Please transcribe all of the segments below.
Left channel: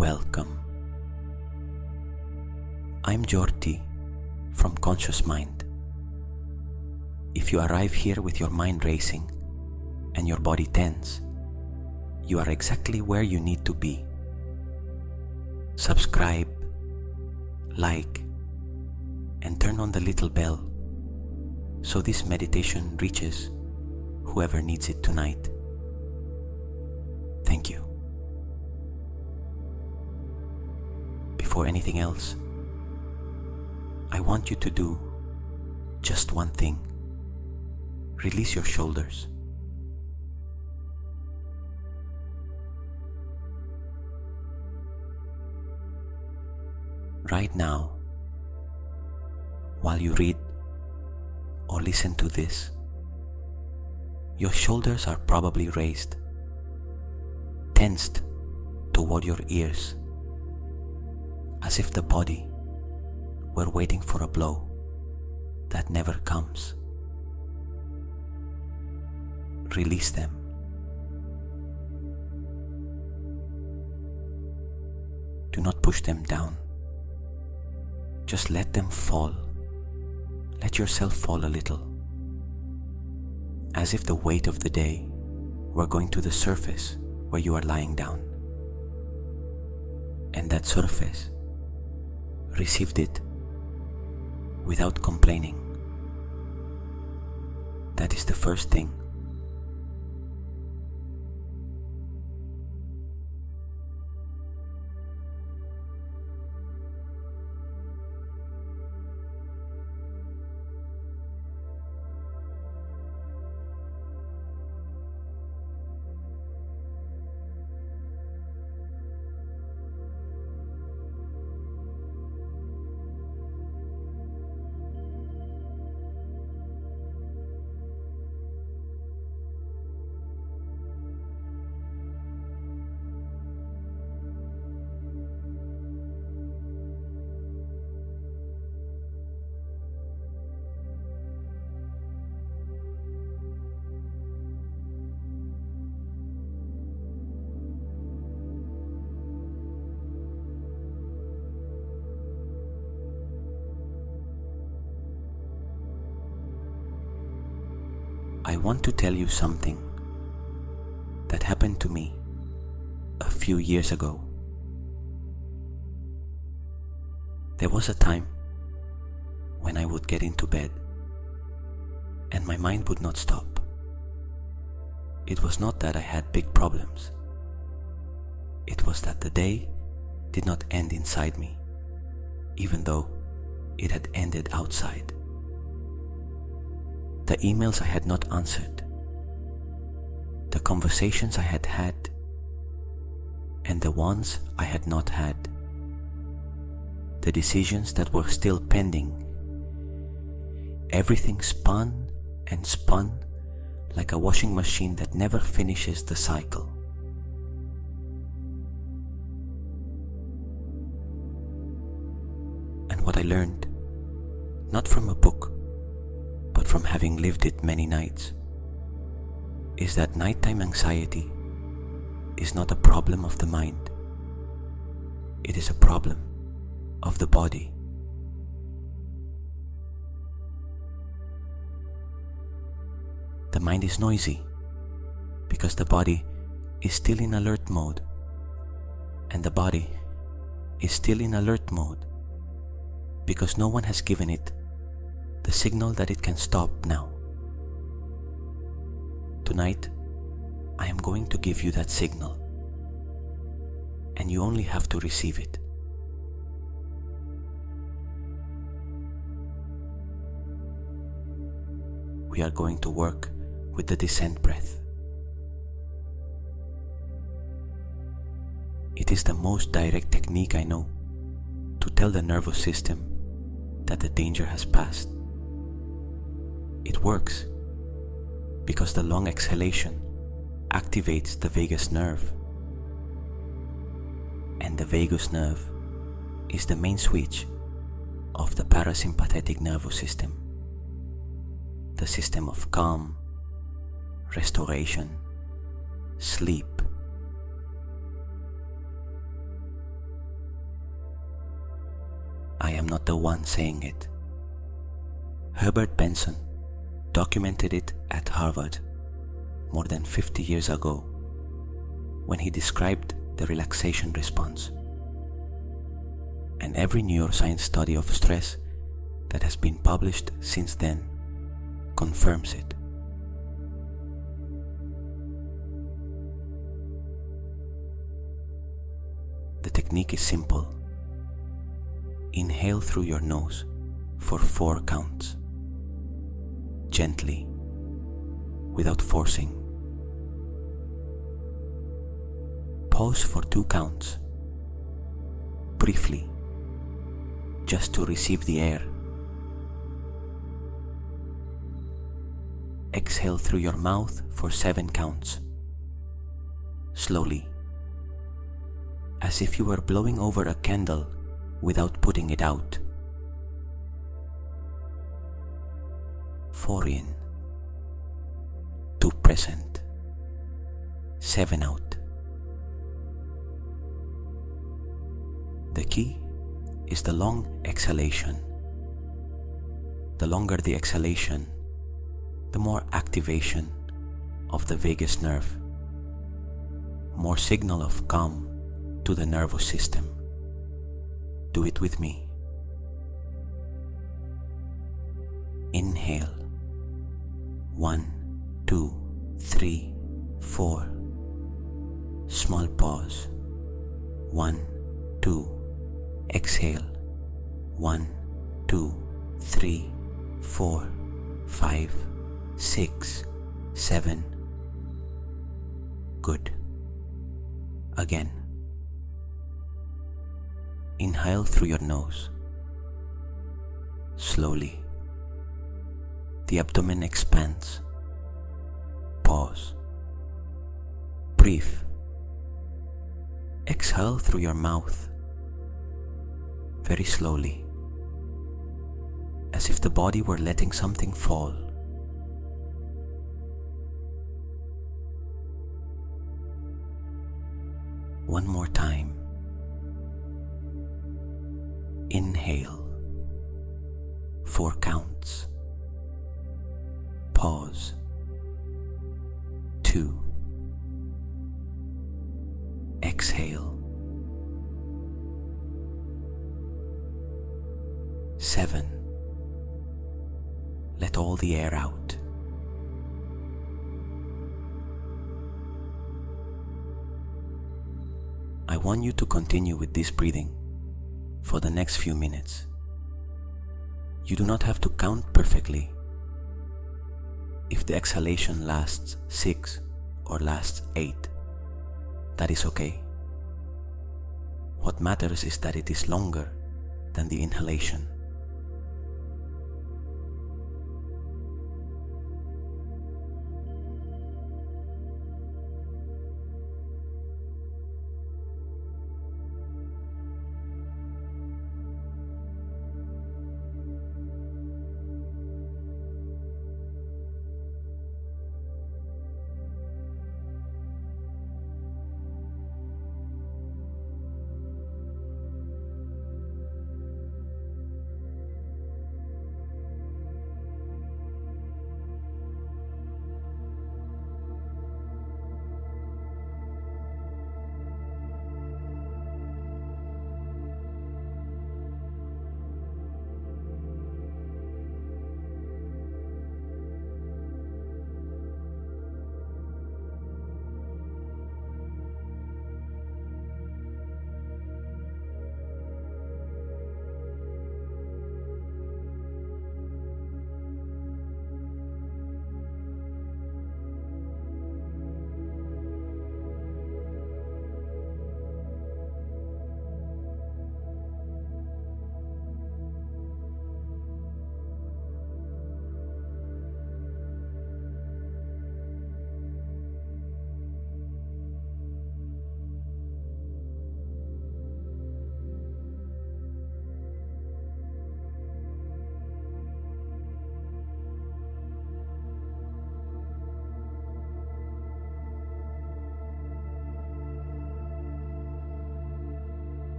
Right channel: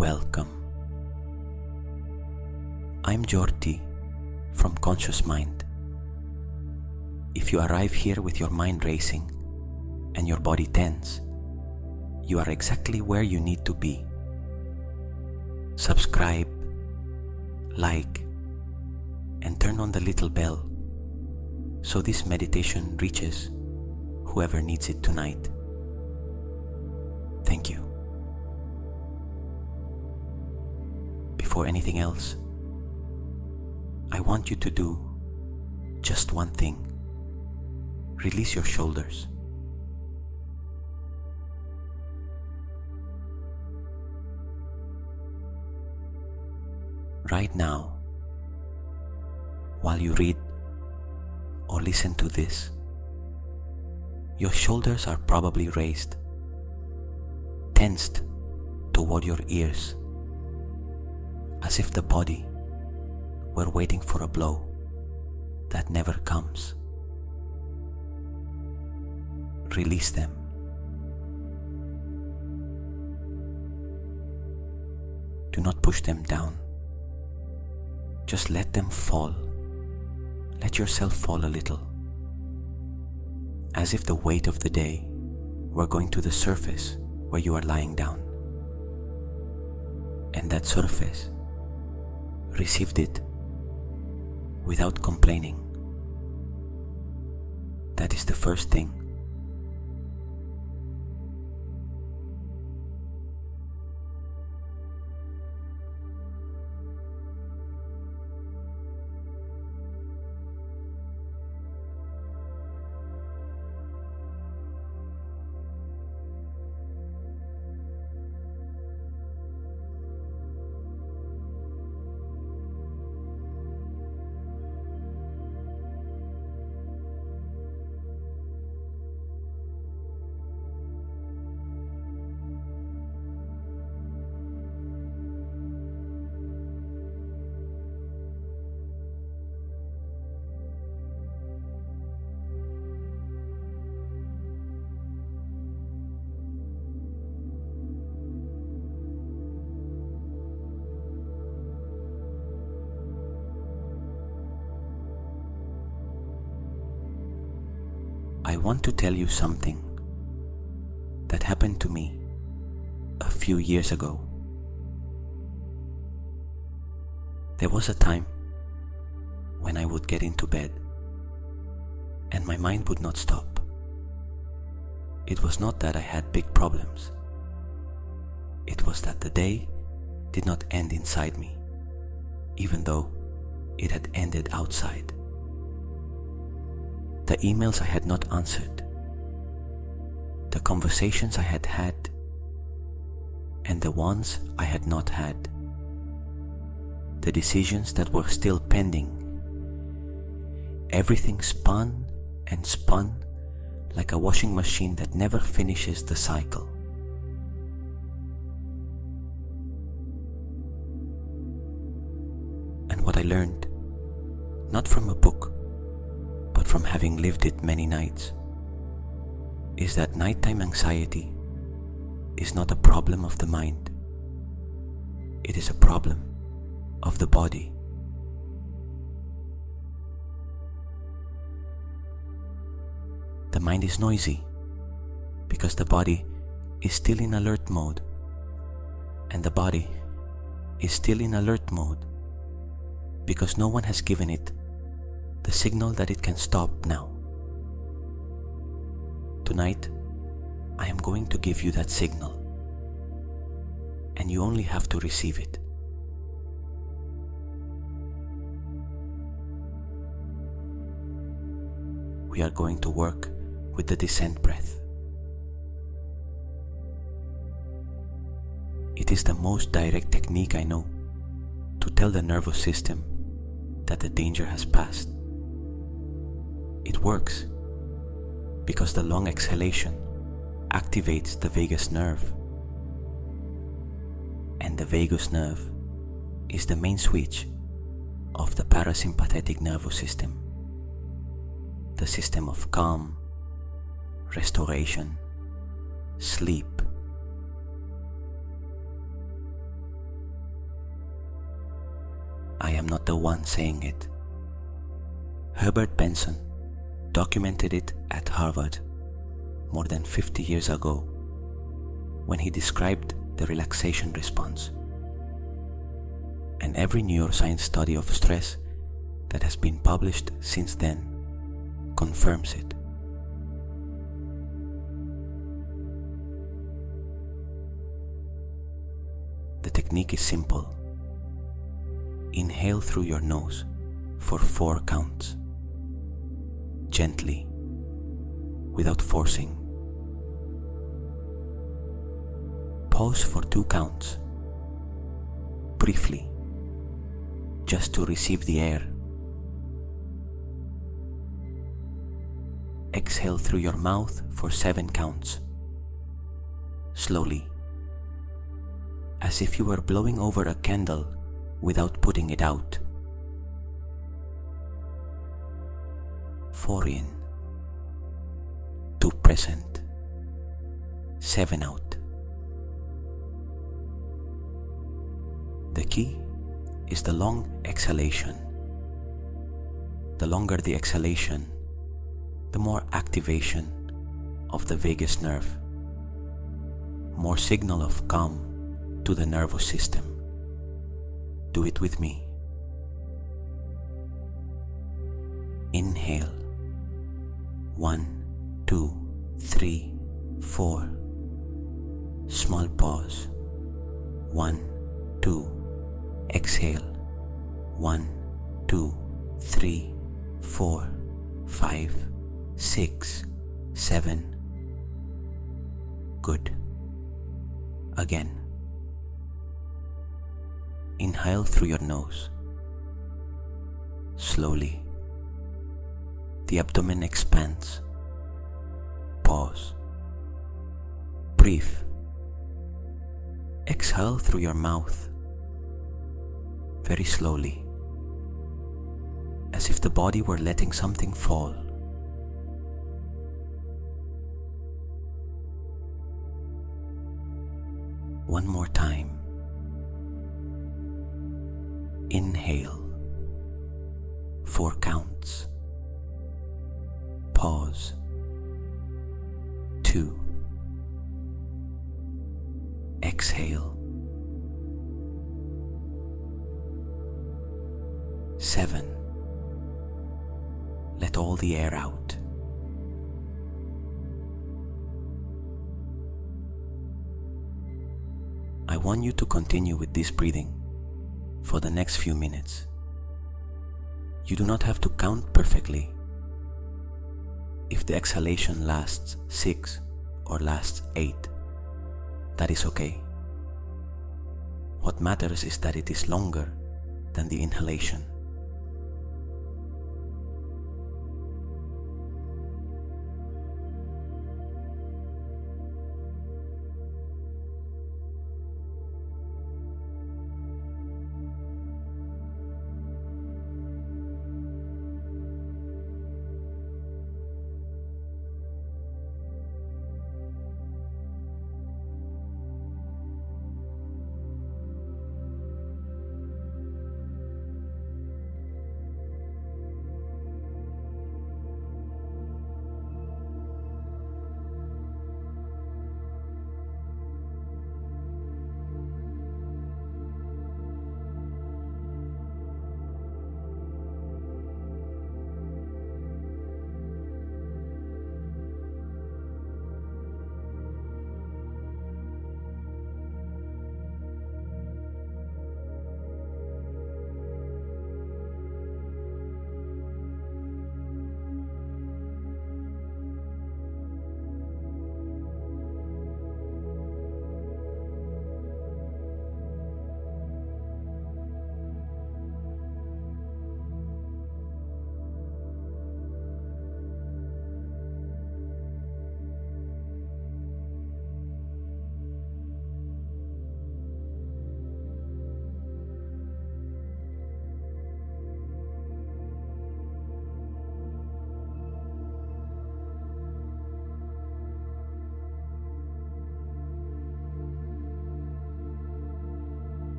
welcome. I'm Jordi from Conscious Mind. If you arrive here with your mind racing and your body tense, you are exactly where you need to be. Subscribe, like, and turn on the little bell so this meditation reaches whoever needs it tonight. Thank you. Before anything else, I want you to do just one thing. Release your shoulders. Right now, while you read or listen to this, your shoulders are probably raised, tensed toward your ears, as if the body were waiting for a blow that never comes. Release them. Do not push them down. Just let them fall. Let yourself fall a little, as if the weight of the day were going to the surface where you are lying down. And that surface received it without complaining. That is the first thing. I want to tell you something that happened to me a few years ago. There was a time when I would get into bed and my mind would not stop. It was not that I had big problems. It was that the day did not end inside me, even though it had ended outside. The emails I had not answered, the conversations I had had, and the ones I had not had, the decisions that were still pending. Everything spun and spun like a washing machine that never finishes the cycle. And what I learned, not from a book, but from having lived it many nights, is that nighttime anxiety is not a problem of the mind. It is a problem of the body. The mind is noisy because the body is still in alert mode, and the body is still in alert mode because no one has given it the signal that it can stop now. Tonight, I am going to give you that signal, and you only have to receive it. We are going to work with the descent breath. It is the most direct technique I know to tell the nervous system that the danger has passed. It works because the long exhalation activates the vagus nerve, and the vagus nerve is the main switch of the parasympathetic nervous system, the system of calm, restoration, sleep. not the one saying it. Herbert Benson documented it at Harvard more than 50 years ago when he described the relaxation response. And every neuroscience study of stress that has been published since then confirms it. The technique is simple. Inhale through your nose for 4 counts, gently, without forcing. Pause for 2 counts, briefly, just to receive the air. Exhale through your mouth for 7 counts, slowly, as if you were blowing over a candle without putting it out. 4 in, 2 present, 7 out. The key is the long exhalation. The longer the exhalation, the more activation of the vagus nerve, more signal of calm to the nervous system. Do it with me. Inhale. 1, 2, 3, 4. Small pause. 1, 2. Exhale. 1, 2, 3, 4, 5, 6, 7. Good. Again. Inhale through your nose. Slowly. The abdomen expands. Pause. Breathe. Exhale through your mouth. Very slowly. As if the body were letting something fall. One more time. Inhale. 4 counts. Pause. 2. Exhale. 7. Let all the air out. I want you to continue with this breathing for the next few minutes. You do not have to count perfectly. If the exhalation lasts 6 or lasts 8, that is okay. What matters is that it is longer than the inhalation.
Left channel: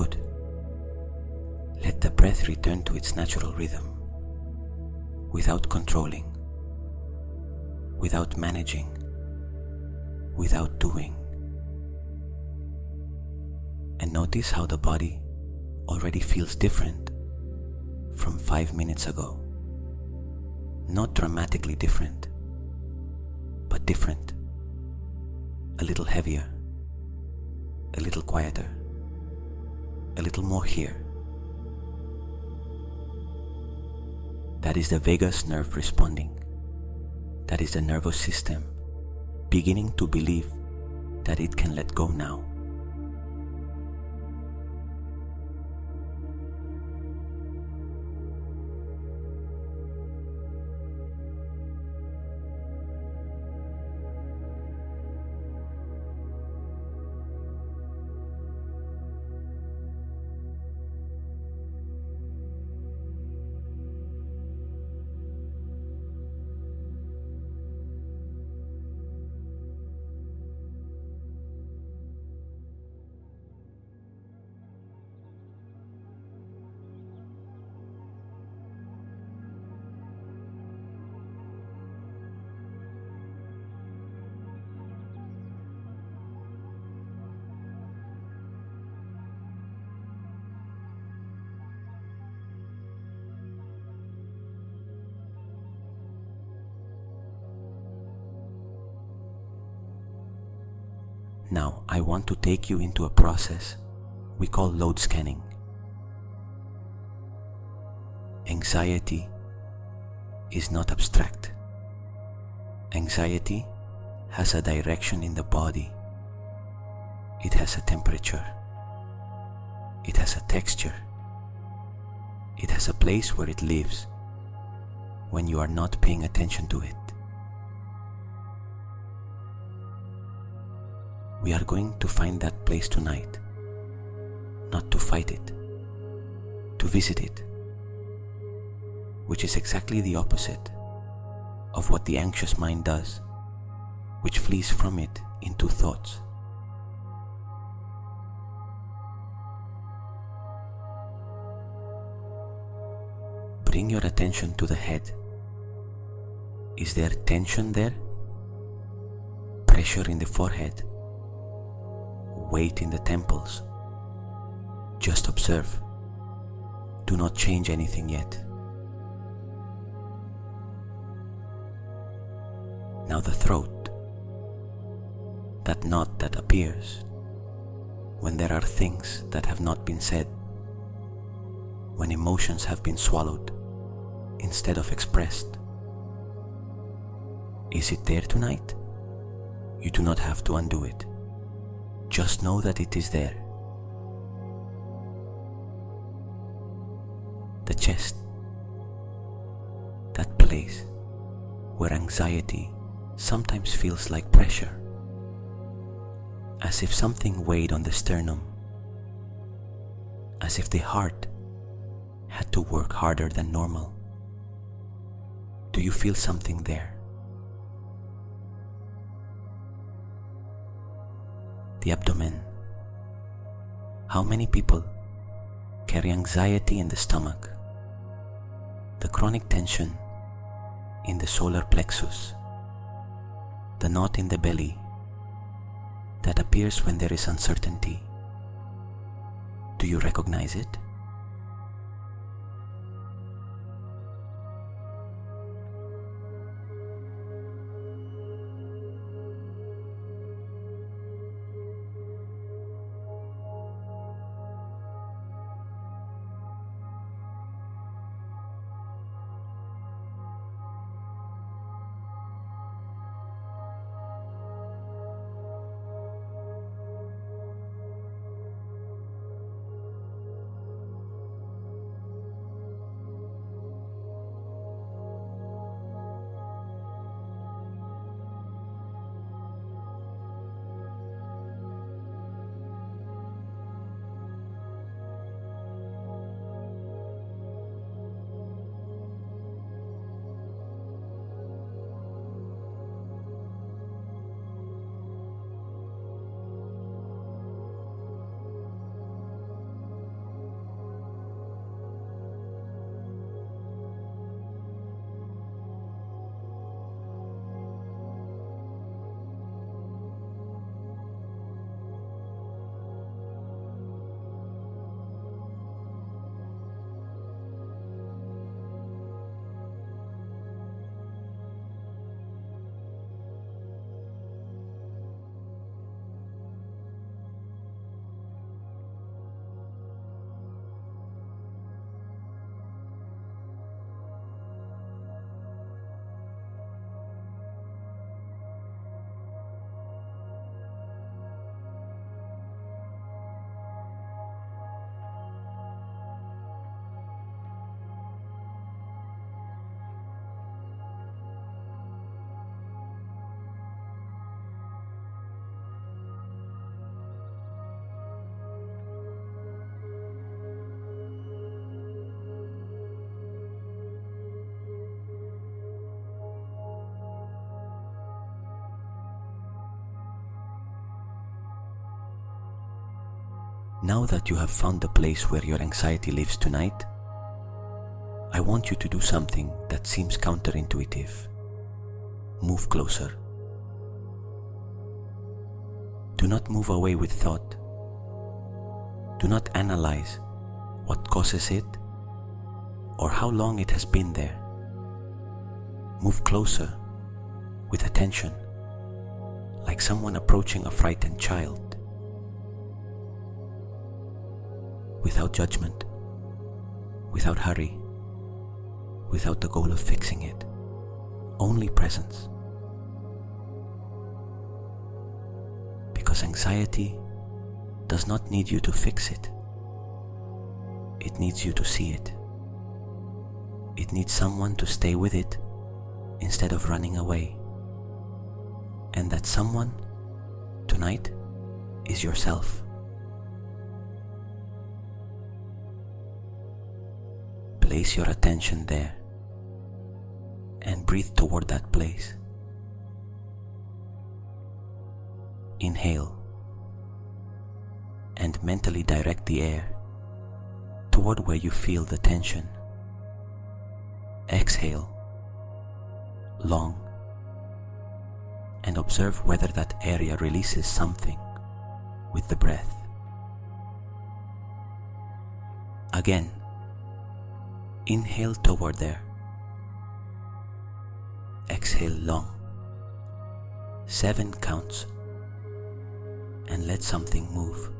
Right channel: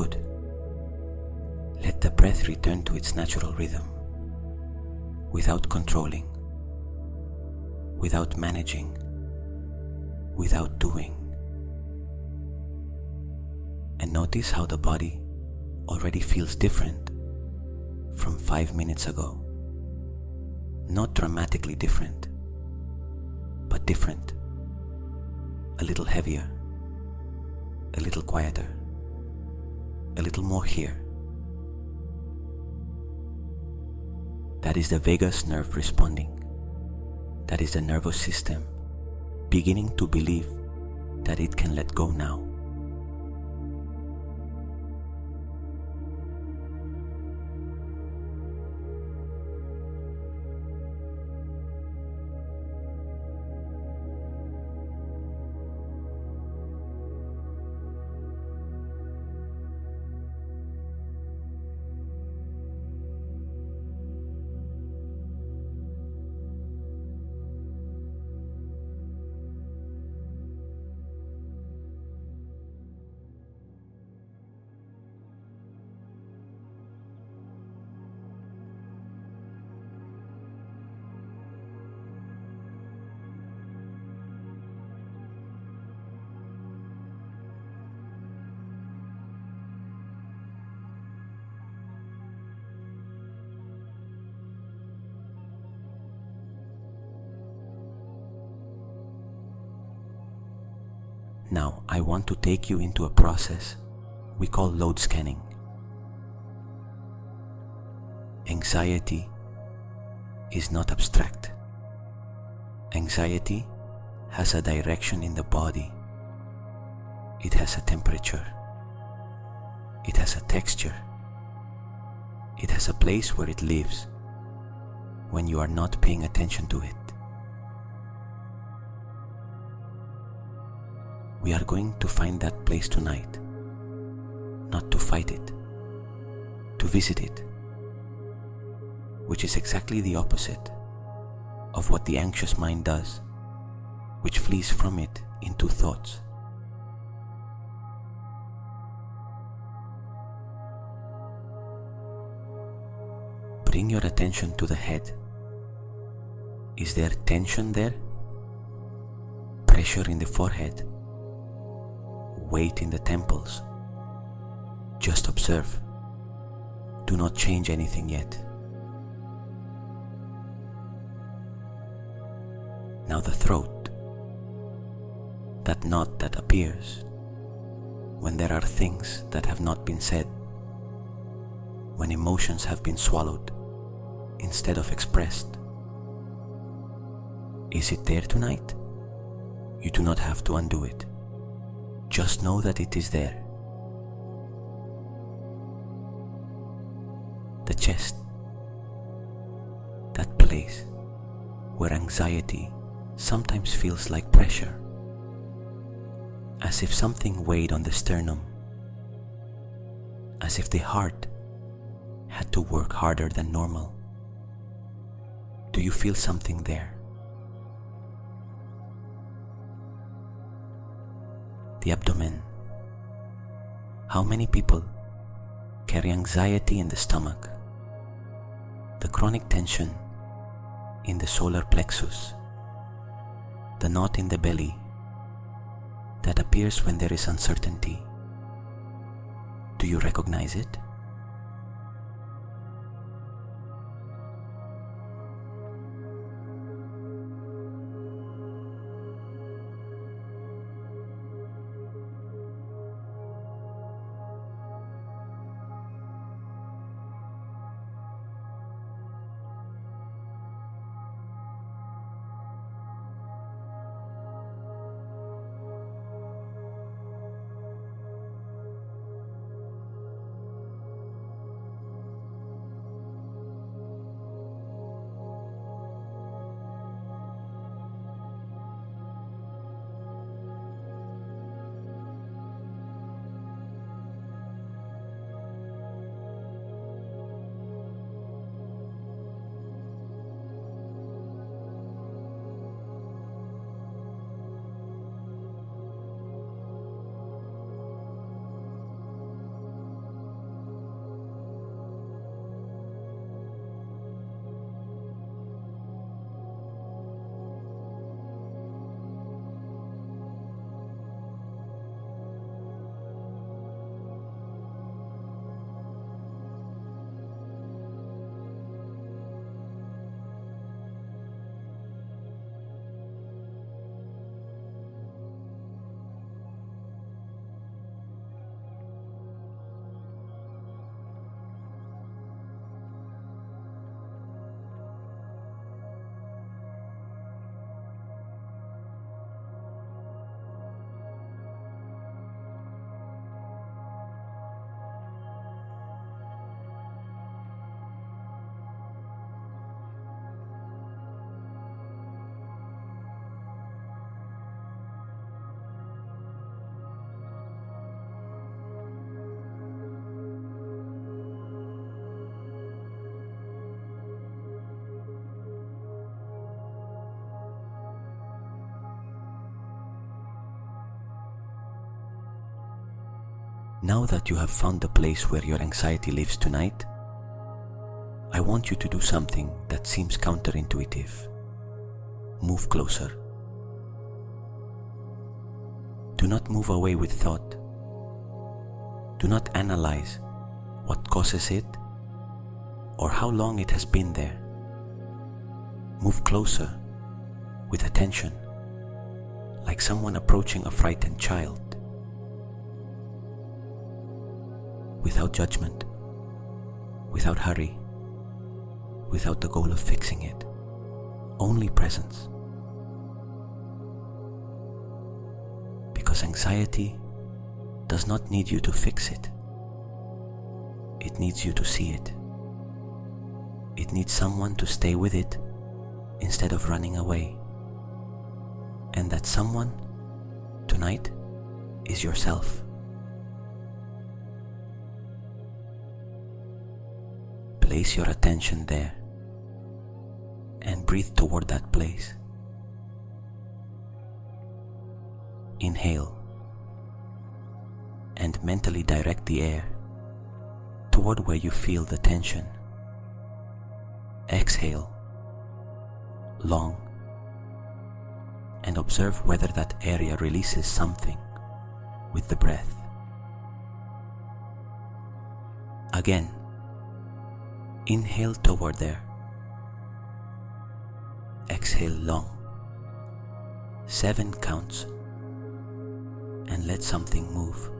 Good. Let the breath return to its natural rhythm, without controlling, without managing, without doing. And notice how the body already feels different from 5 minutes ago. Not dramatically different, but different. A little heavier, a little quieter, a little more here. That is the vagus nerve responding. That is the nervous system beginning to believe that it can let go now. Now I want to take you into a process we call load scanning. Anxiety is not abstract. Anxiety has a direction in the body. It has a temperature. It has a texture. It has a place where it lives when you are not paying attention to it. We are going to find that place tonight, not to fight it, to visit it, which is exactly the opposite of what the anxious mind does, which flees from it into thoughts. Bring your attention to the head. Is there tension there? Pressure in the forehead? Weight in the temples? Just observe. Do not change anything yet. Now the throat, that knot that appears when there are things that have not been said, when emotions have been swallowed instead of expressed. Is it there tonight? You do not have to undo it. Just know that it is there. The chest, that place where anxiety sometimes feels like pressure, as if something weighed on the sternum, as if the heart had to work harder than normal. Do you feel something there? The abdomen. How many people carry anxiety in the stomach, the chronic tension in the solar plexus, the knot in the belly that appears when there is uncertainty? Do you recognize it? Now that you have found the place where your anxiety lives tonight, I want you to do something that seems counterintuitive. Move closer. Do not move away with thought. Do not analyze what causes it or how long it has been there. Move closer with attention, like someone approaching a frightened child. Without judgment, without hurry, without the goal of fixing it. Only presence. Because anxiety does not need you to fix it. It needs you to see it. It needs someone to stay with it instead of running away. And that someone, tonight, is yourself. Place your attention there and breathe toward that place. Inhale and mentally direct the air toward where you feel the tension. Exhale long and observe whether that area releases something with the breath. Again, inhale toward there. Exhale long. 7 counts and let something move.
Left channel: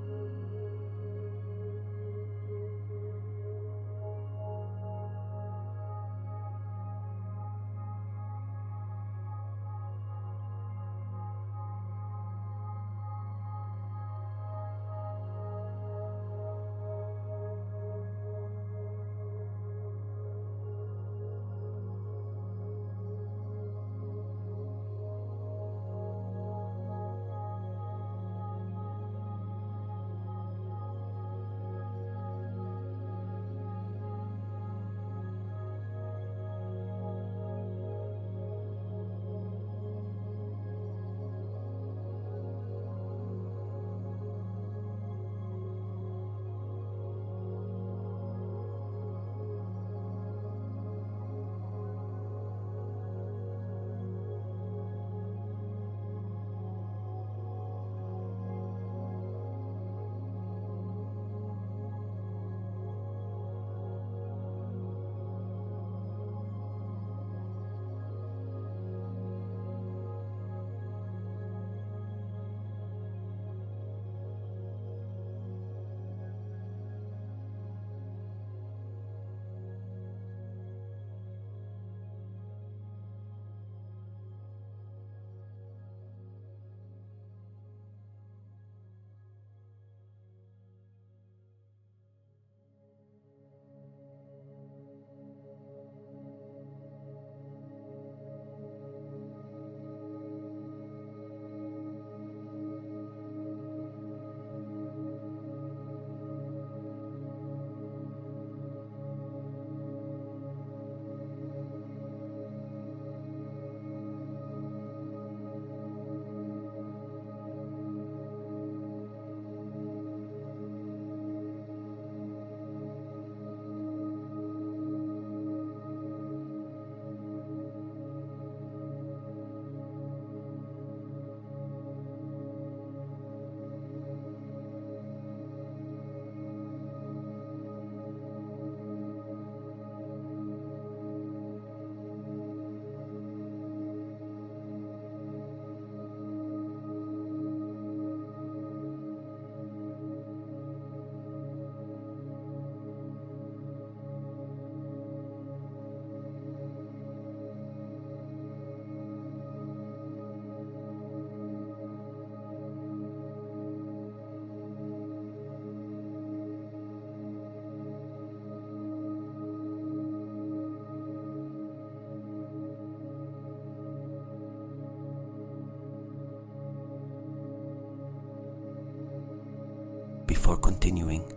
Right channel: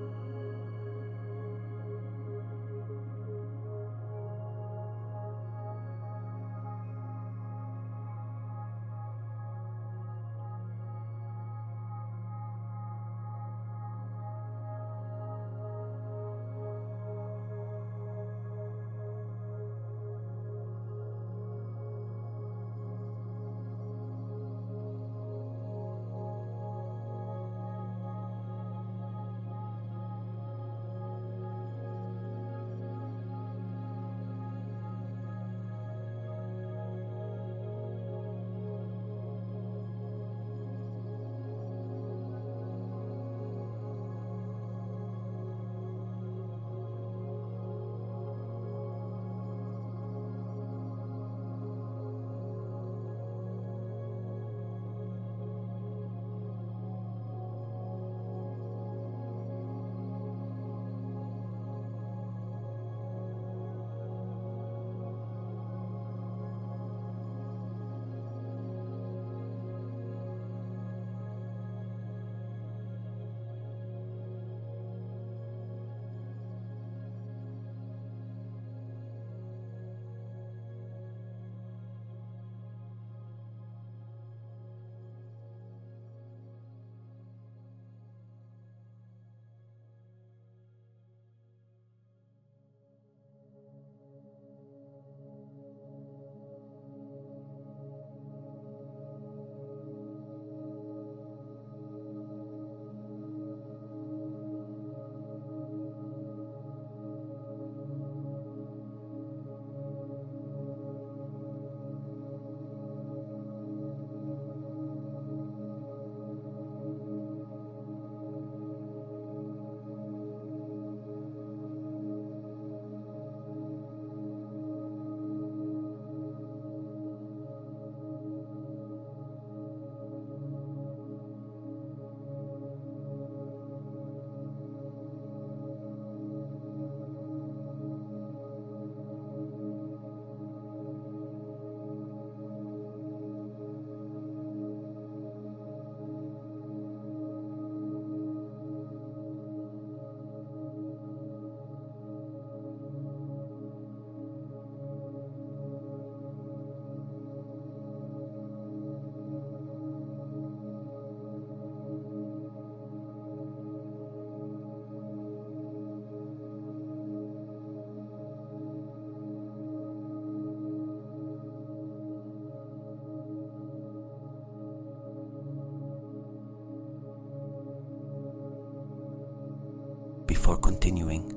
Before continuing,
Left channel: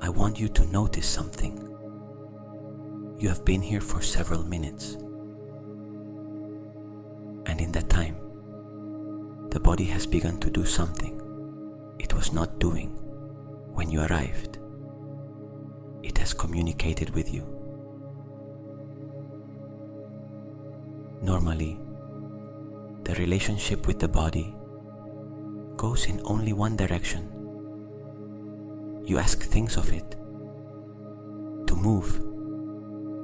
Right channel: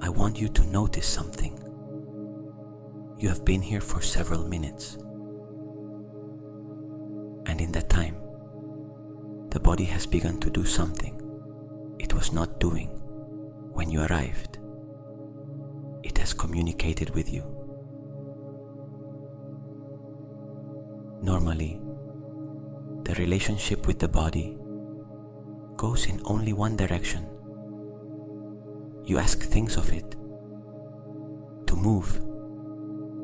I want you to notice something. You have been here for several minutes, and in that time, the body has begun to do something it was not doing when you arrived, it has communicated with you. Normally, the relationship with the body goes in only one direction. You ask things of it to move,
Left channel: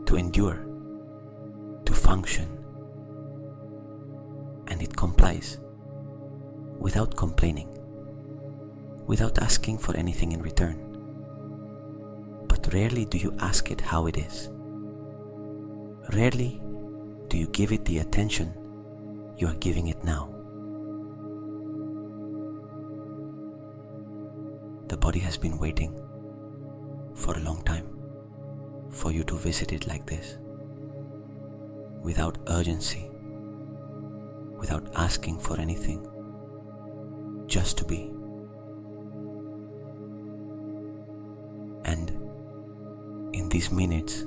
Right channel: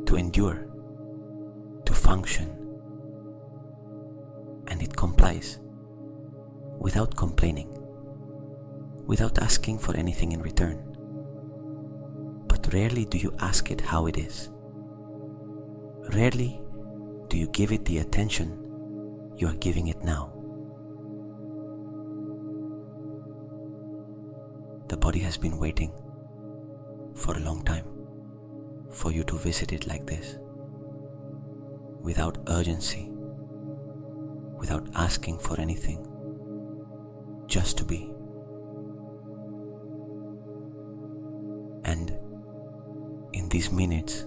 to endure, to function, and it complies without complaining, without asking for anything in return. But rarely do you ask it how it is. Rarely do you give it the attention you are giving it now. The body has been waiting for a long time for you to visit it like this, without urgency, without asking for anything, just to be. And in these minutes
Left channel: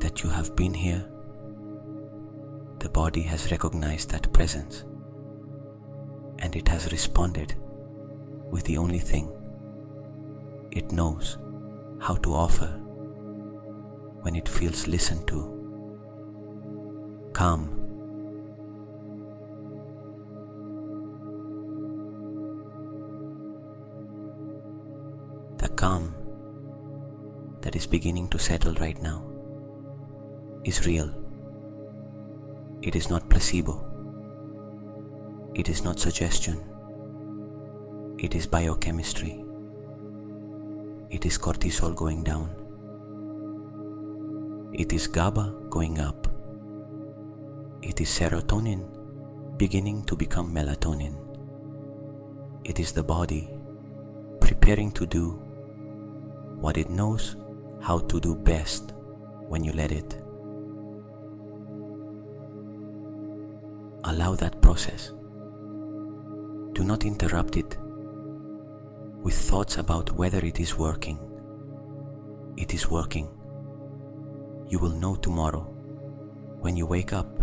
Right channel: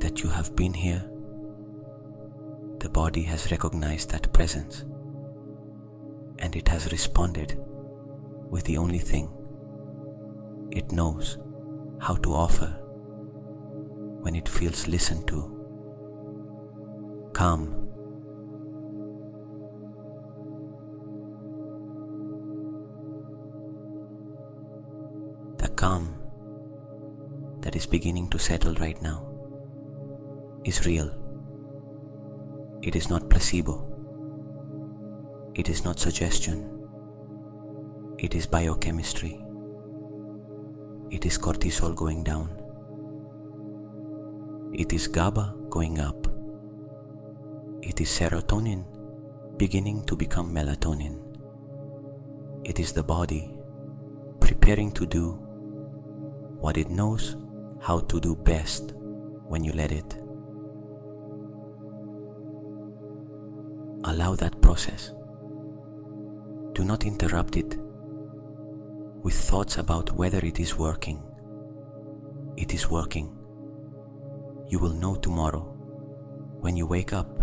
that you have been here, the body has recognized that presence, and it has responded with the only thing it knows how to offer when it feels listened to: calm. The calm that is beginning to settle right now is real. It is not placebo. It is not suggestion. It is biochemistry. It is cortisol going down. It is GABA going up. It is serotonin beginning to become melatonin. It is the body preparing to do what it knows how to do best when you let it. Allow that process. Do not interrupt it with thoughts about whether it is working. It is working. You will know tomorrow when you wake up.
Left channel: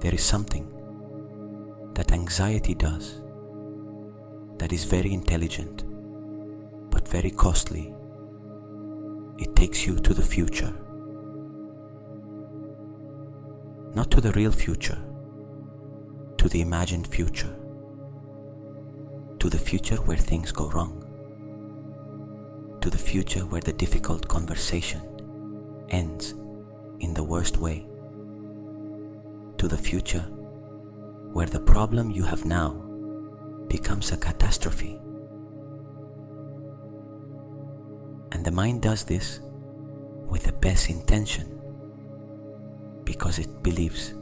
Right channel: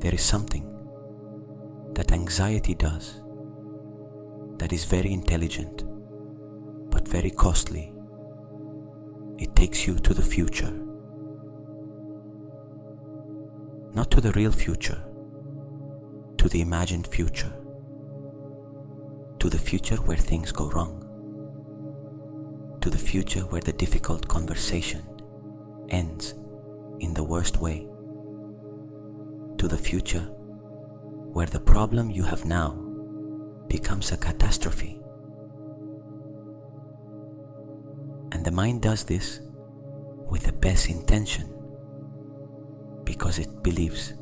There is something that anxiety does that is very intelligent but very costly. It takes you to the future. Not to the real future, to the imagined future. To the future where things go wrong. To the future where the difficult conversation ends in the worst way. To the future where the problem you have now becomes a catastrophe. And the mind does this with the best intention, because it believes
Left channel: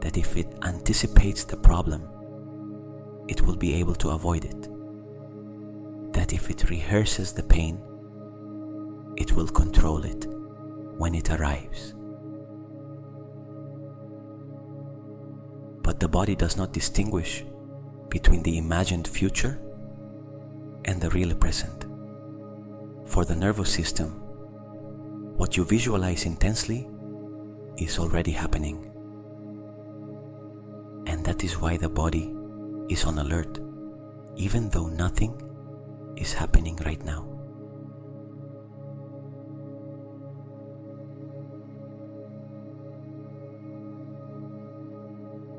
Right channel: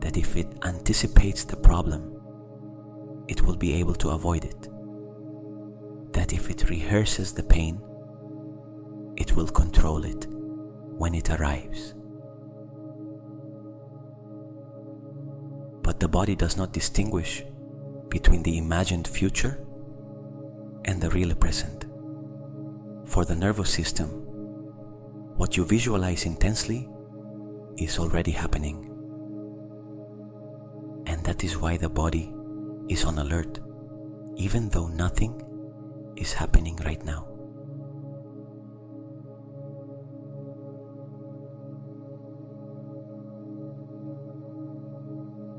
that if it anticipates the problem, it will be able to avoid it. That if it rehearses the pain, it will control it when it arrives. But the body does not distinguish between the imagined future and the real present. For the nervous system, what you visualize intensely is already happening. And that is why the body is on alert, even though nothing is happening right now.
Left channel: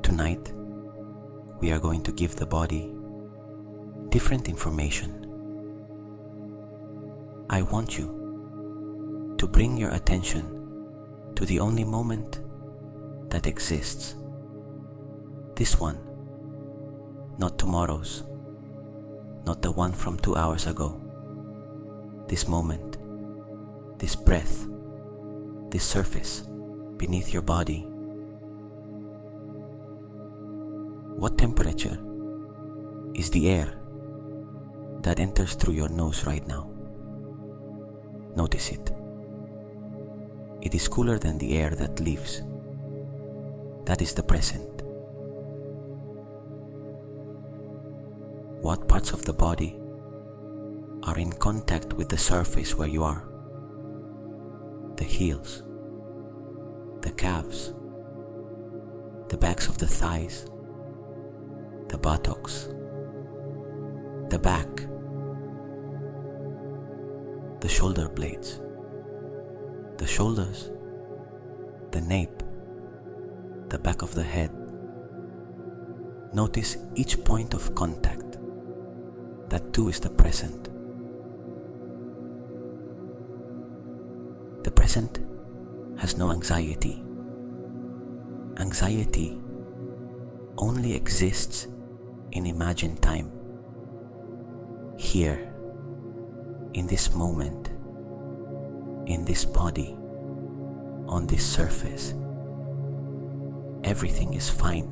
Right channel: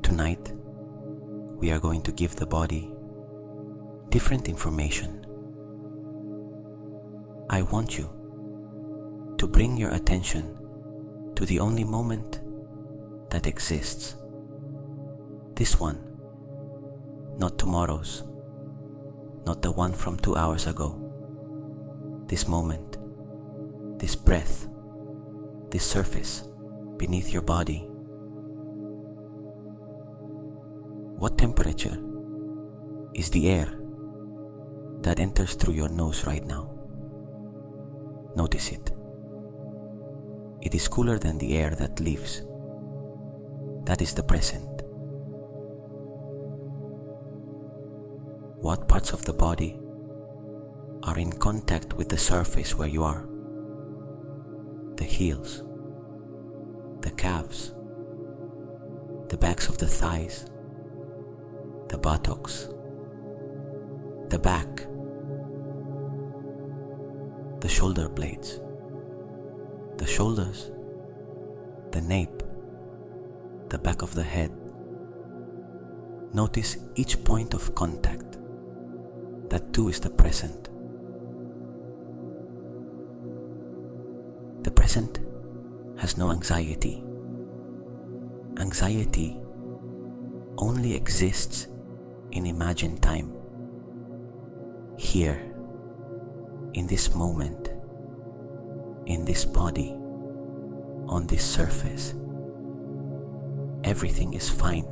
Tonight, we are going to give the body different information. I want you to bring your attention to the only moment that exists. This one, not tomorrow's, not the one from 2 hours ago. This moment, this breath, this surface beneath your body. What temperature is the air that enters through your nose right now? Notice it. It is cooler than the air that leaves. That is the present. What parts of the body are in contact with the surface where you are? The heels, the calves, the backs of the thighs, the buttocks, the back, the shoulder blades, the shoulders, the nape, the back of the head. Notice each point of contact. That too is the present. The present has no anxiety. Anxiety only exists in imagined time. Here, in this moment, in this body, on this surface, everything is fine.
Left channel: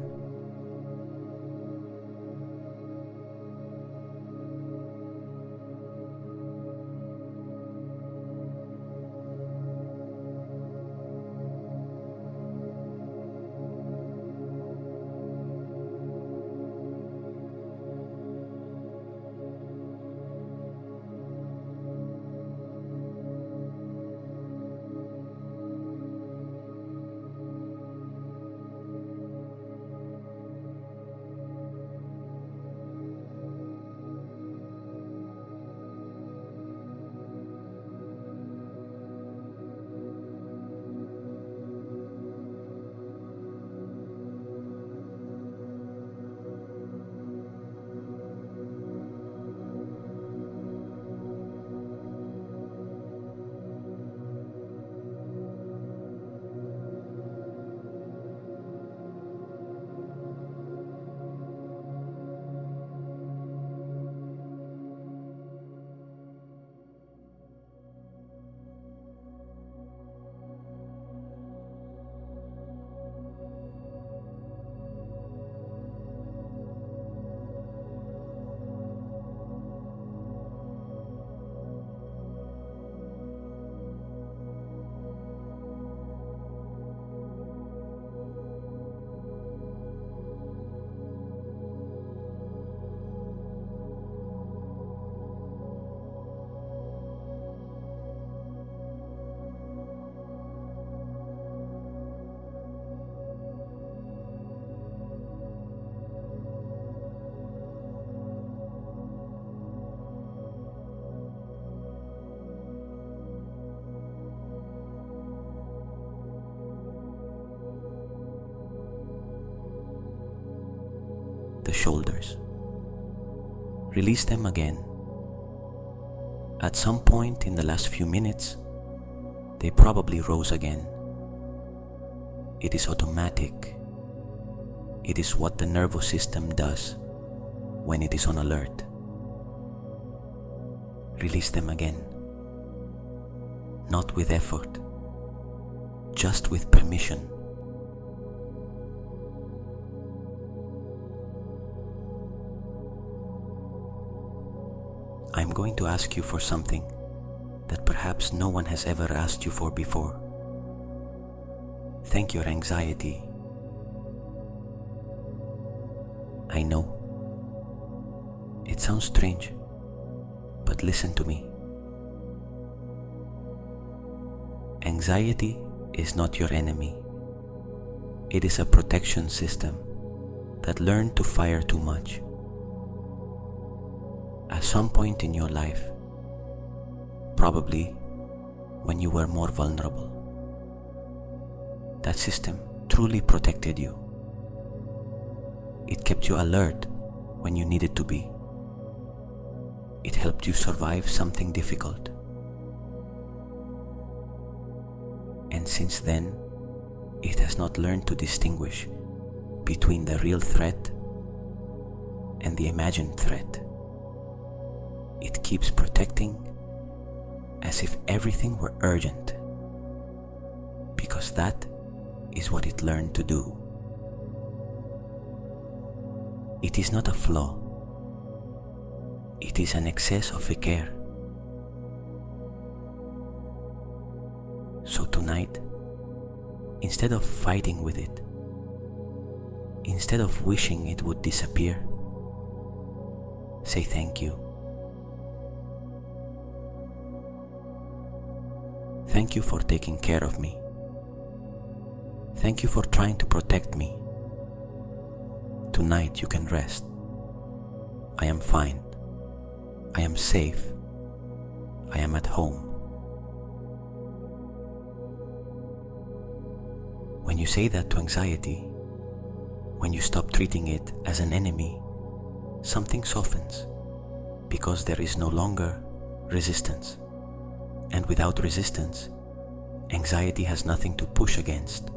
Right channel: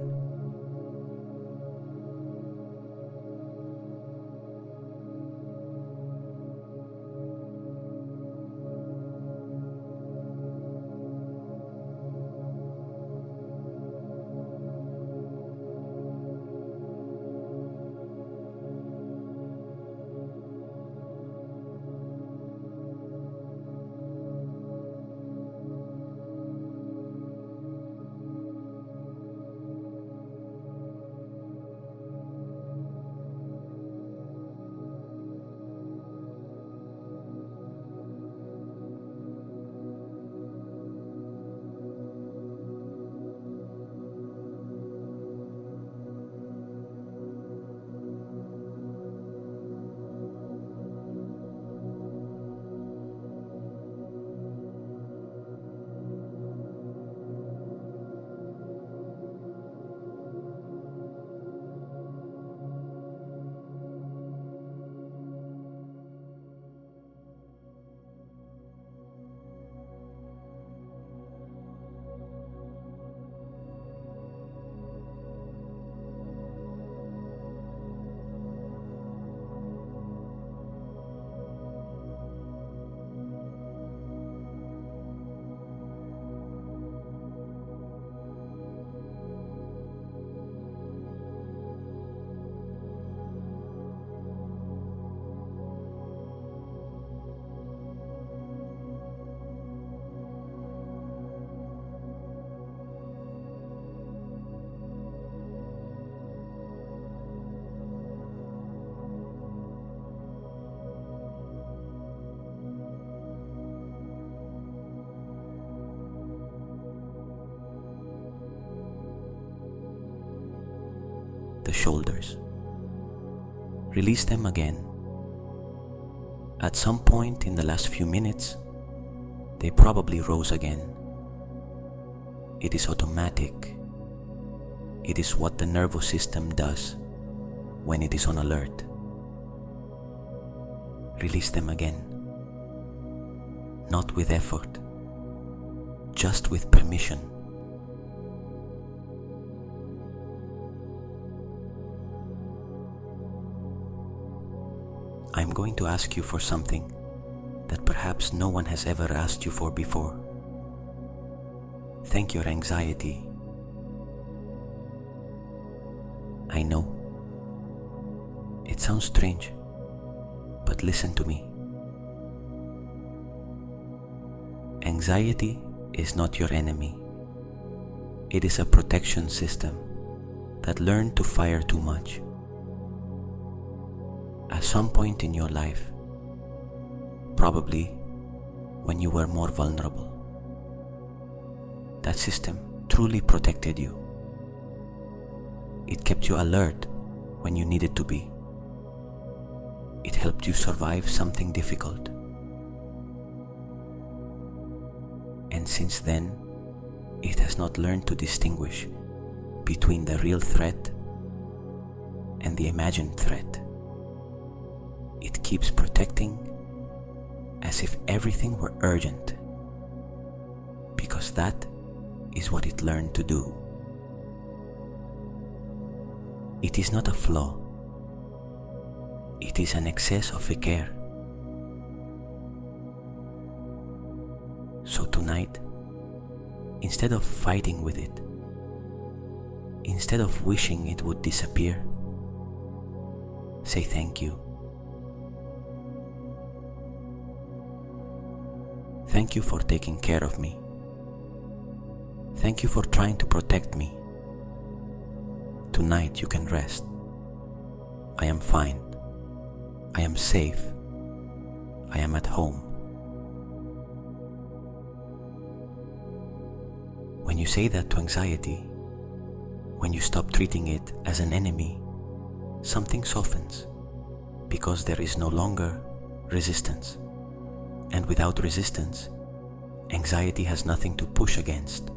The shoulders. Release them again. At some point in the last few minutes, they probably rose again. It is automatic. It is what the nervous system does when it is on alert. Release them again. Not with effort, just with permission. I'm going to ask you for something that perhaps no one has ever asked you for before. Thank your anxiety. I know. It sounds strange, but listen to me. Anxiety is not your enemy. It is a protection system that learned to fire too much. At some point in your life, probably when you were more vulnerable, that system truly protected you. It kept you alert when you needed to be. It helped you survive something difficult. And since then, it has not learned to distinguish between the real threat and the imagined threat. It keeps protecting as if everything were urgent, because that is what it learned to do. It is not a flaw. It is an excess of care. So tonight, instead of fighting with it, instead of wishing it would disappear, say thank you. Thank you for taking care of me. Thank you for trying to protect me. Tonight you can rest. I am fine. I am safe. I am at home. When you say that to anxiety, when you stop treating it as an enemy, something softens, because there is no longer resistance. And without resistance, anxiety has nothing to push against.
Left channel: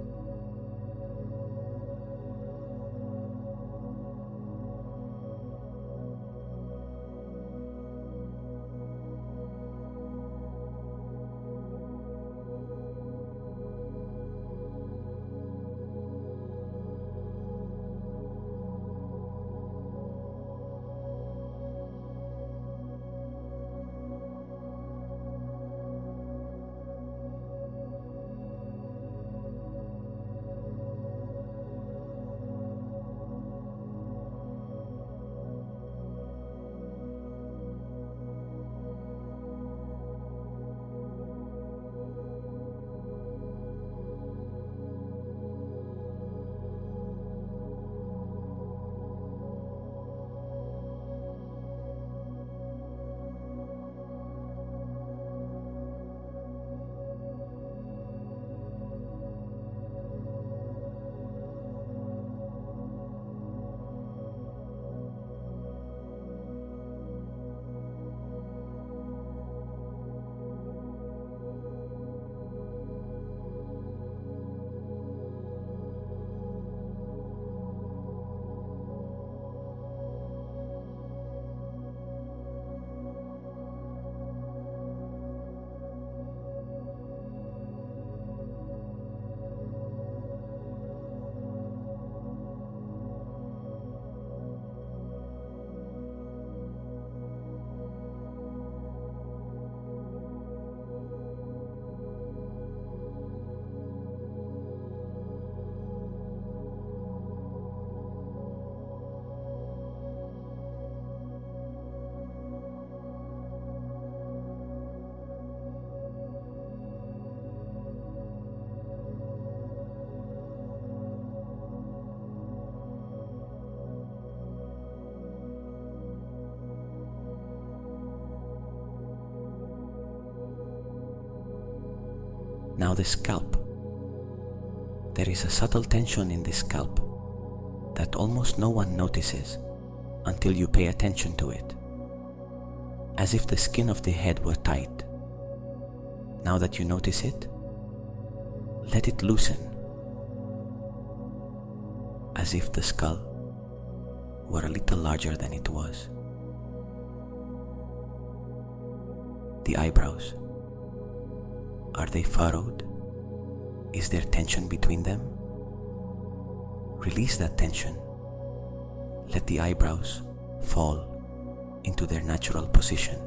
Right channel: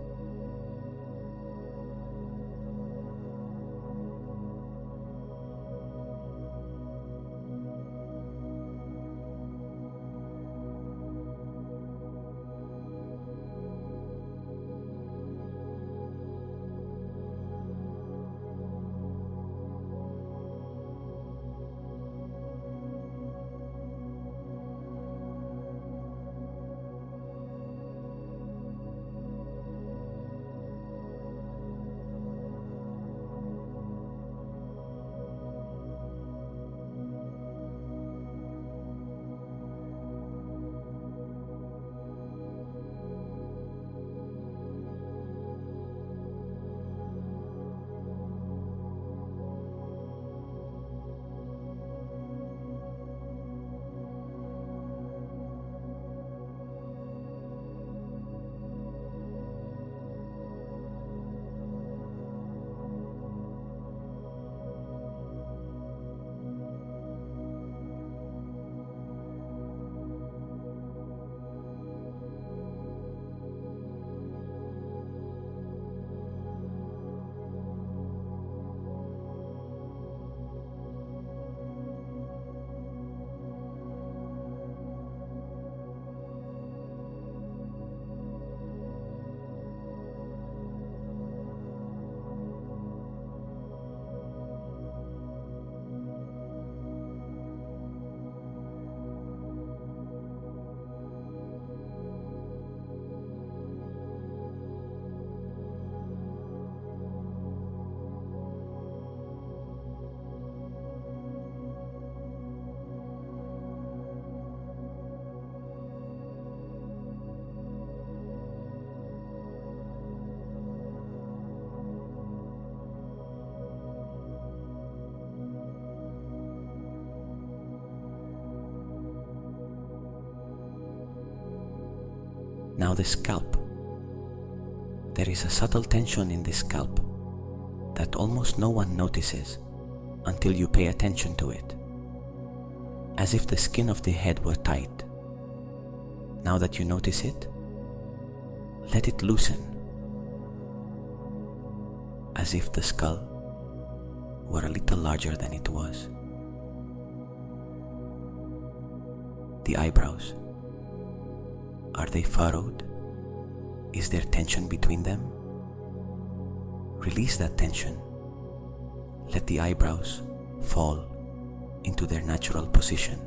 Now the scalp. There is a subtle tension in the scalp that almost no one notices until you pay attention to it, as if the skin of the head were tight. Now that you notice it, let it loosen, as if the skull were a little larger than it was. The eyebrows, are they furrowed Is there tension between them? Release that tension. Let the eyebrows fall into their natural position.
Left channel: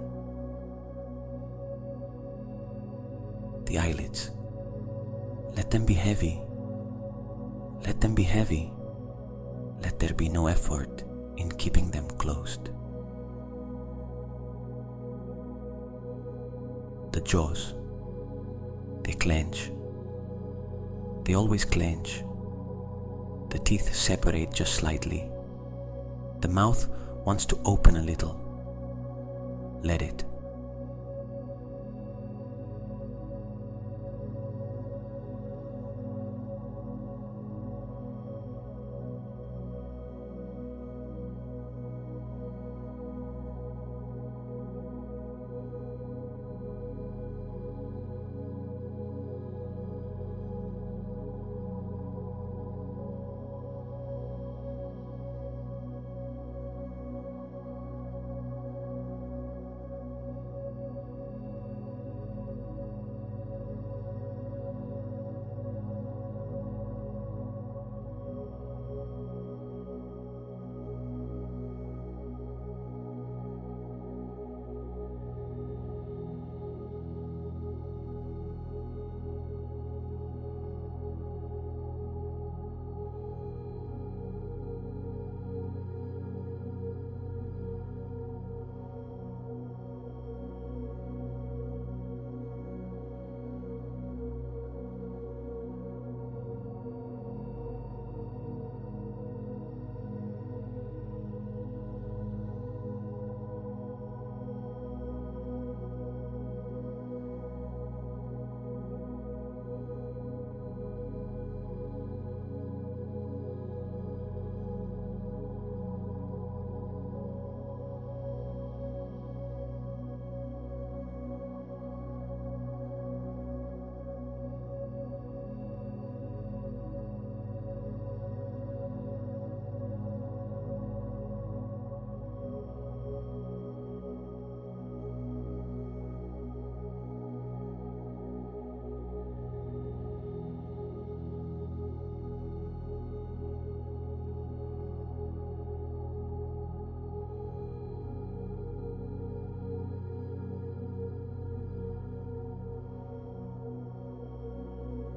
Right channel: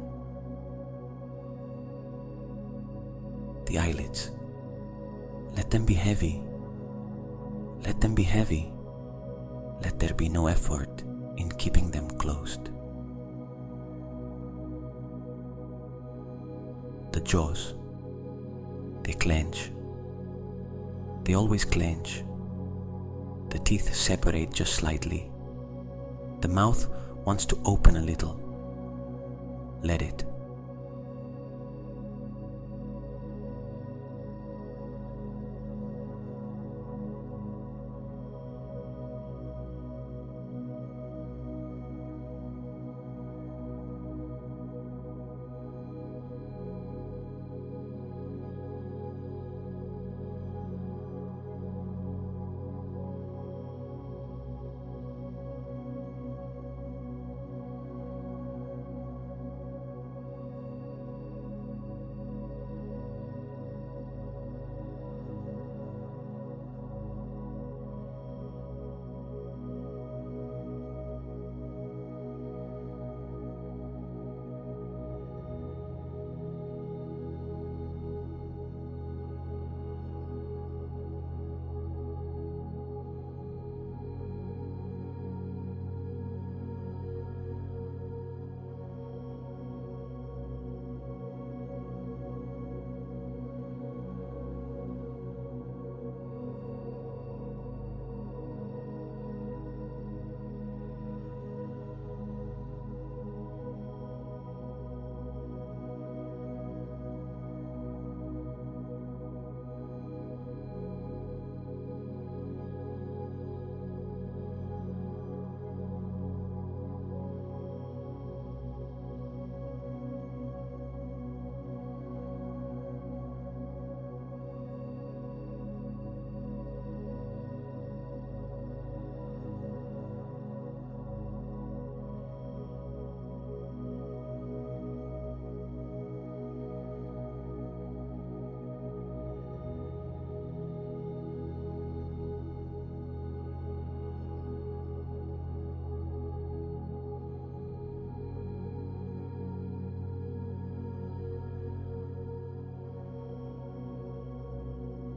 The eyelids, let them be heavy. Let them be heavy. Let there be no effort in keeping them closed. The jaws, they clench. They always clench. The teeth separate just slightly. The mouth wants to open a little. Let it.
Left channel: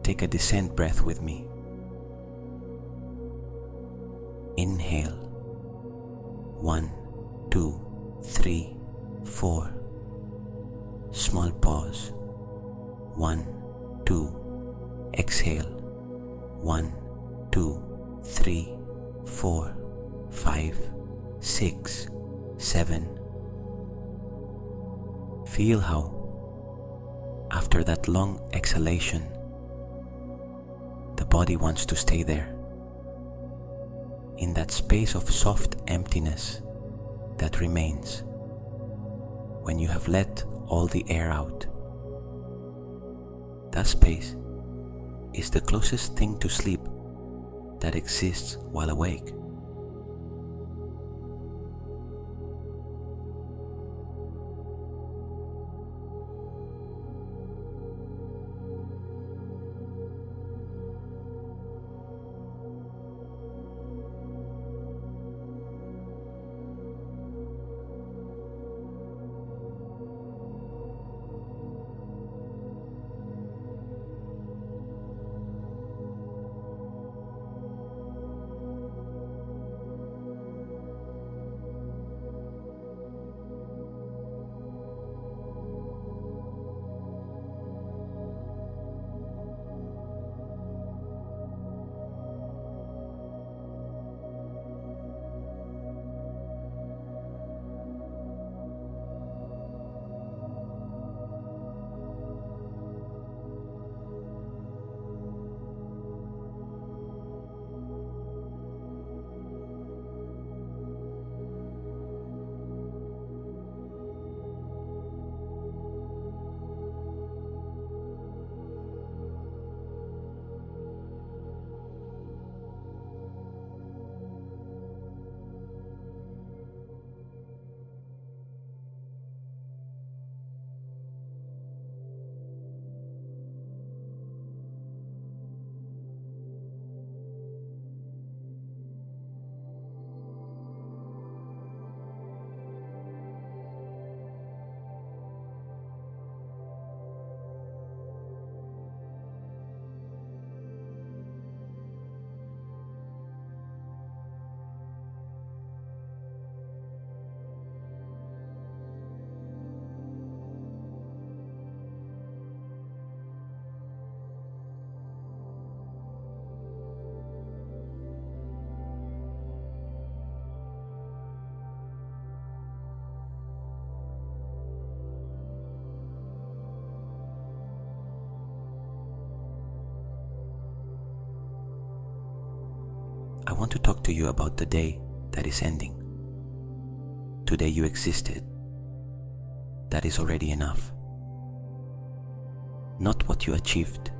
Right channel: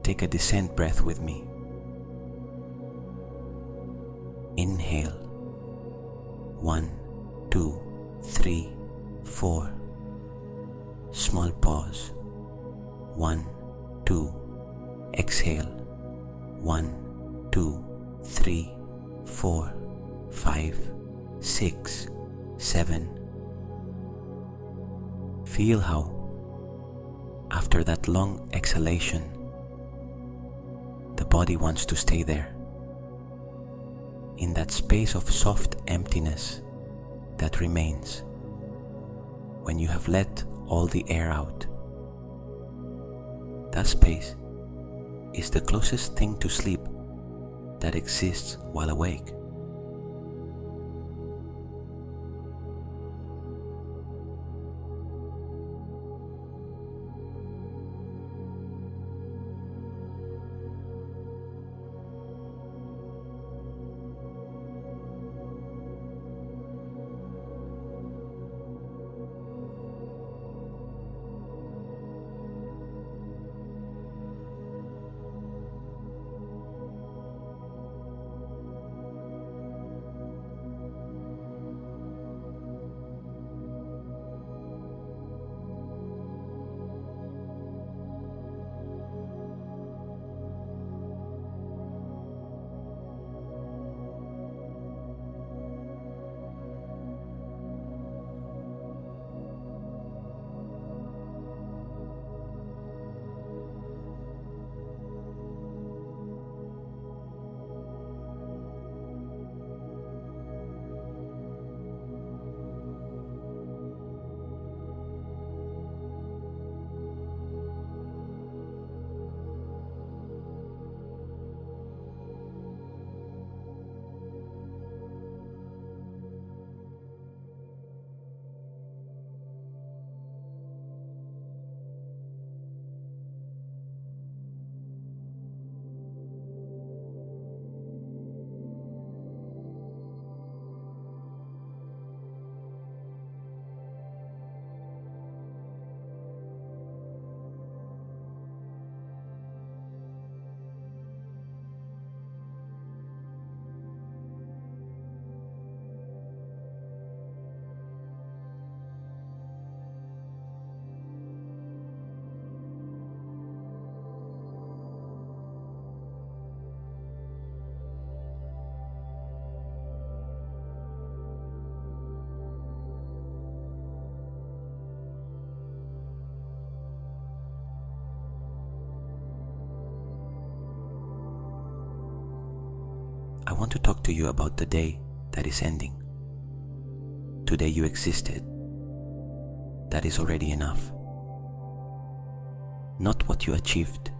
Take a descent breath with me. Inhale. 1, 2, 3, 4. Small pause. 1, 2. Exhale. 1, 2, 3, 4, 5, 6, 7. Feel how, after that long exhalation, the body wants to stay there, in that space of soft emptiness that remains when you have let all the air out. That space is the closest thing to sleep that exists while awake. I want to talk to you about the day that is ending. Today you existed. That is already enough. Not what you achieved,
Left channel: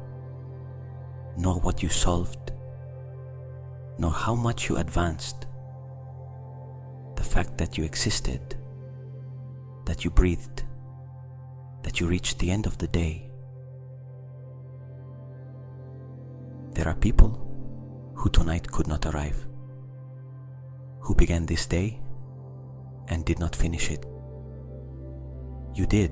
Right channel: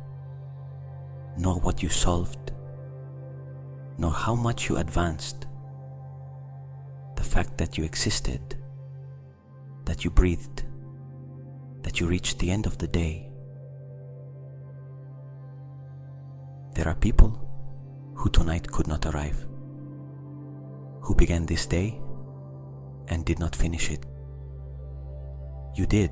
nor what you solved, nor how much you advanced. The fact that you existed, that you breathed, that you reached the end of the day. There are people who tonight could not arrive, who began this day and did not finish it. You did.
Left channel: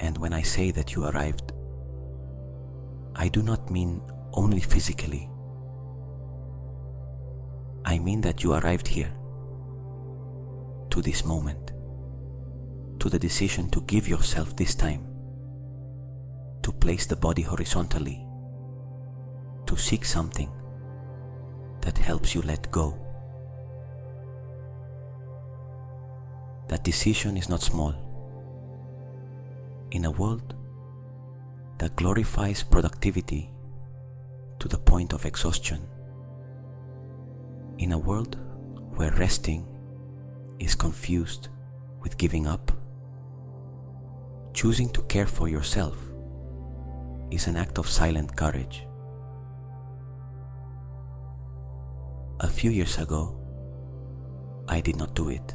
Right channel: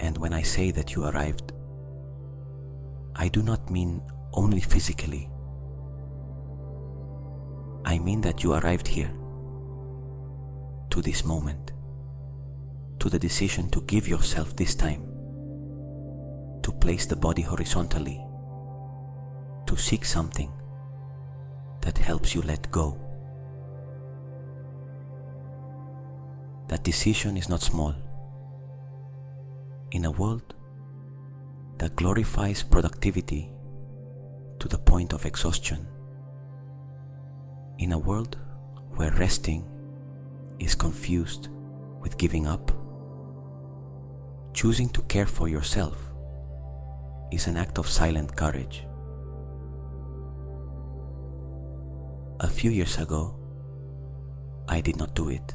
And when I say that you arrived, I do not mean only physically. I mean that you arrived here, to this moment, to the decision to give yourself this time, to place the body horizontally, to seek something that helps you let go. That decision is not small. In a world that glorifies productivity to the point of exhaustion, in a world where resting is confused with giving up, choosing to care for yourself is an act of silent courage. A few years ago, I did not do it.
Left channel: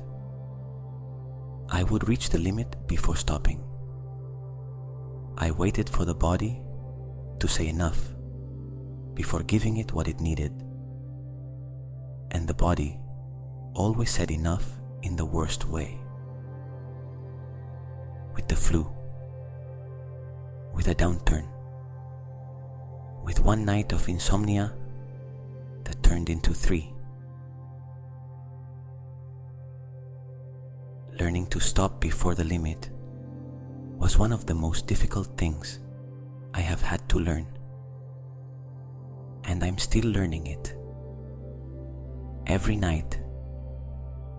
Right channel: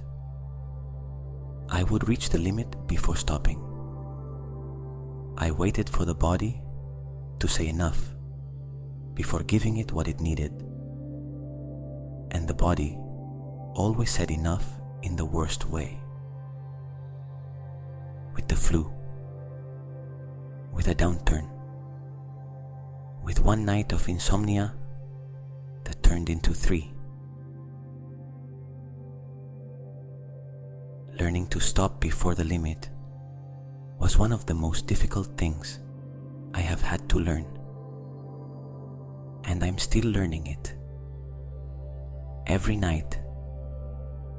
I would reach the limit before stopping. I waited for the body to say enough before giving it what it needed. And the body always said enough in the worst way. With the flu, with a downturn, with one night of insomnia that turned into 3. Learning to stop before the limit was one of the most difficult things I have had to learn. And I'm still learning it. Every night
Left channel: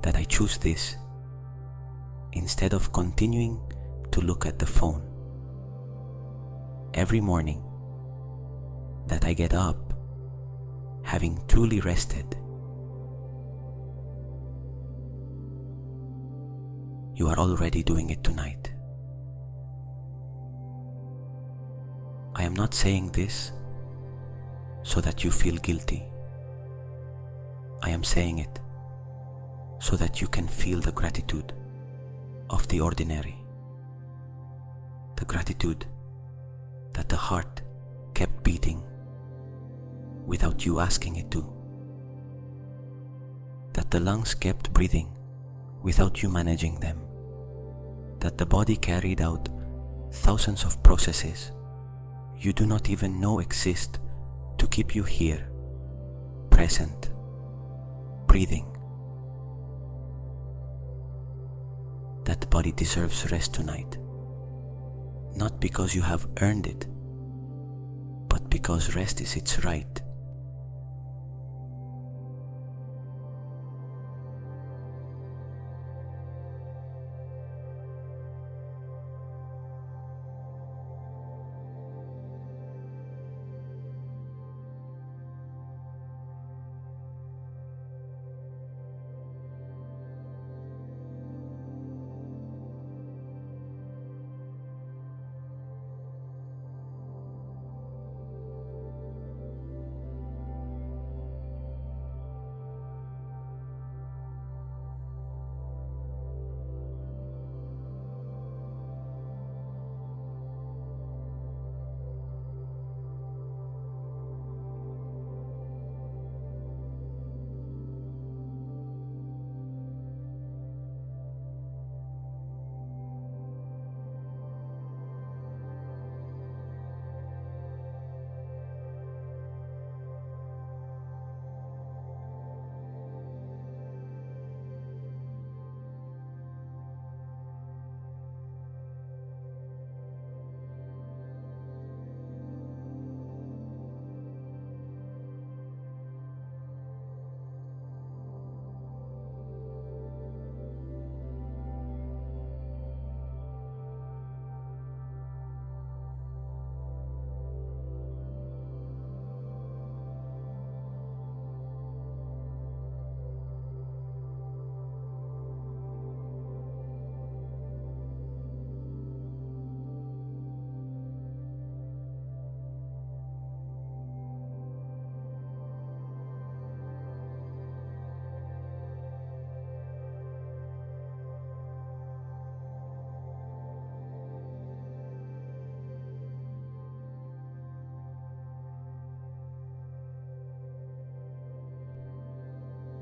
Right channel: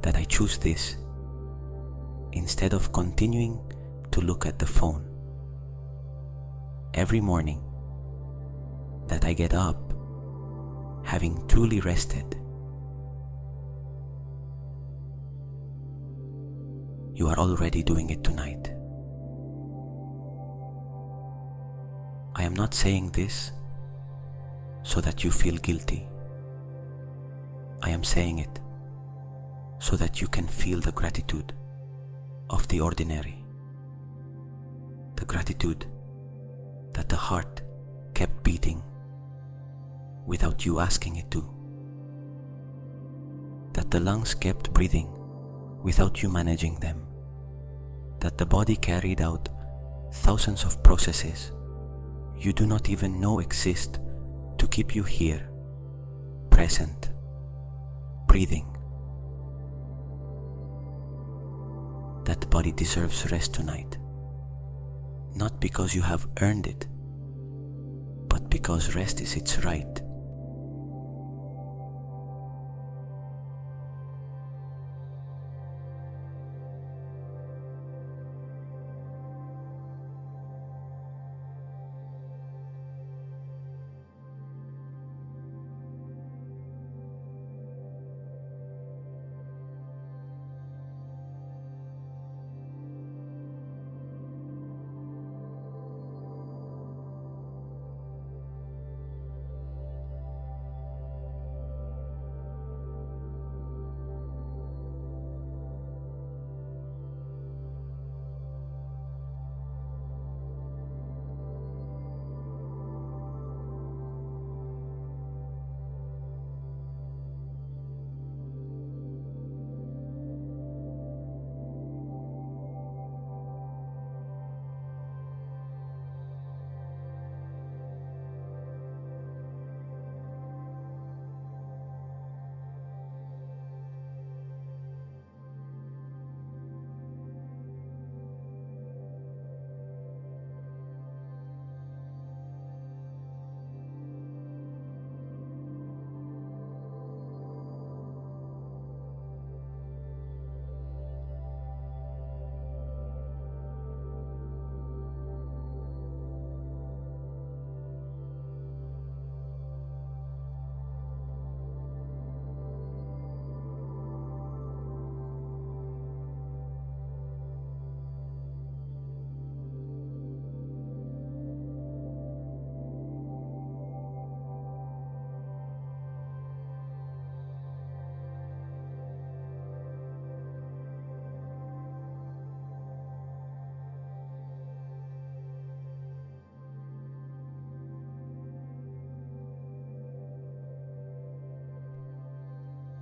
that I choose this, instead of continuing to look at the phone. Every morning that I get up, having truly rested. You are already doing it tonight. I am not saying this so that you feel guilty. I am saying it so that you can feel the gratitude of the ordinary. The gratitude that the heart kept beating without you asking it to. That the lungs kept breathing without you managing them. That the body carried out thousands of processes you do not even know exist to keep you here, present, breathing. That the body deserves rest tonight, not because you have earned it, but because rest is its right.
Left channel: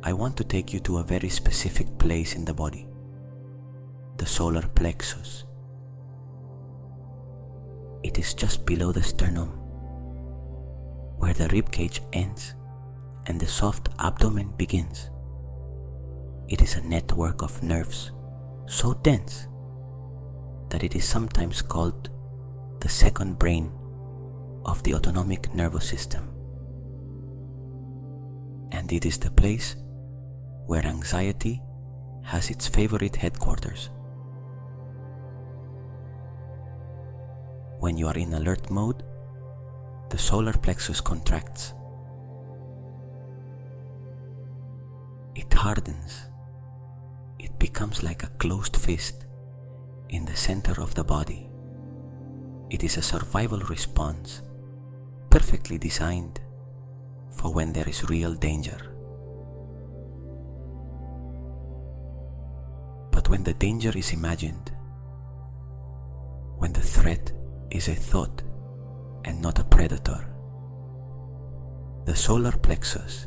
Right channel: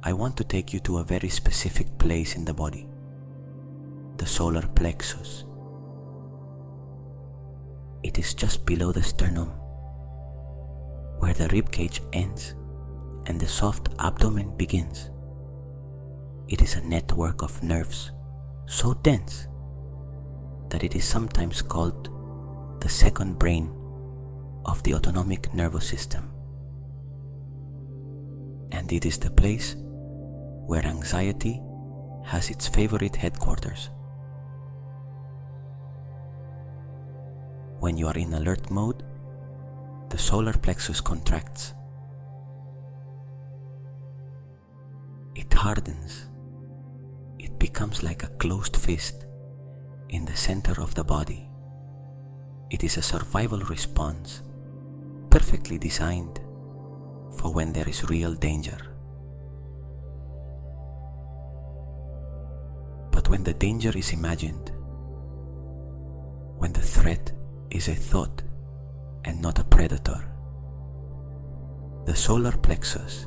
I want to take you to a very specific place in the body, the solar plexus. It is just below the sternum, where the rib cage ends and the soft abdomen begins. It is a network of nerves so dense that it is sometimes called the second brain of the autonomic nervous system. And it is the place where anxiety has its favorite headquarters. When you are in alert mode, the solar plexus contracts. It hardens. It becomes like a closed fist in the center of the body. It is a survival response, perfectly designed for when there is real danger. But when the danger is imagined, when the threat is a thought and not a predator, the solar plexus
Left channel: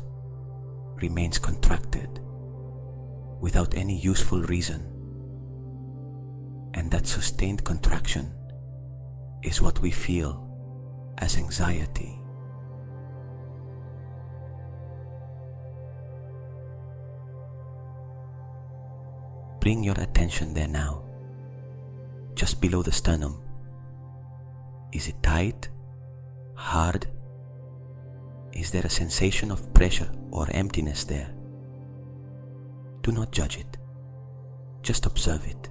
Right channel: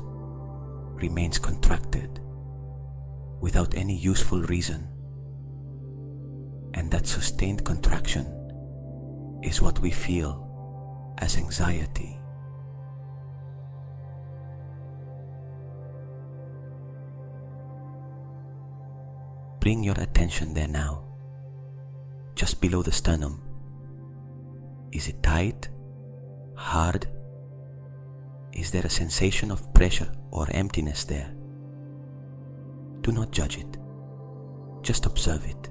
remains contracted without any useful reason, and that sustained contraction is what we feel as anxiety. Bring your attention there now, just below the sternum. Is it tight? Hard? Is there a sensation of pressure or emptiness there? Do not judge it. Just observe it.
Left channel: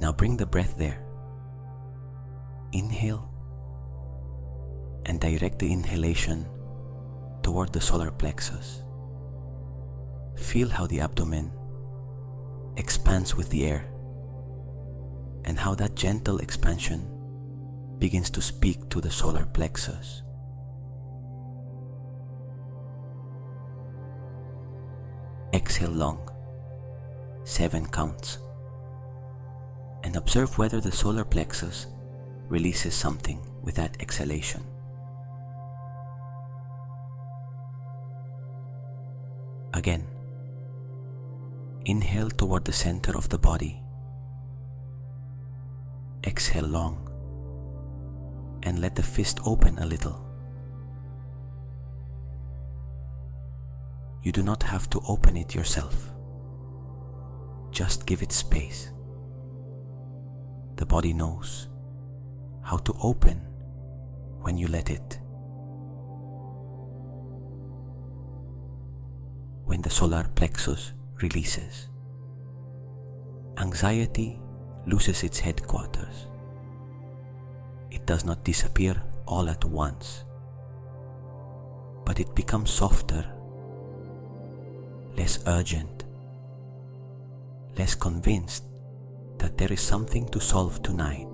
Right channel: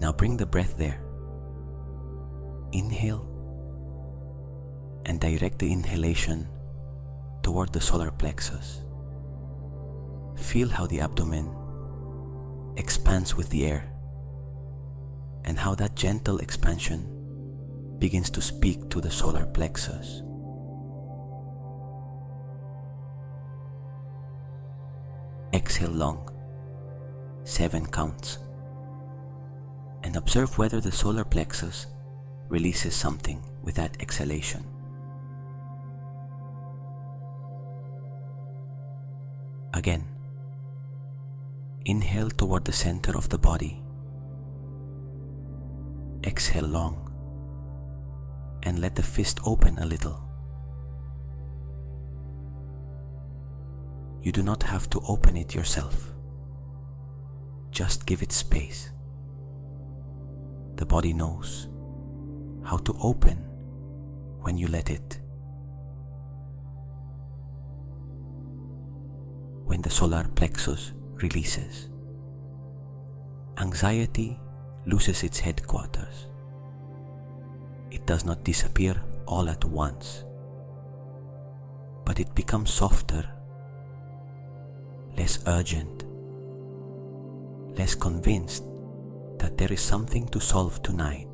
Now bring the breath there. Inhale and direct the inhalation toward the solar plexus. Feel how the abdomen expands with the air and how that gentle expansion begins to speak to the solar plexus. Exhale long, 7 counts, and observe whether the solar plexus releases something with that exhalation. Again, inhale toward the center of the body. Exhale long, and let the fist open a little. You do not have to open it yourself. Just give it space. The body knows how to open when you let it. When the solar plexus releases, anxiety loses its headquarters. It does not disappear all at once, but it becomes softer, less urgent, less convinced that there is something to solve tonight.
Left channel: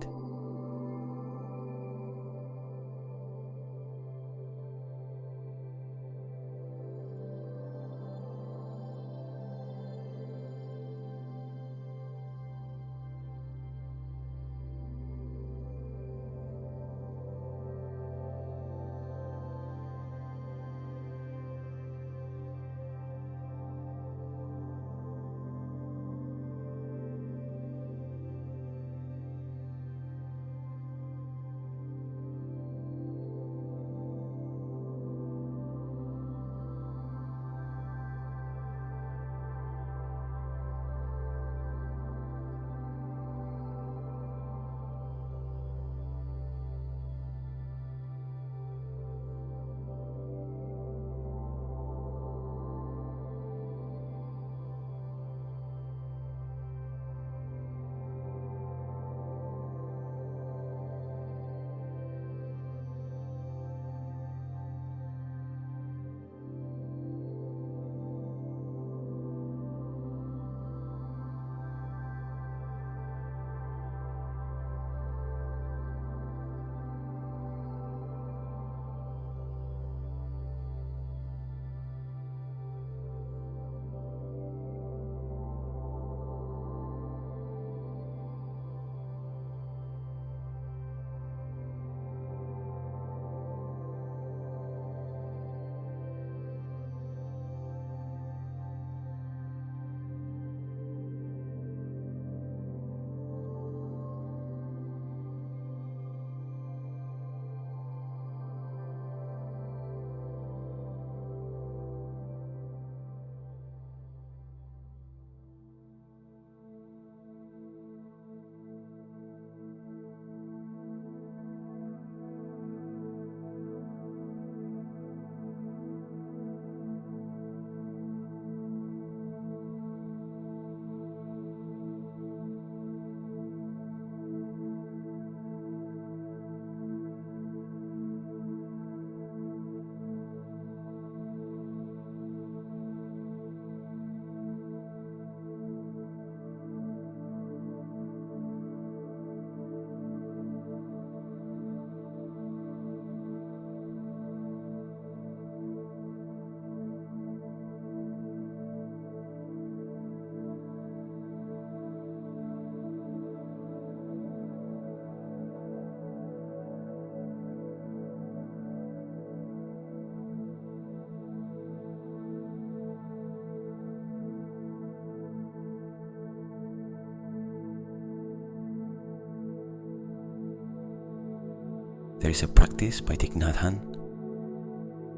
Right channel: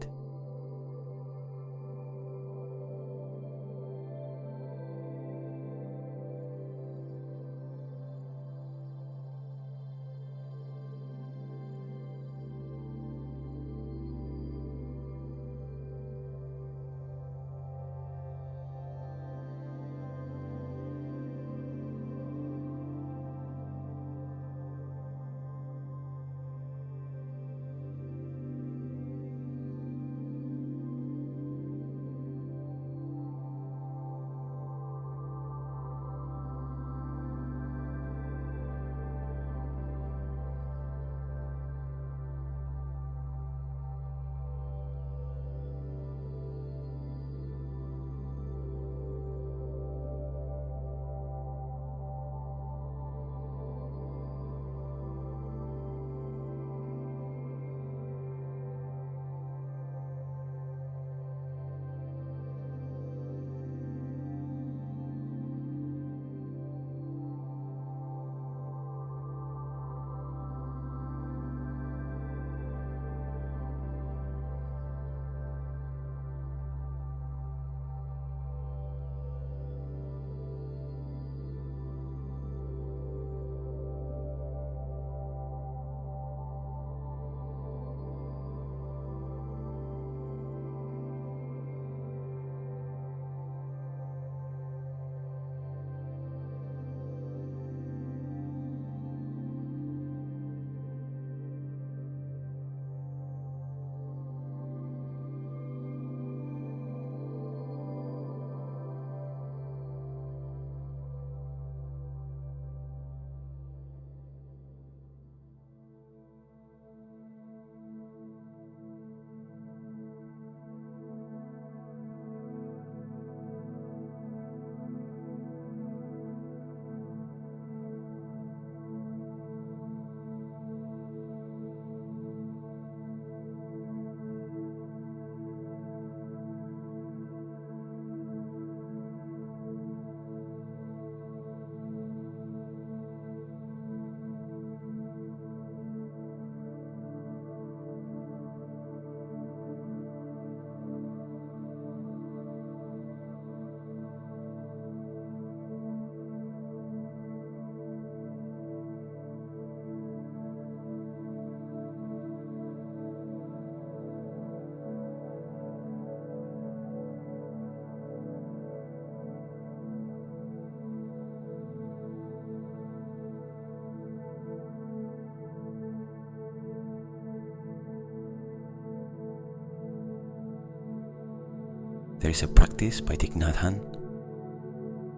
There is a practice by Thich Nhat Hanh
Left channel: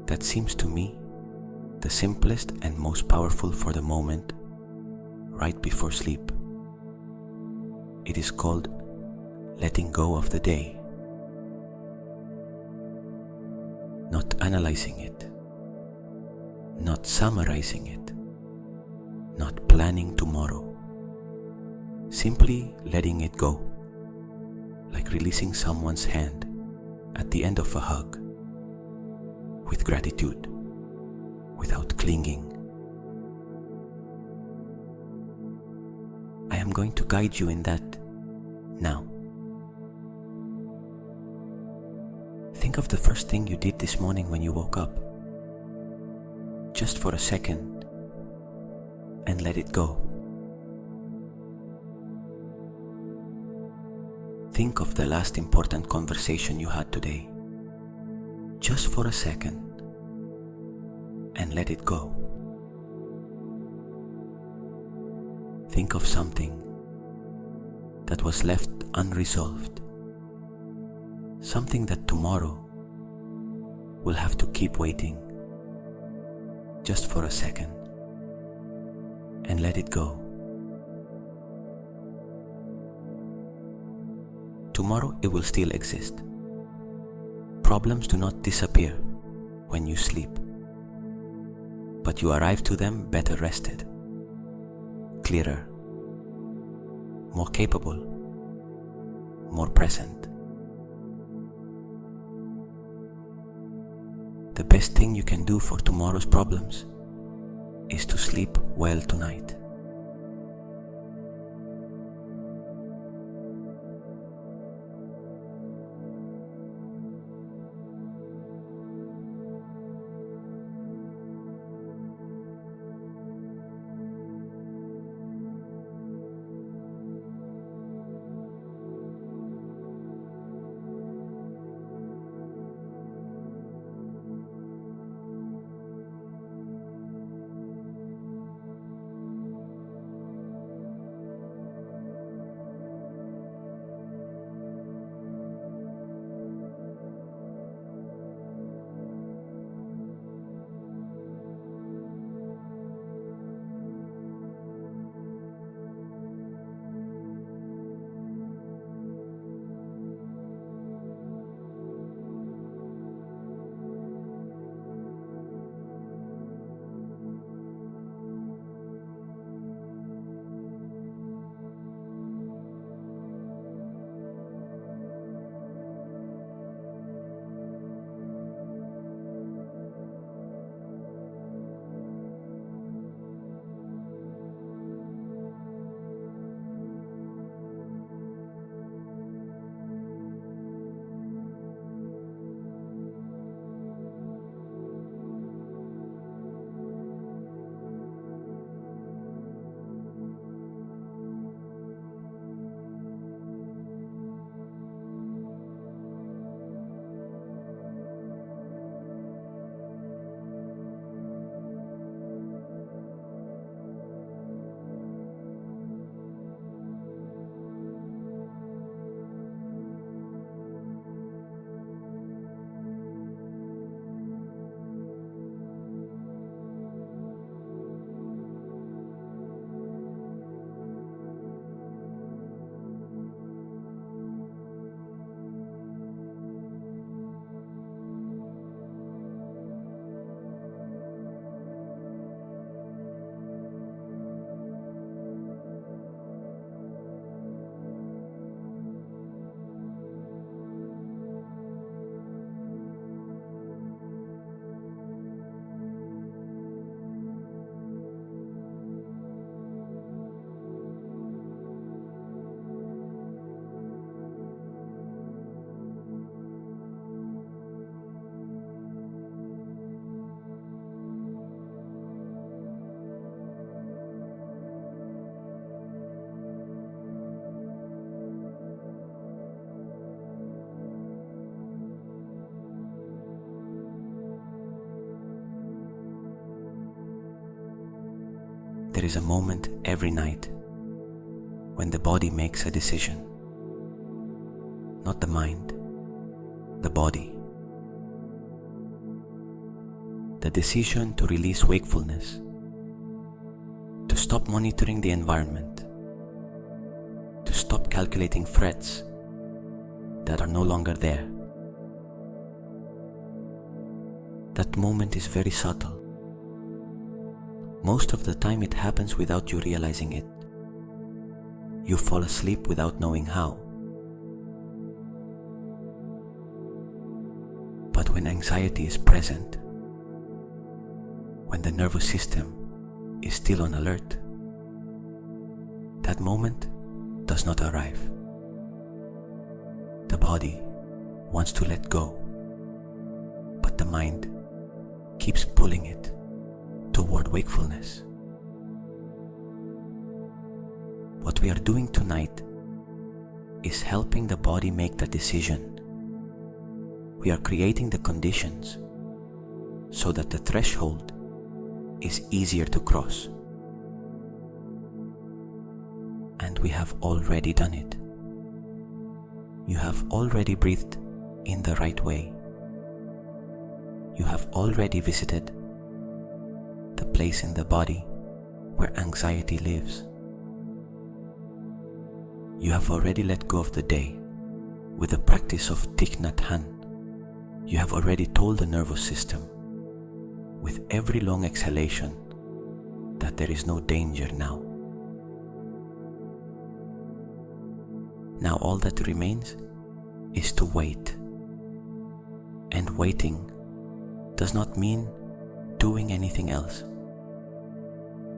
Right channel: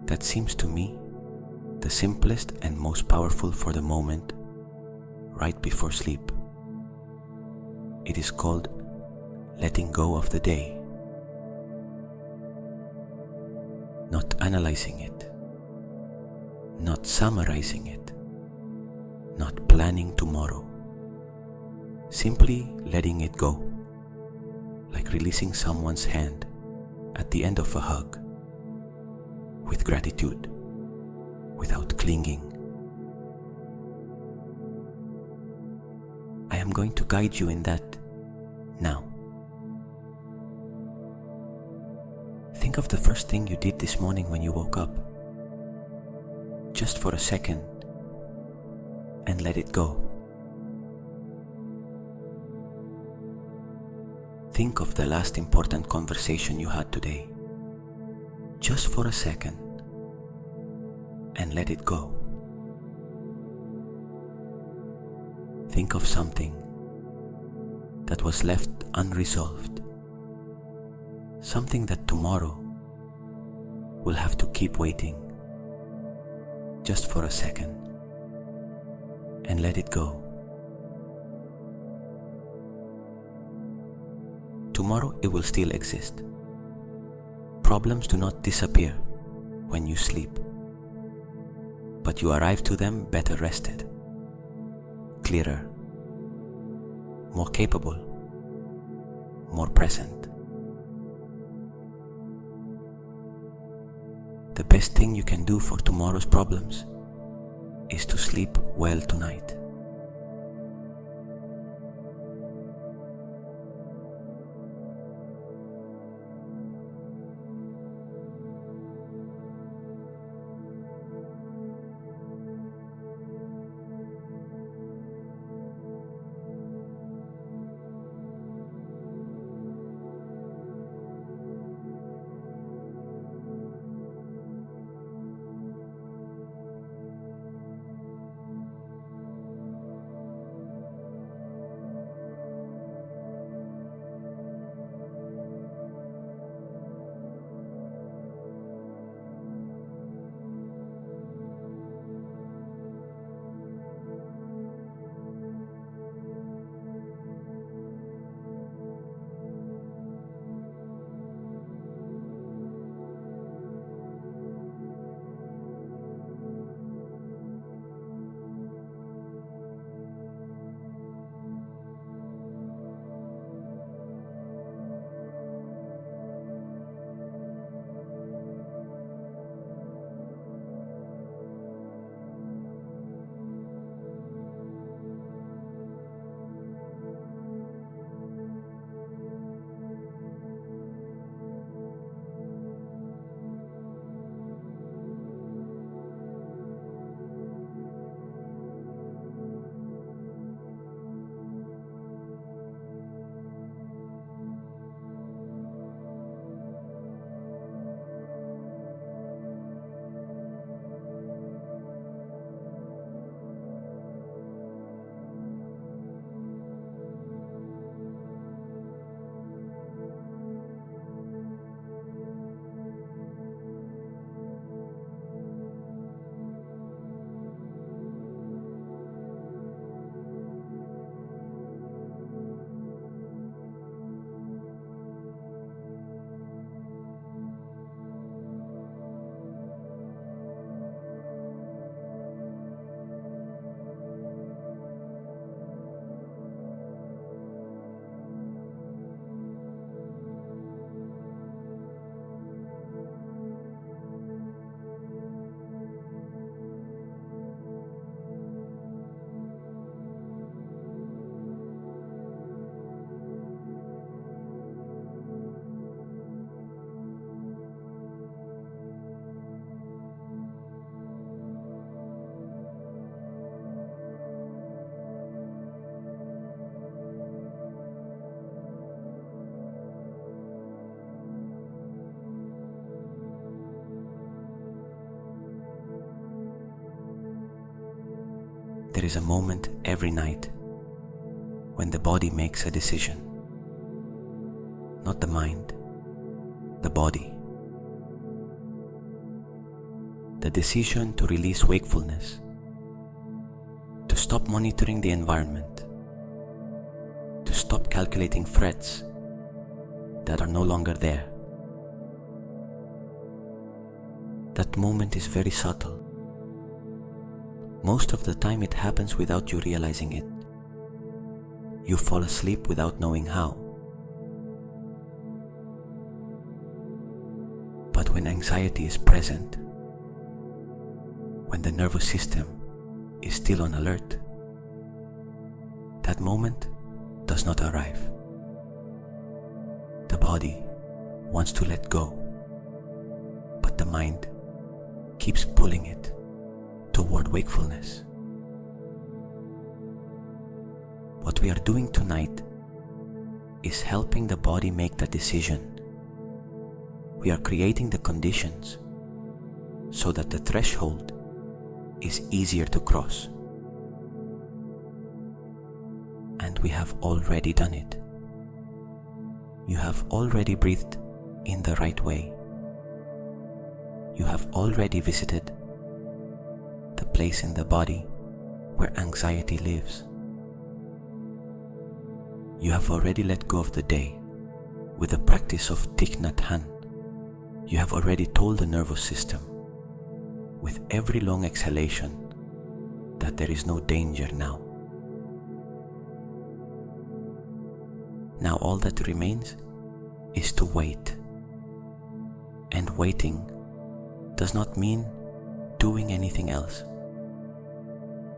that seems to me the simplest and most powerful for the moment, right before sleep. It is called letting go of the day. Not analyzing it, not summarizing it, not planning tomorrow. Simply letting it go, like releasing someone's hand at the end of a hug, with gratitude, without clinging. I am going to guide you in that now. Think of the first thing you did this morning when you woke up, just for a second, and let it go. Think of the last important conversation you had today, just for a second, and let it go. Think of something that was left unresolved, something that tomorrow will have to keep waiting, just for a second, and let it go. Tomorrow it will still exist. Problems do not disappear when you sleep, but you arrive to them better rested, clearer, more capable, more present. The best thing you can do for tomorrow's problems is to sleep well tonight. There is a moment every night when the body makes a decision. Not the mind, the body. The decision to release wakefulness, to stop monitoring the environment, to stop calculating threats that are no longer there. That moment is very subtle. Most of the time it happens without you realizing it. You fall asleep without knowing how. But when anxiety is present, when the nervous system is still on alert, that moment does not arrive. The body wants to let go, but the mind keeps pulling it toward wakefulness. What we are doing tonight is helping the body make the decision. We are creating the conditions so that the threshold is easier to cross. And we have already done it. You have already breathed in the right way. You have already visited the place in the body where anxiety lives. You have already let go of the day with the practice of Thich Nhat Hanh. You have already told the nervous system with every long exhalation that there is no danger now. Now all that remains is to wait. And waiting does not mean doing anything else.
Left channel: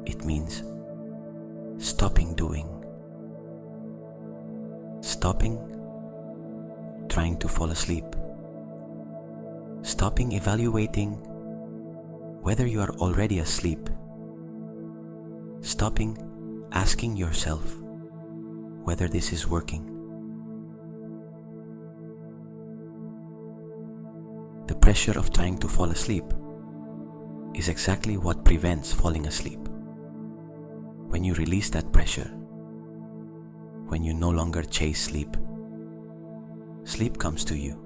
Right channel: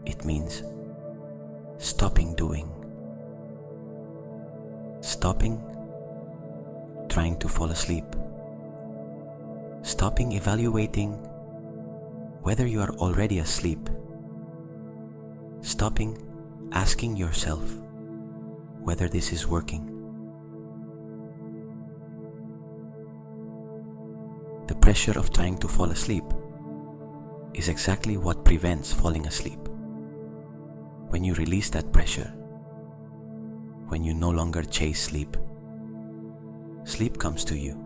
It means stopping doing. Stopping trying to fall asleep. Stopping evaluating whether you are already asleep. Stopping asking yourself whether this is working. The pressure of trying to fall asleep is exactly what prevents falling asleep. When you release that pressure, when you no longer chase sleep, sleep comes to you.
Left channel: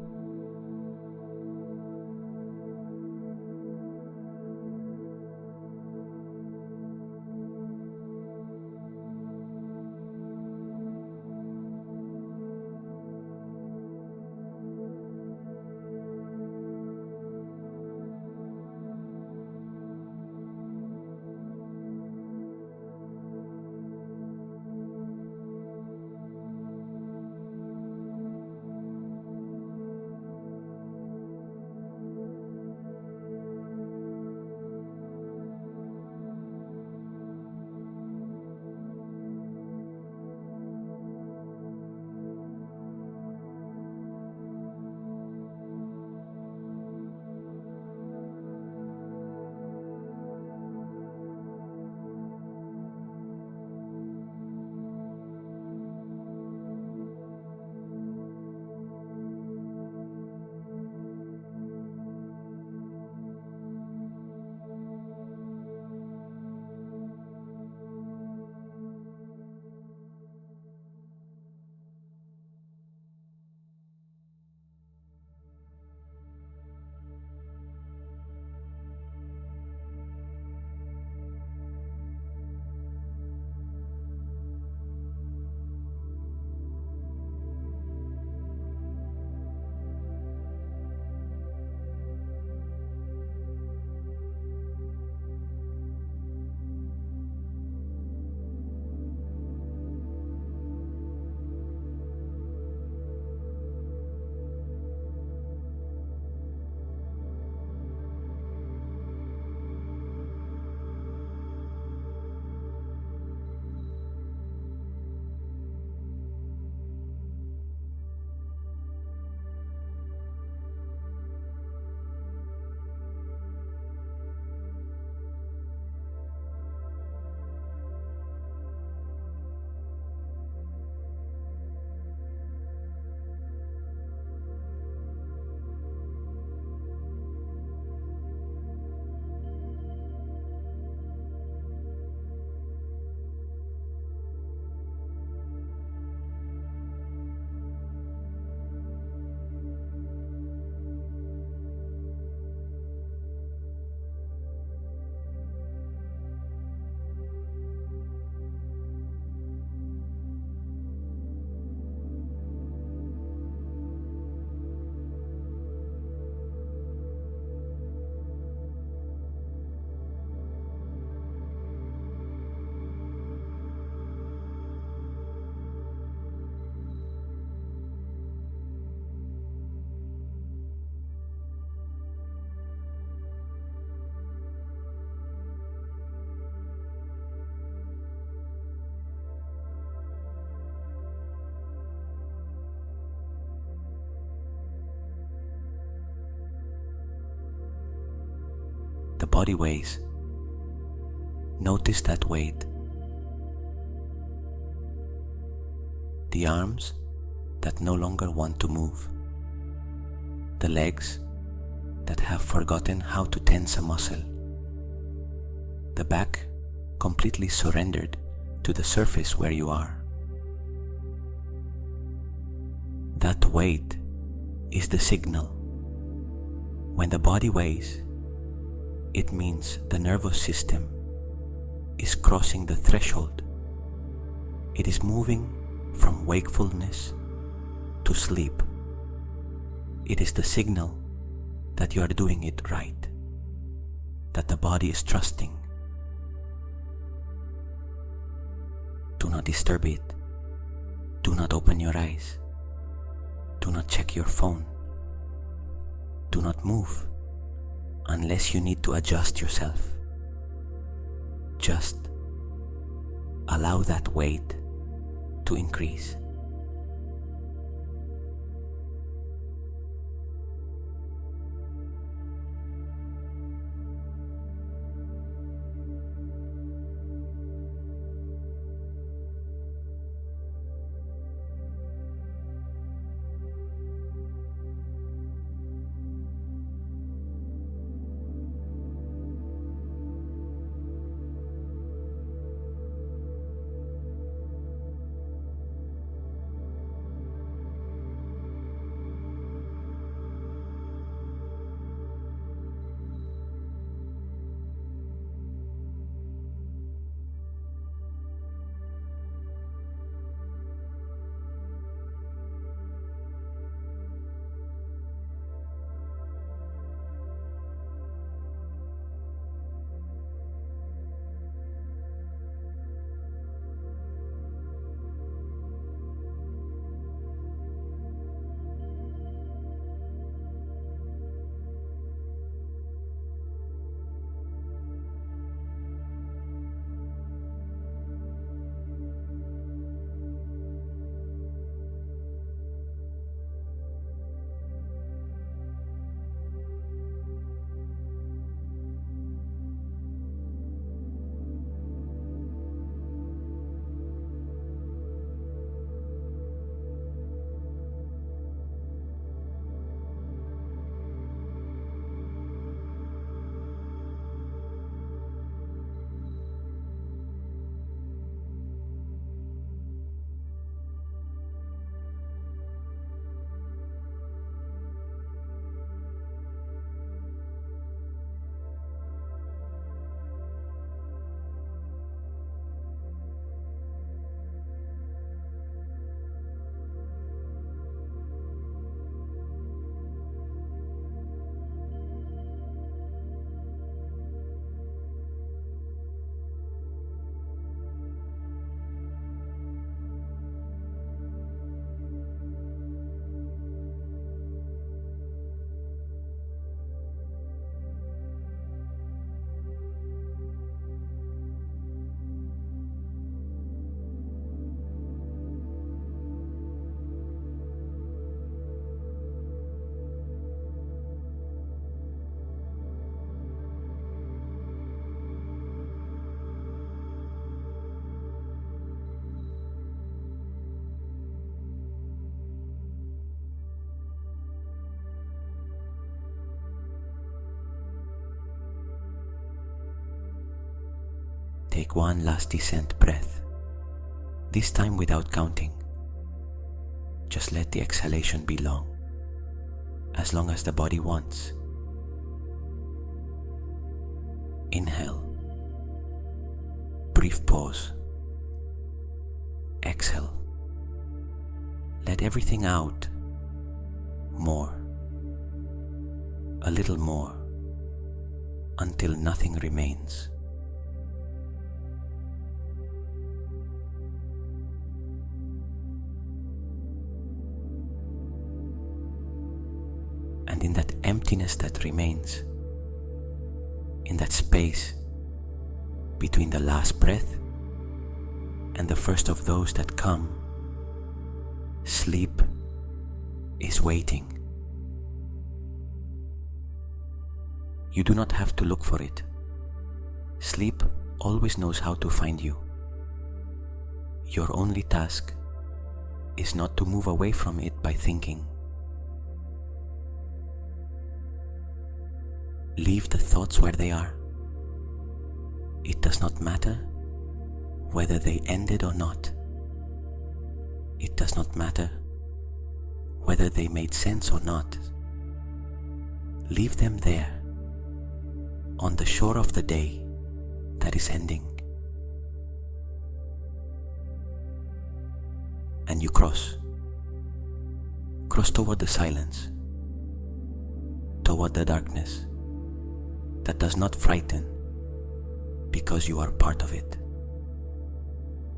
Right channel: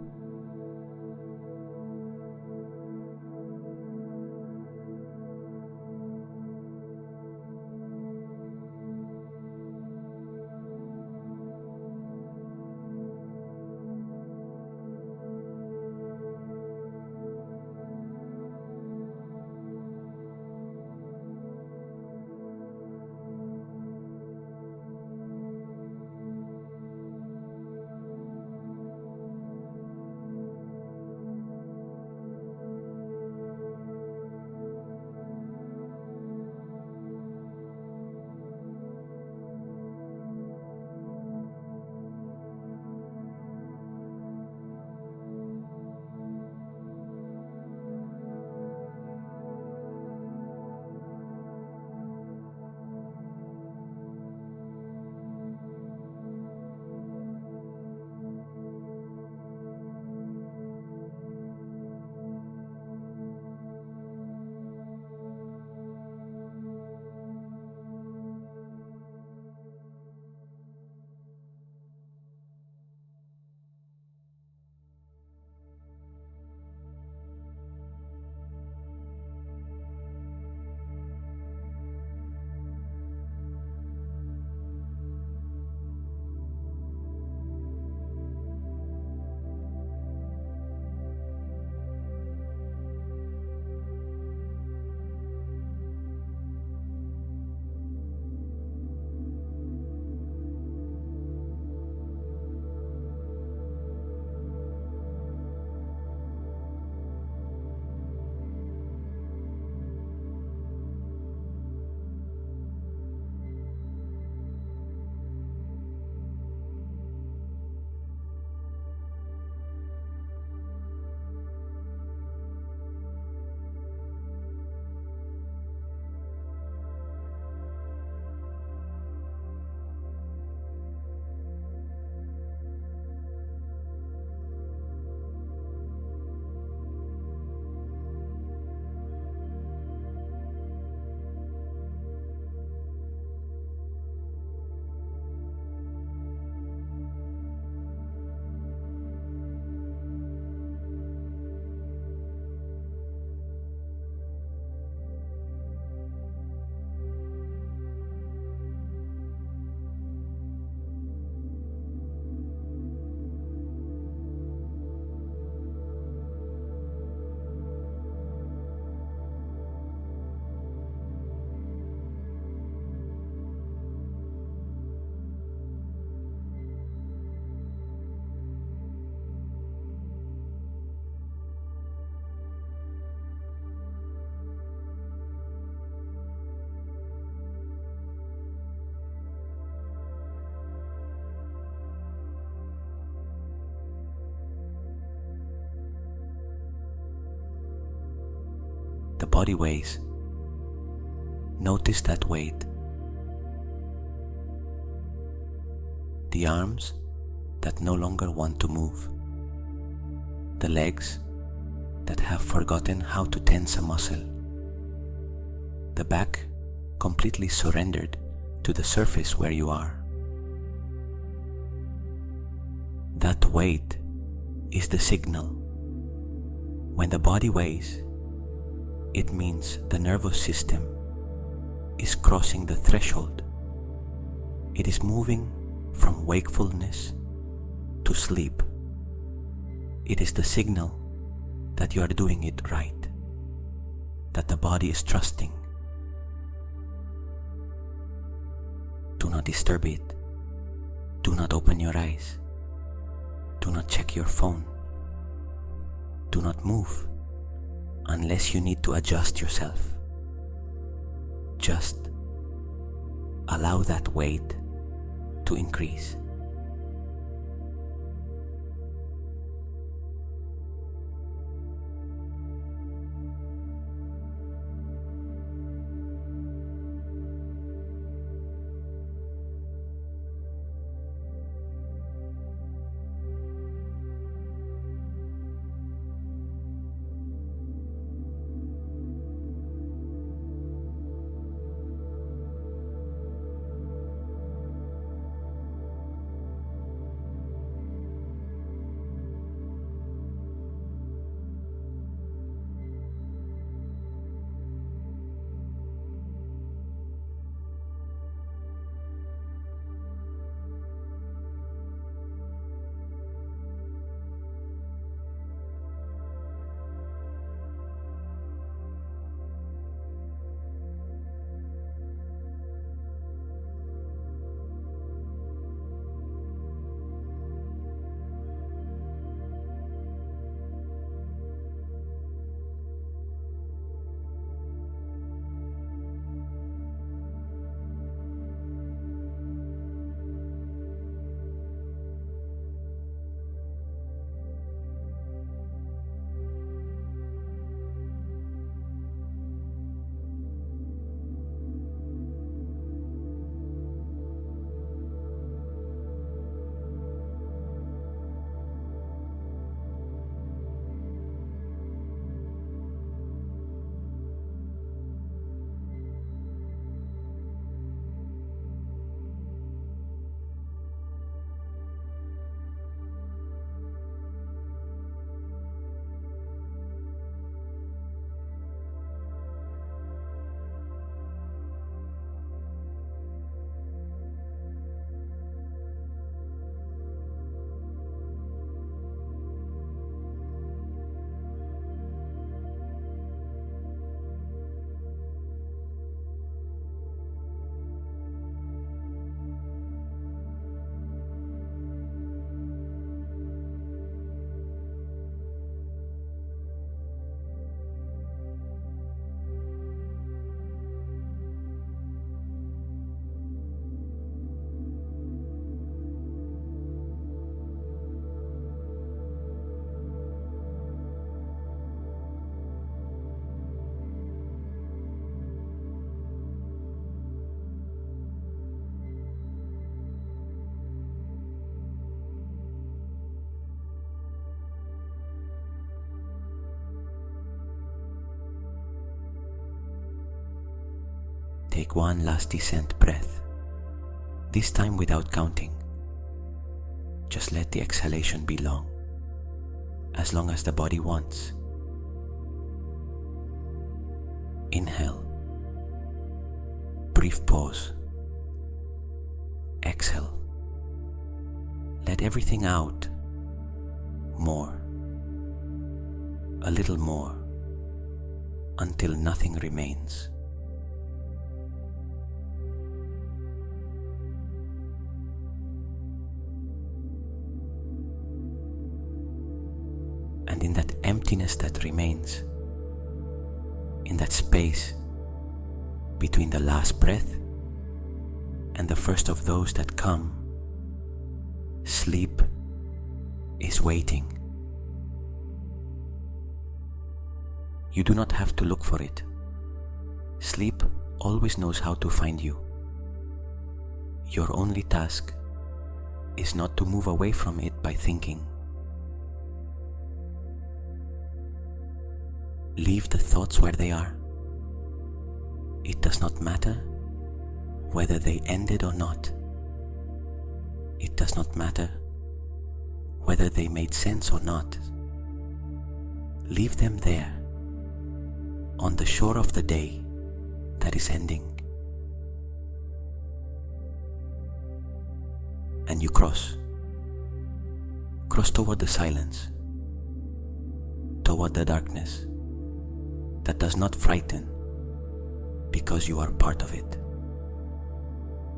body weighs, notice that weight. The arms that no longer want to move. The legs that have forgotten how to tense a muscle. The back completely surrendered to the surface where you are. That weight is the signal. When the body weighs, it means the nervous system is crossing the threshold. It is moving from wakefulness to sleep. It is the signal that you are doing it right, that the body is trusting. Do not disturb it. Do not open your eyes. Do not check your phone. Do not move unless you need to adjust yourself. Just allow that weight to increase. Take one last descent breath, this time without counting. Just let the exhalation be long as the body wants. Inhale, brief pause. Exhale, let everything out. More, a little more, until nothing remains. And in that emptiness that remains, in that space between the last breath and the first of those that come, sleep is waiting. You do not have to look for it. Sleep always knows how to find you. Your only task is not to move away from it by thinking. Leave the thoughts where they are. It does not matter whether they ended or not. It does not matter whether they made sense or not. Leave them there, on the shore of the day that is ending. And you cross toward the silence, toward the darkness that does not frighten because you are part of it,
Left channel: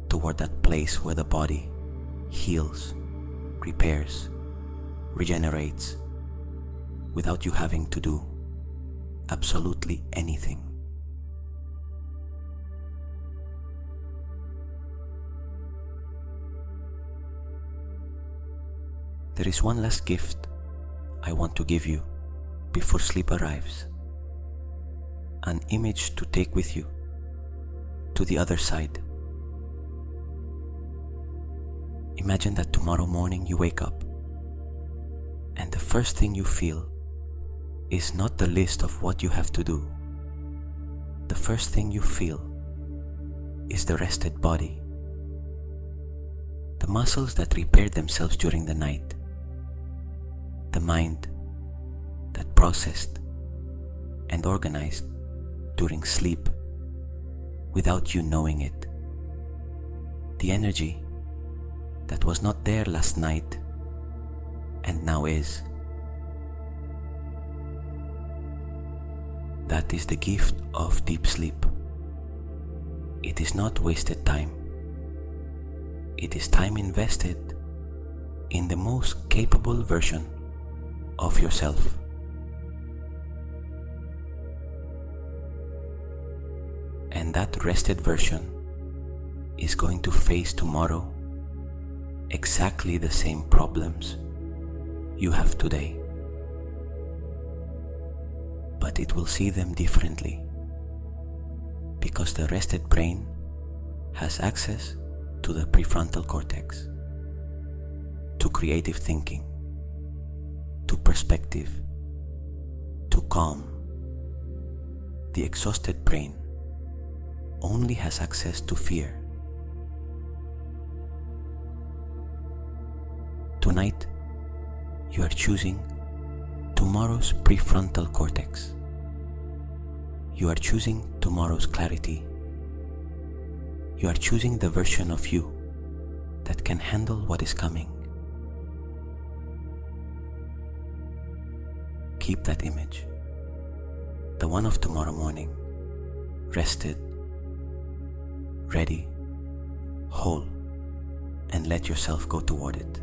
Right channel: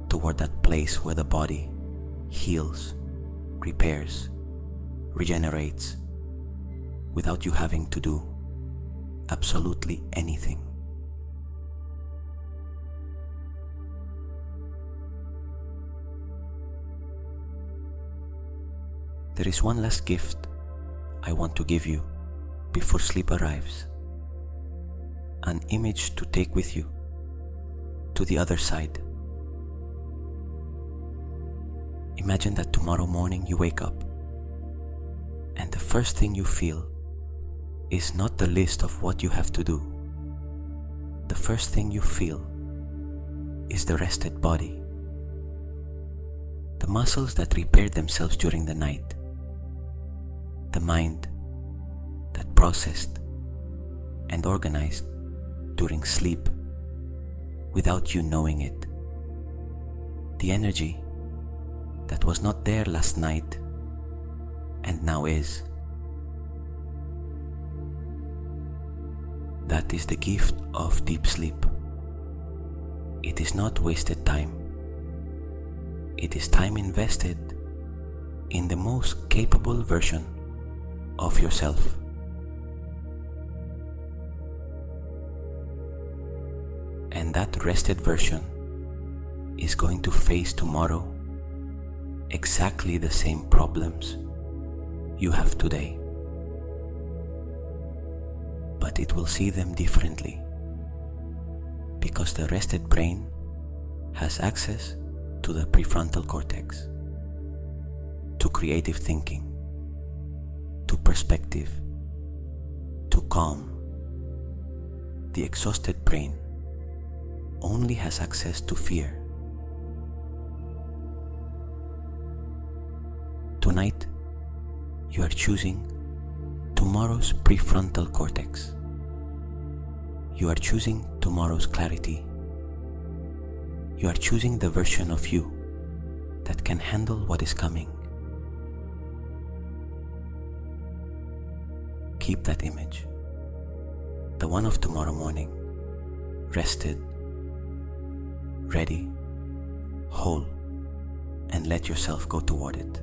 toward that place where the body heals, repairs, regenerates, without you having to do absolutely anything. There is one last gift I want to give you before sleep arrives. An image to take with you to the other side. Imagine that tomorrow morning you wake up and the first thing you feel is not the list of what you have to do. The first thing you feel is the rested body. The muscles that repaired themselves during the night. The mind that processed and organized during sleep without you knowing it. The energy that was not there last night and now is. That is the gift of deep sleep. It is not wasted time. It is time invested in the most capable version of yourself. And that rested version is going to face tomorrow exactly the same problems you have today. But it will see them differently because the rested brain has access to the prefrontal cortex, to creative thinking, to perspective, to calm. The exhausted brain only has access to fear. Tonight, you are choosing tomorrow's prefrontal cortex. You are choosing tomorrow's clarity. You are choosing the version of you that can handle what is coming. Keep that image, the one of tomorrow morning, rested, ready, whole, and let yourself go toward it.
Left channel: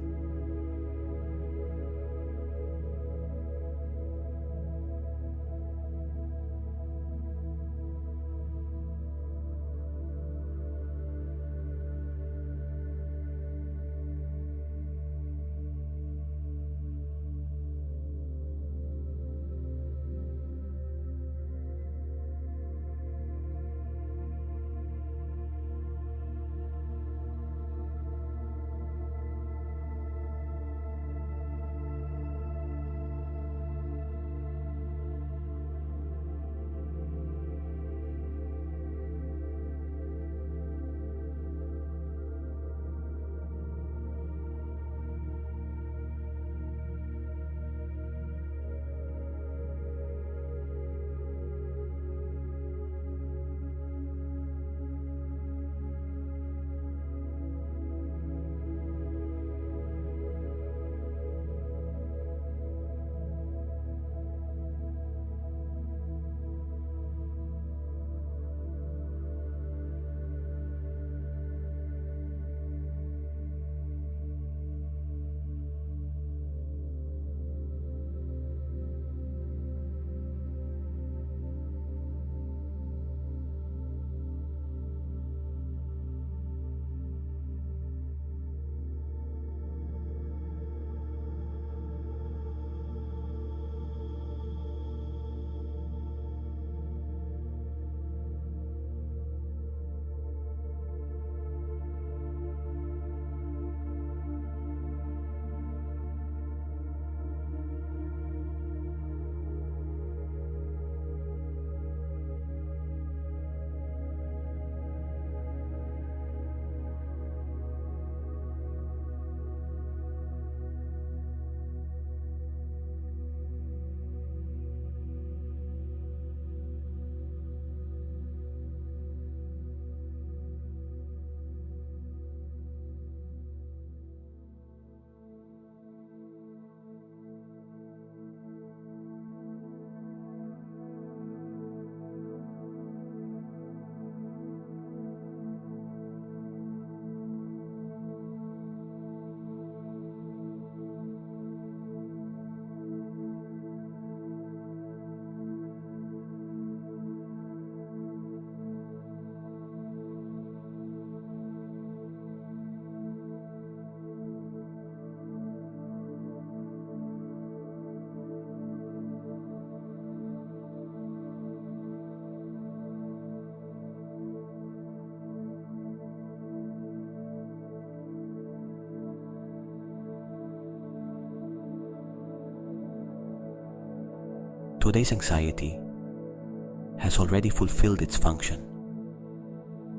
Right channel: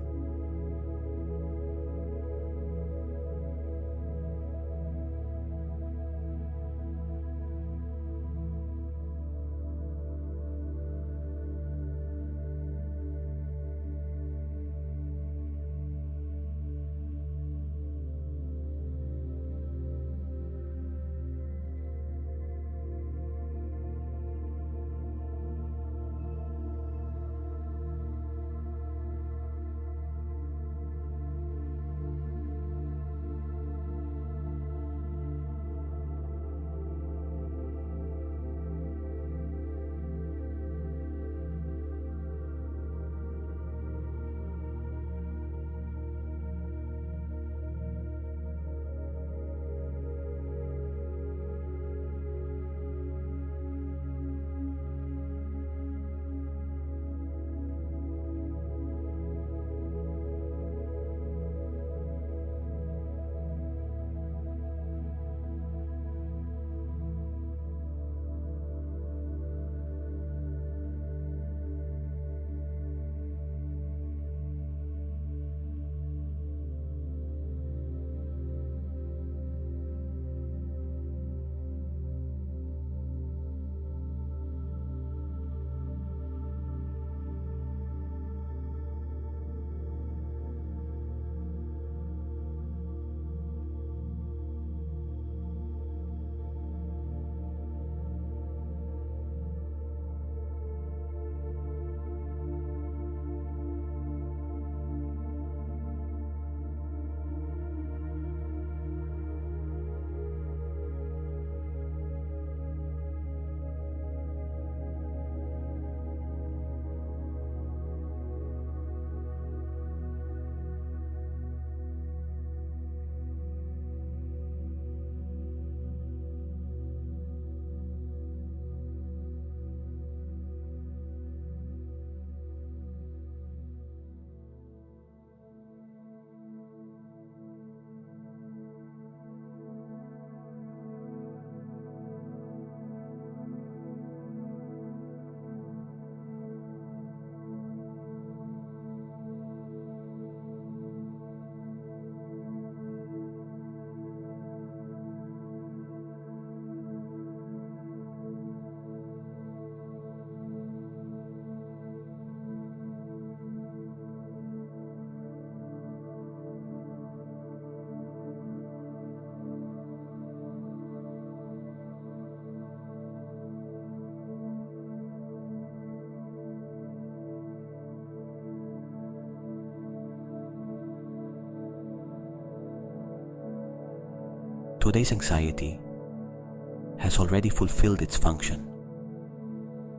Today's anxiety has already fulfilled its function.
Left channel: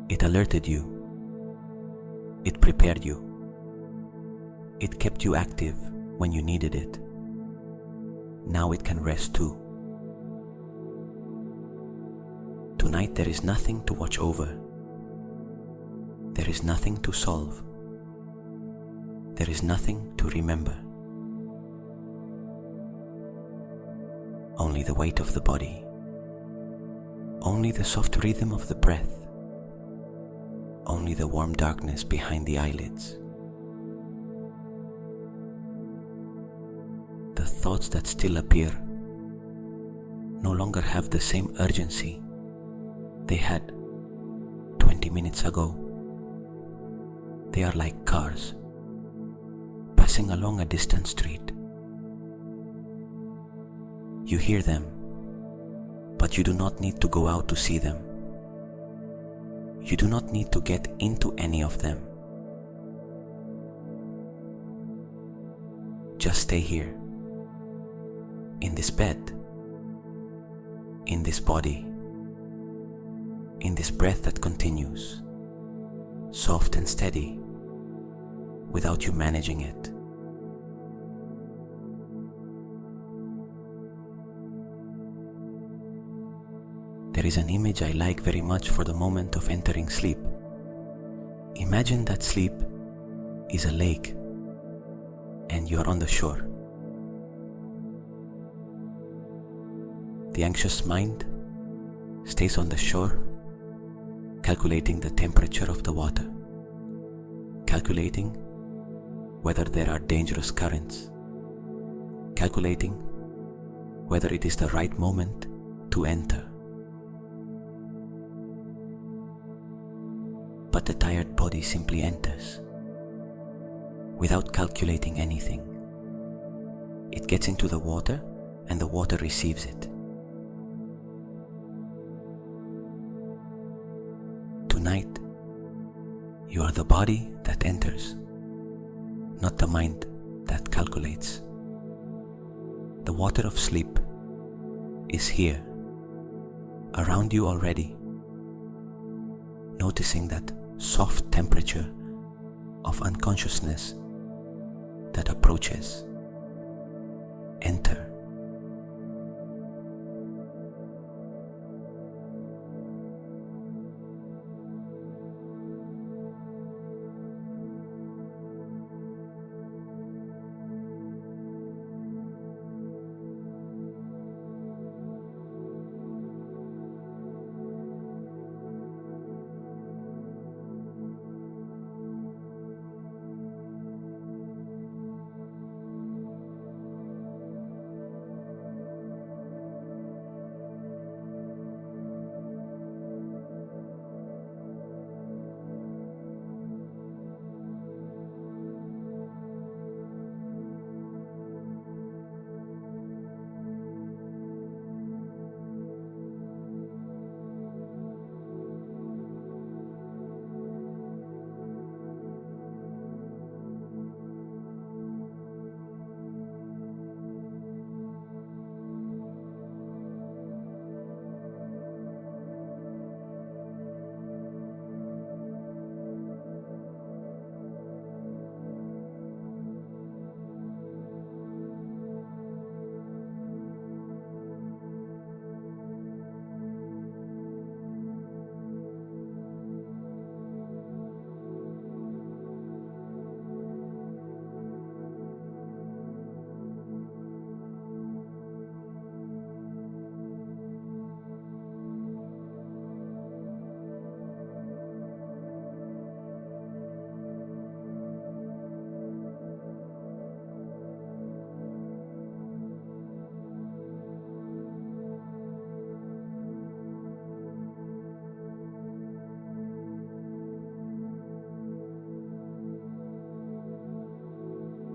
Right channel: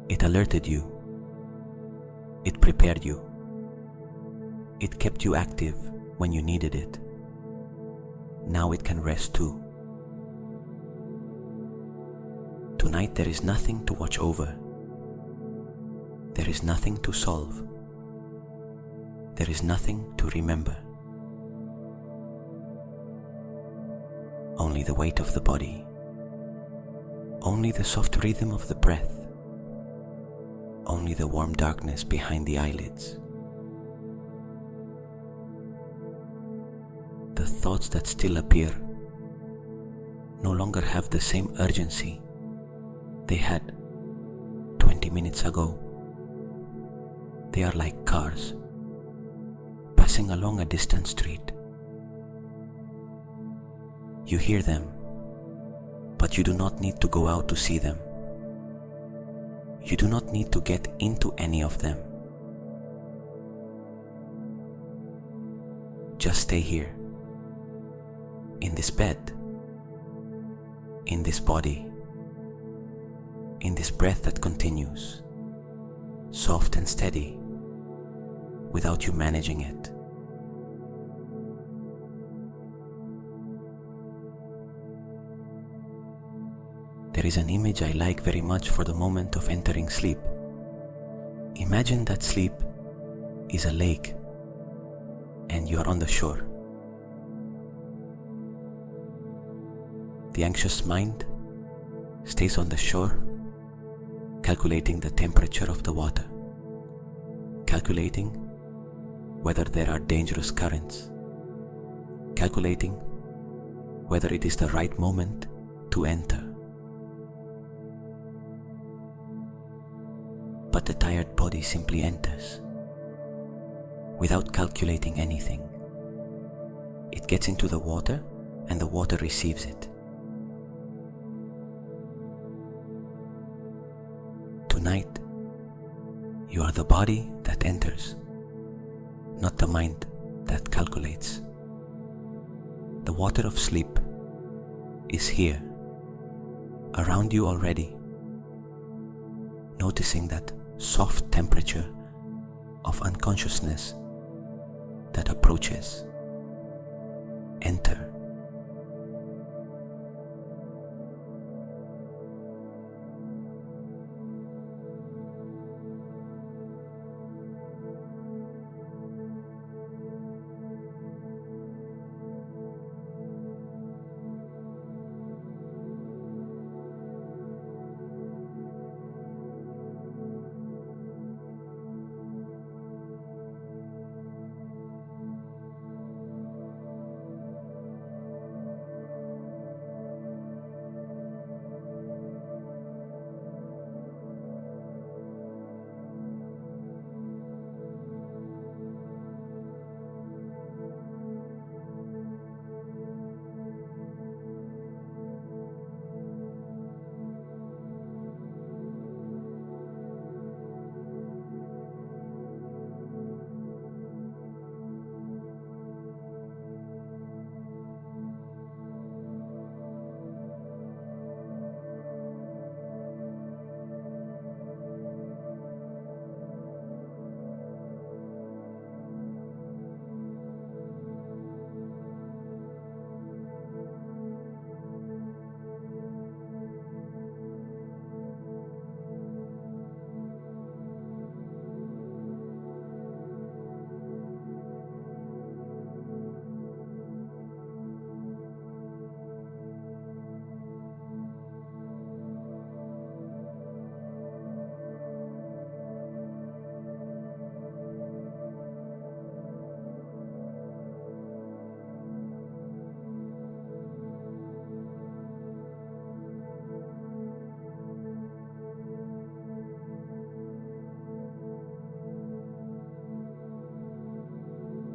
It alerted you. It prepared you. It kept you active when you needed it. Now it can rest too. Tonight there is nothing to watch over. There is nothing to solve. There is nothing to remember. Only the weight of the body. Only the soft rhythm of the breath. Only the warm darkness behind the eyelids. The thoughts that still appear no longer have the same urgency they had 20 minutes ago. They are like cars passing along a distant street. You hear them, but you do not need to go out to see them. You do not need to get into any of them. Just stay here, in this bed, in this body, in this breath that continues, soft and steady, without you managing it. There is an image I like very much for the moment of entering sleep. Imagine that sleep is a lake and you are on the shore. The anxious mind stays on the shore, calculating the temperature of the water, calculating whether there are dangerous currents, calculating whether it is the right moment to enter. But the tired body simply enters, without calculating anything. It gets into the water and the water receives it. Tonight, you are the body that enters, not the mind that calculates. The water of sleep is here, around you already, noticing that soft temperature of unconsciousness that approaches. Enter.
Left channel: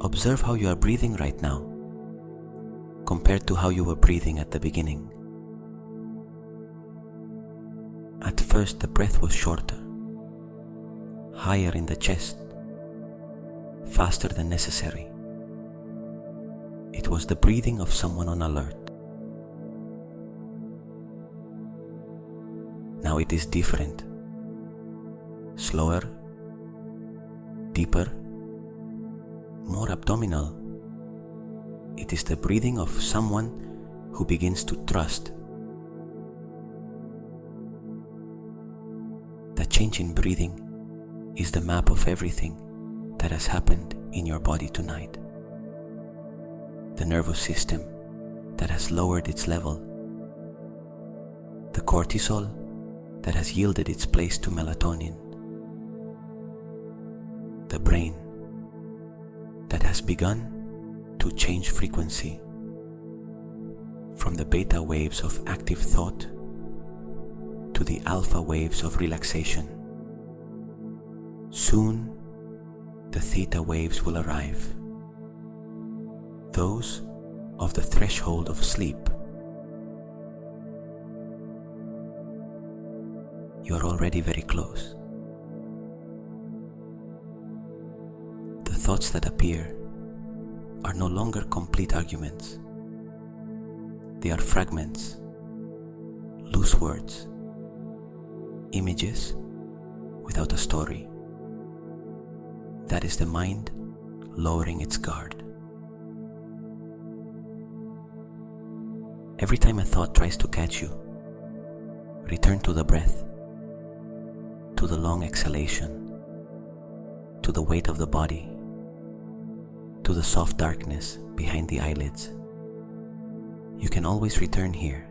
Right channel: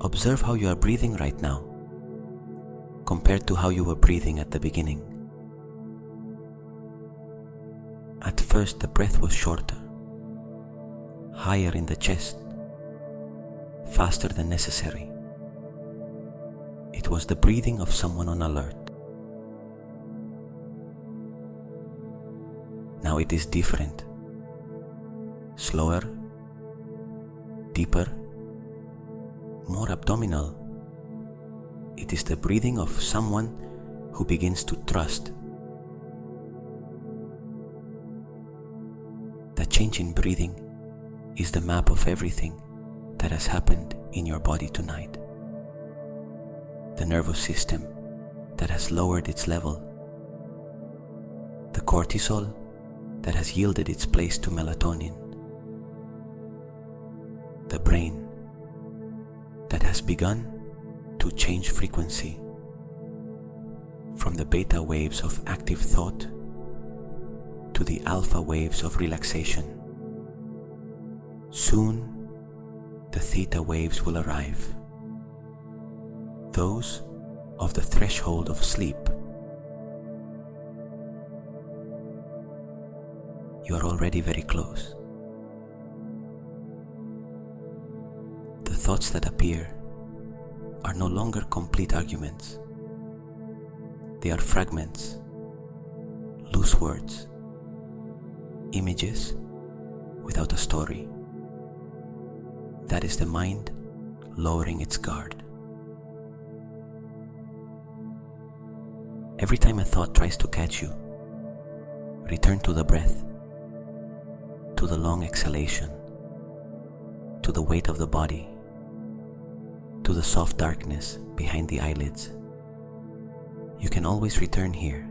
Observe how you are breathing right now, compared to how you were breathing at the beginning. At first, the breath was shorter, higher in the chest, faster than necessary. It was the breathing of someone on alert. Now it is different. Slower, deeper, more abdominal. It is the breathing of someone who begins to trust. That change in breathing is the map of everything that has happened in your body tonight. The nervous system that has lowered its level. The cortisol that has yielded its place to melatonin. The brain that has begun to change frequency from the beta waves of active thought to the alpha waves of relaxation. Soon, the theta waves will arrive, those of the threshold of sleep. You are already very close. The thoughts that appear are no longer complete arguments. They are fragments, loose words, images without a story. That is the mind lowering its guard. Every time a thought tries to catch you, return to the breath, to the long exhalation, to the weight of the body, to the soft darkness behind the eyelids. You can always return here.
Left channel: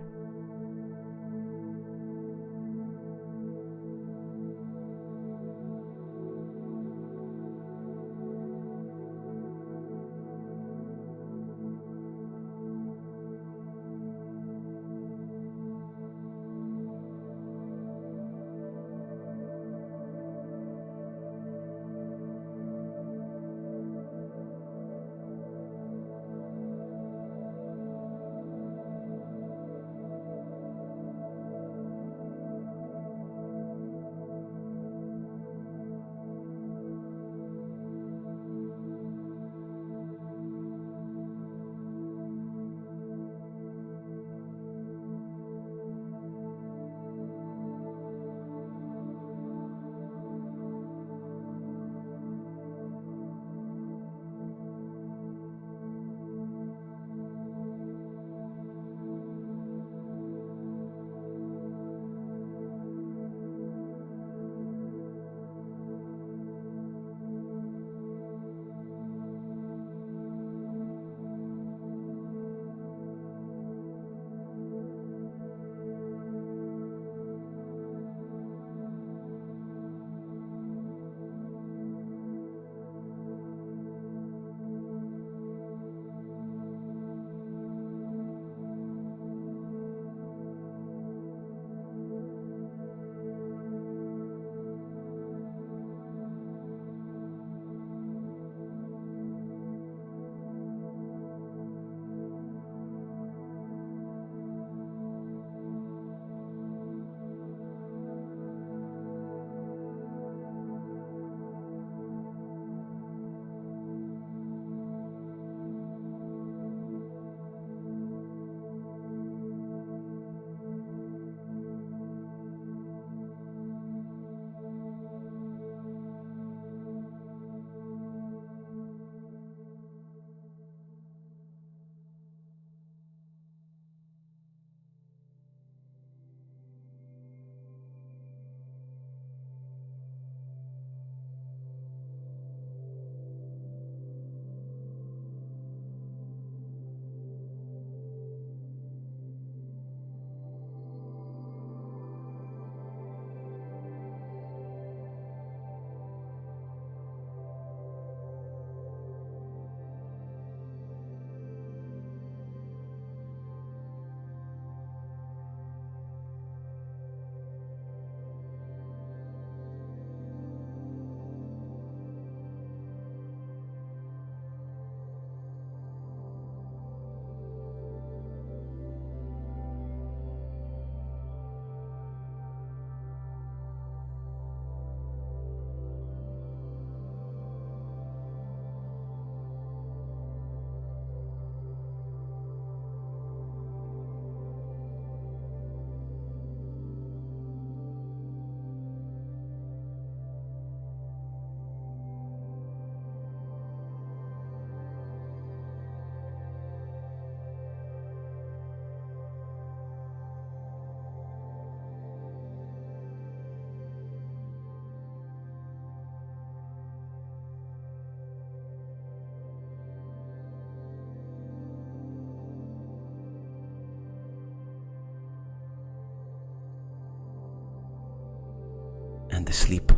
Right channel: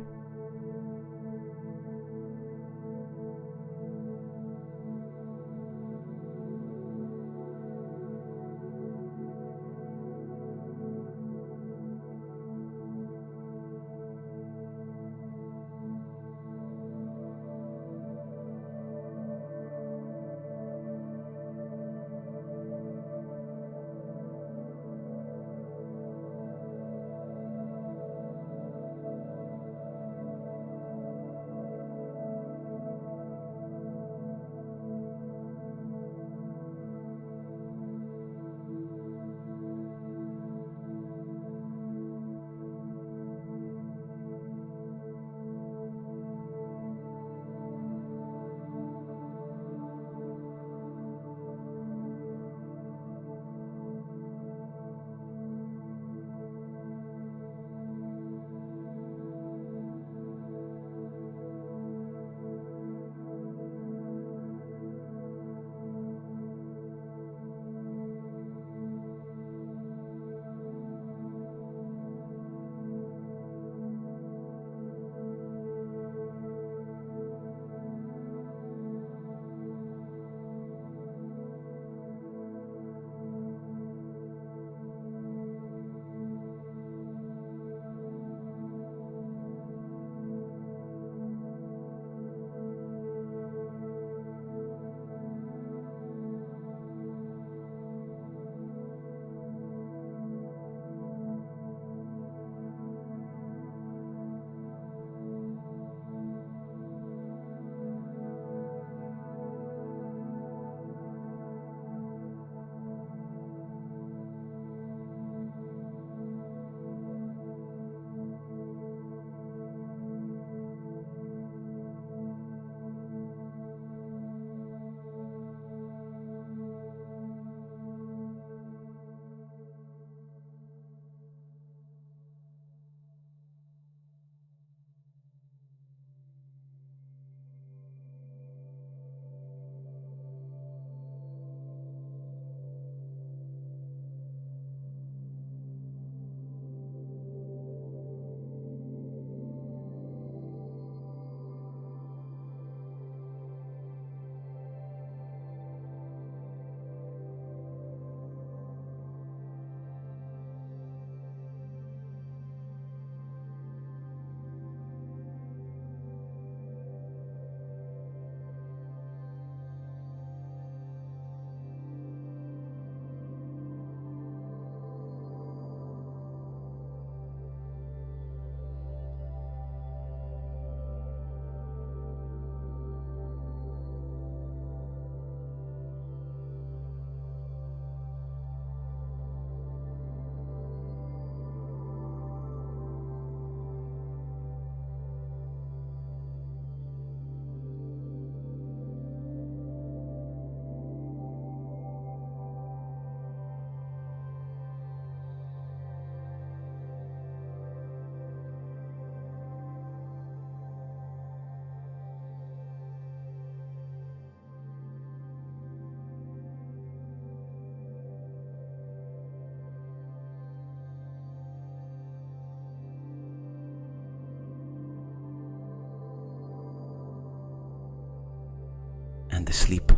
and the sleep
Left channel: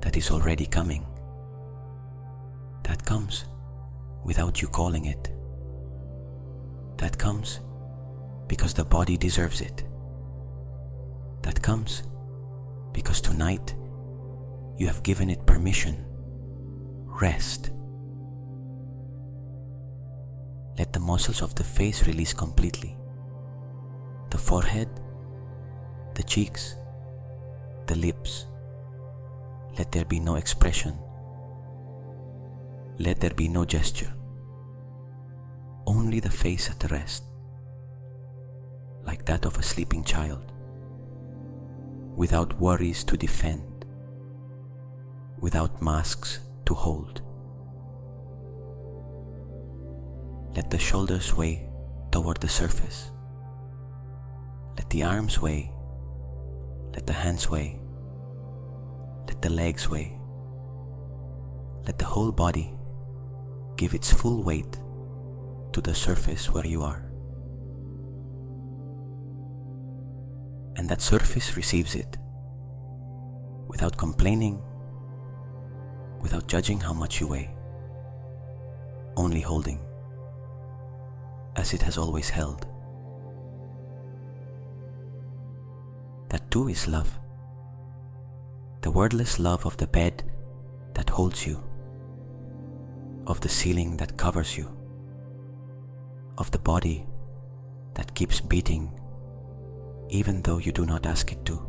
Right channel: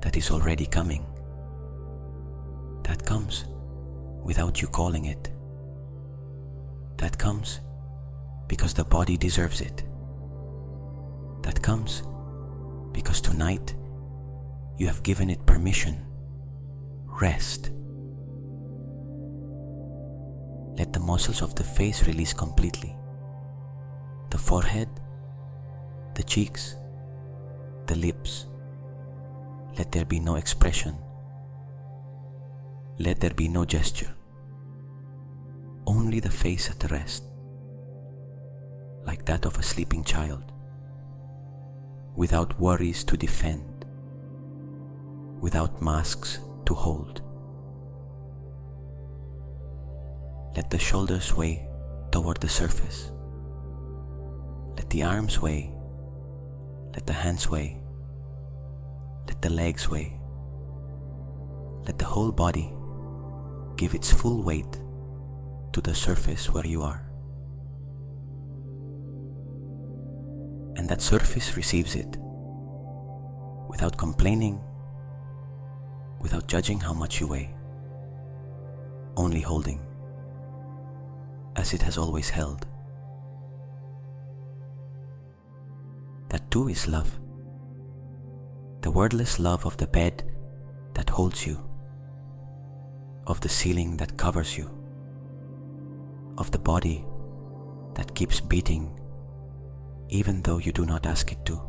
that is already coming, that comes without you calling it. That comes because the body deserves it. That comes because tonight you have given it permission. Rest. Let the muscles of the face release completely. The forehead, the cheeks, the lips. Let there be no expression. Let there be no gesture. Only the face at rest, like that of a sleeping child, without worries to defend, without masks to hold. Let the shoulders sway toward the surface. Let the arms sway. Let the hands sway. Let the legs sway. Let the whole body give its full weight to the surface where you are. And that surface receives it without complaining, without judging how much you weigh, only holding as it has always held. That too is love, the wordless love of the bed that holds you, of the ceiling that covers you, of the body that keeps beating even though you do not ask it to.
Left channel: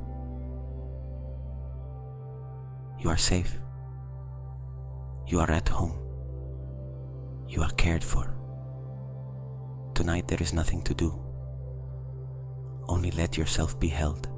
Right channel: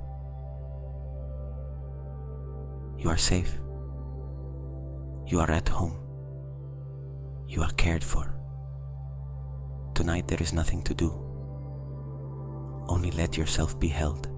You are safe. You are at home. You are cared for. Tonight there is nothing to do. Only let yourself be held.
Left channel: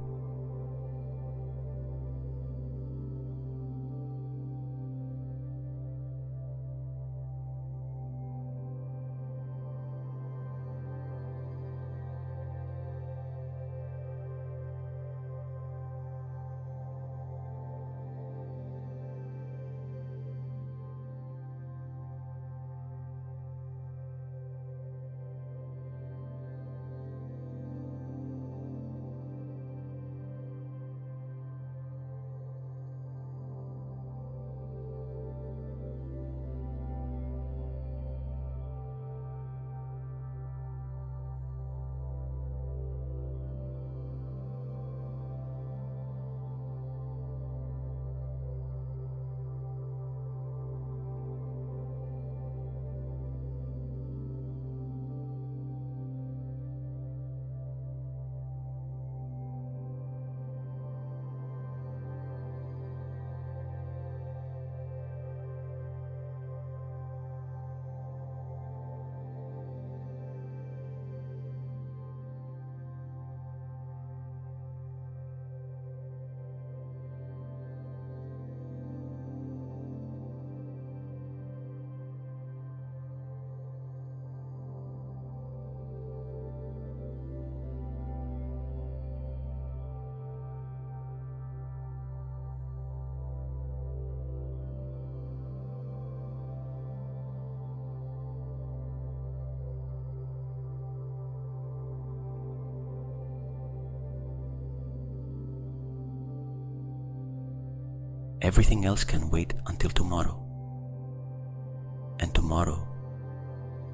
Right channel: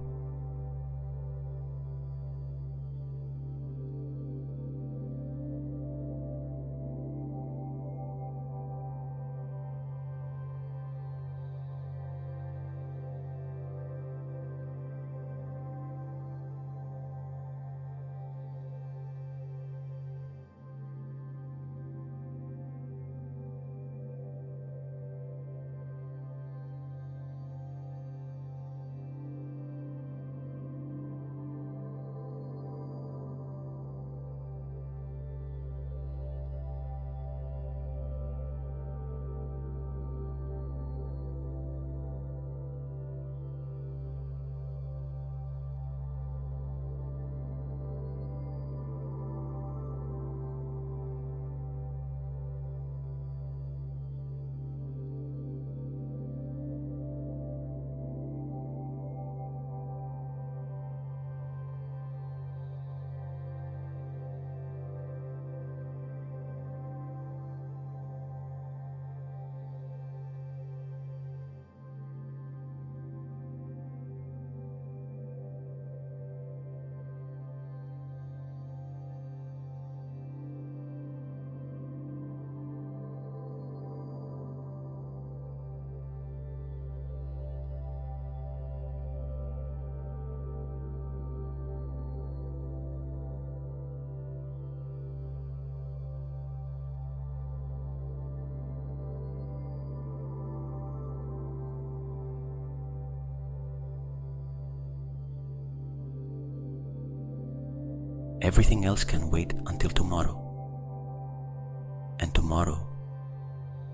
Everything else can wait until tomorrow. And tomorrow,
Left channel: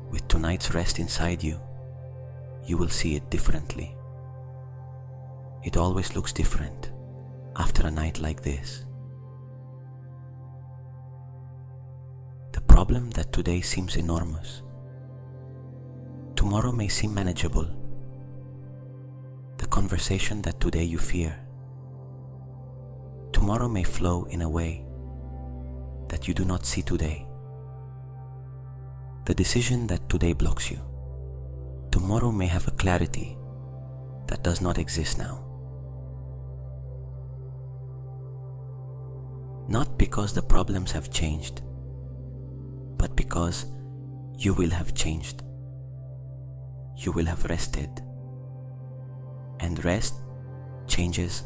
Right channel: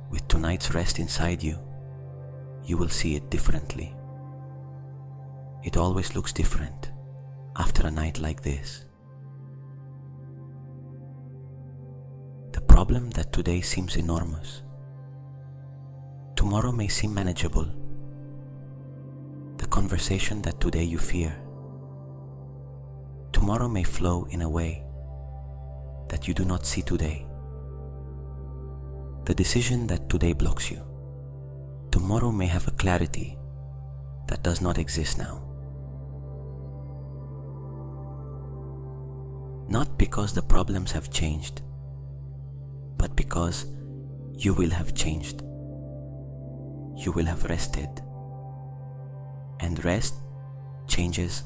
with tonight's rest inside you, you will see it differently. It always looks different after a night like this. The problem that today seems enormous, tomorrow may seem manageable. The conversation that today you fear, tomorrow may flow in a way that you do not see today. The decision that today blocks you, tomorrow may have a clarity that does not exist now. Not because the problems have changed, but because you will have changed. You will have rested, and rest changes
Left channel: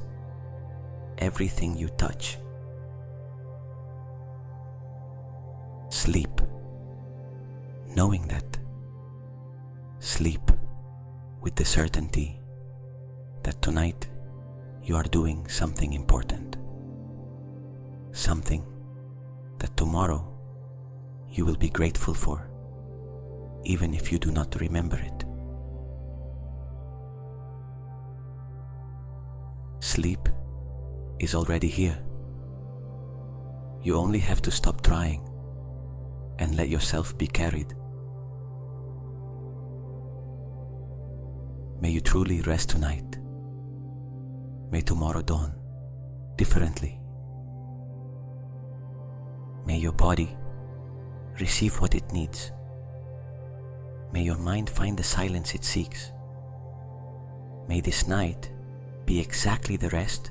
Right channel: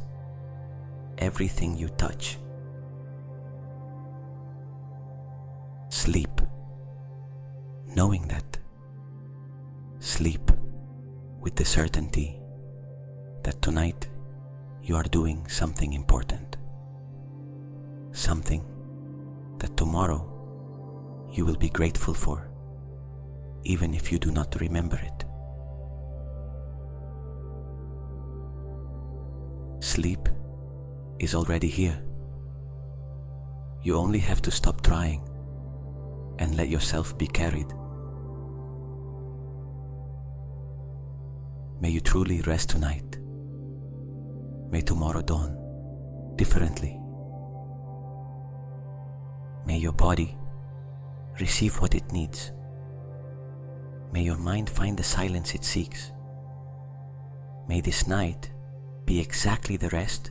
everything you touch. Sleep, knowing that. Sleep with the certainty that tonight you are doing something important, something that tomorrow you will be grateful for, even if you do not remember it. Sleep is already here. You only have to stop trying and let yourself be carried. May you truly rest tonight. May tomorrow dawn differently. May your body receive what it needs. May your mind find the silence it seeks. May this night be exactly the rest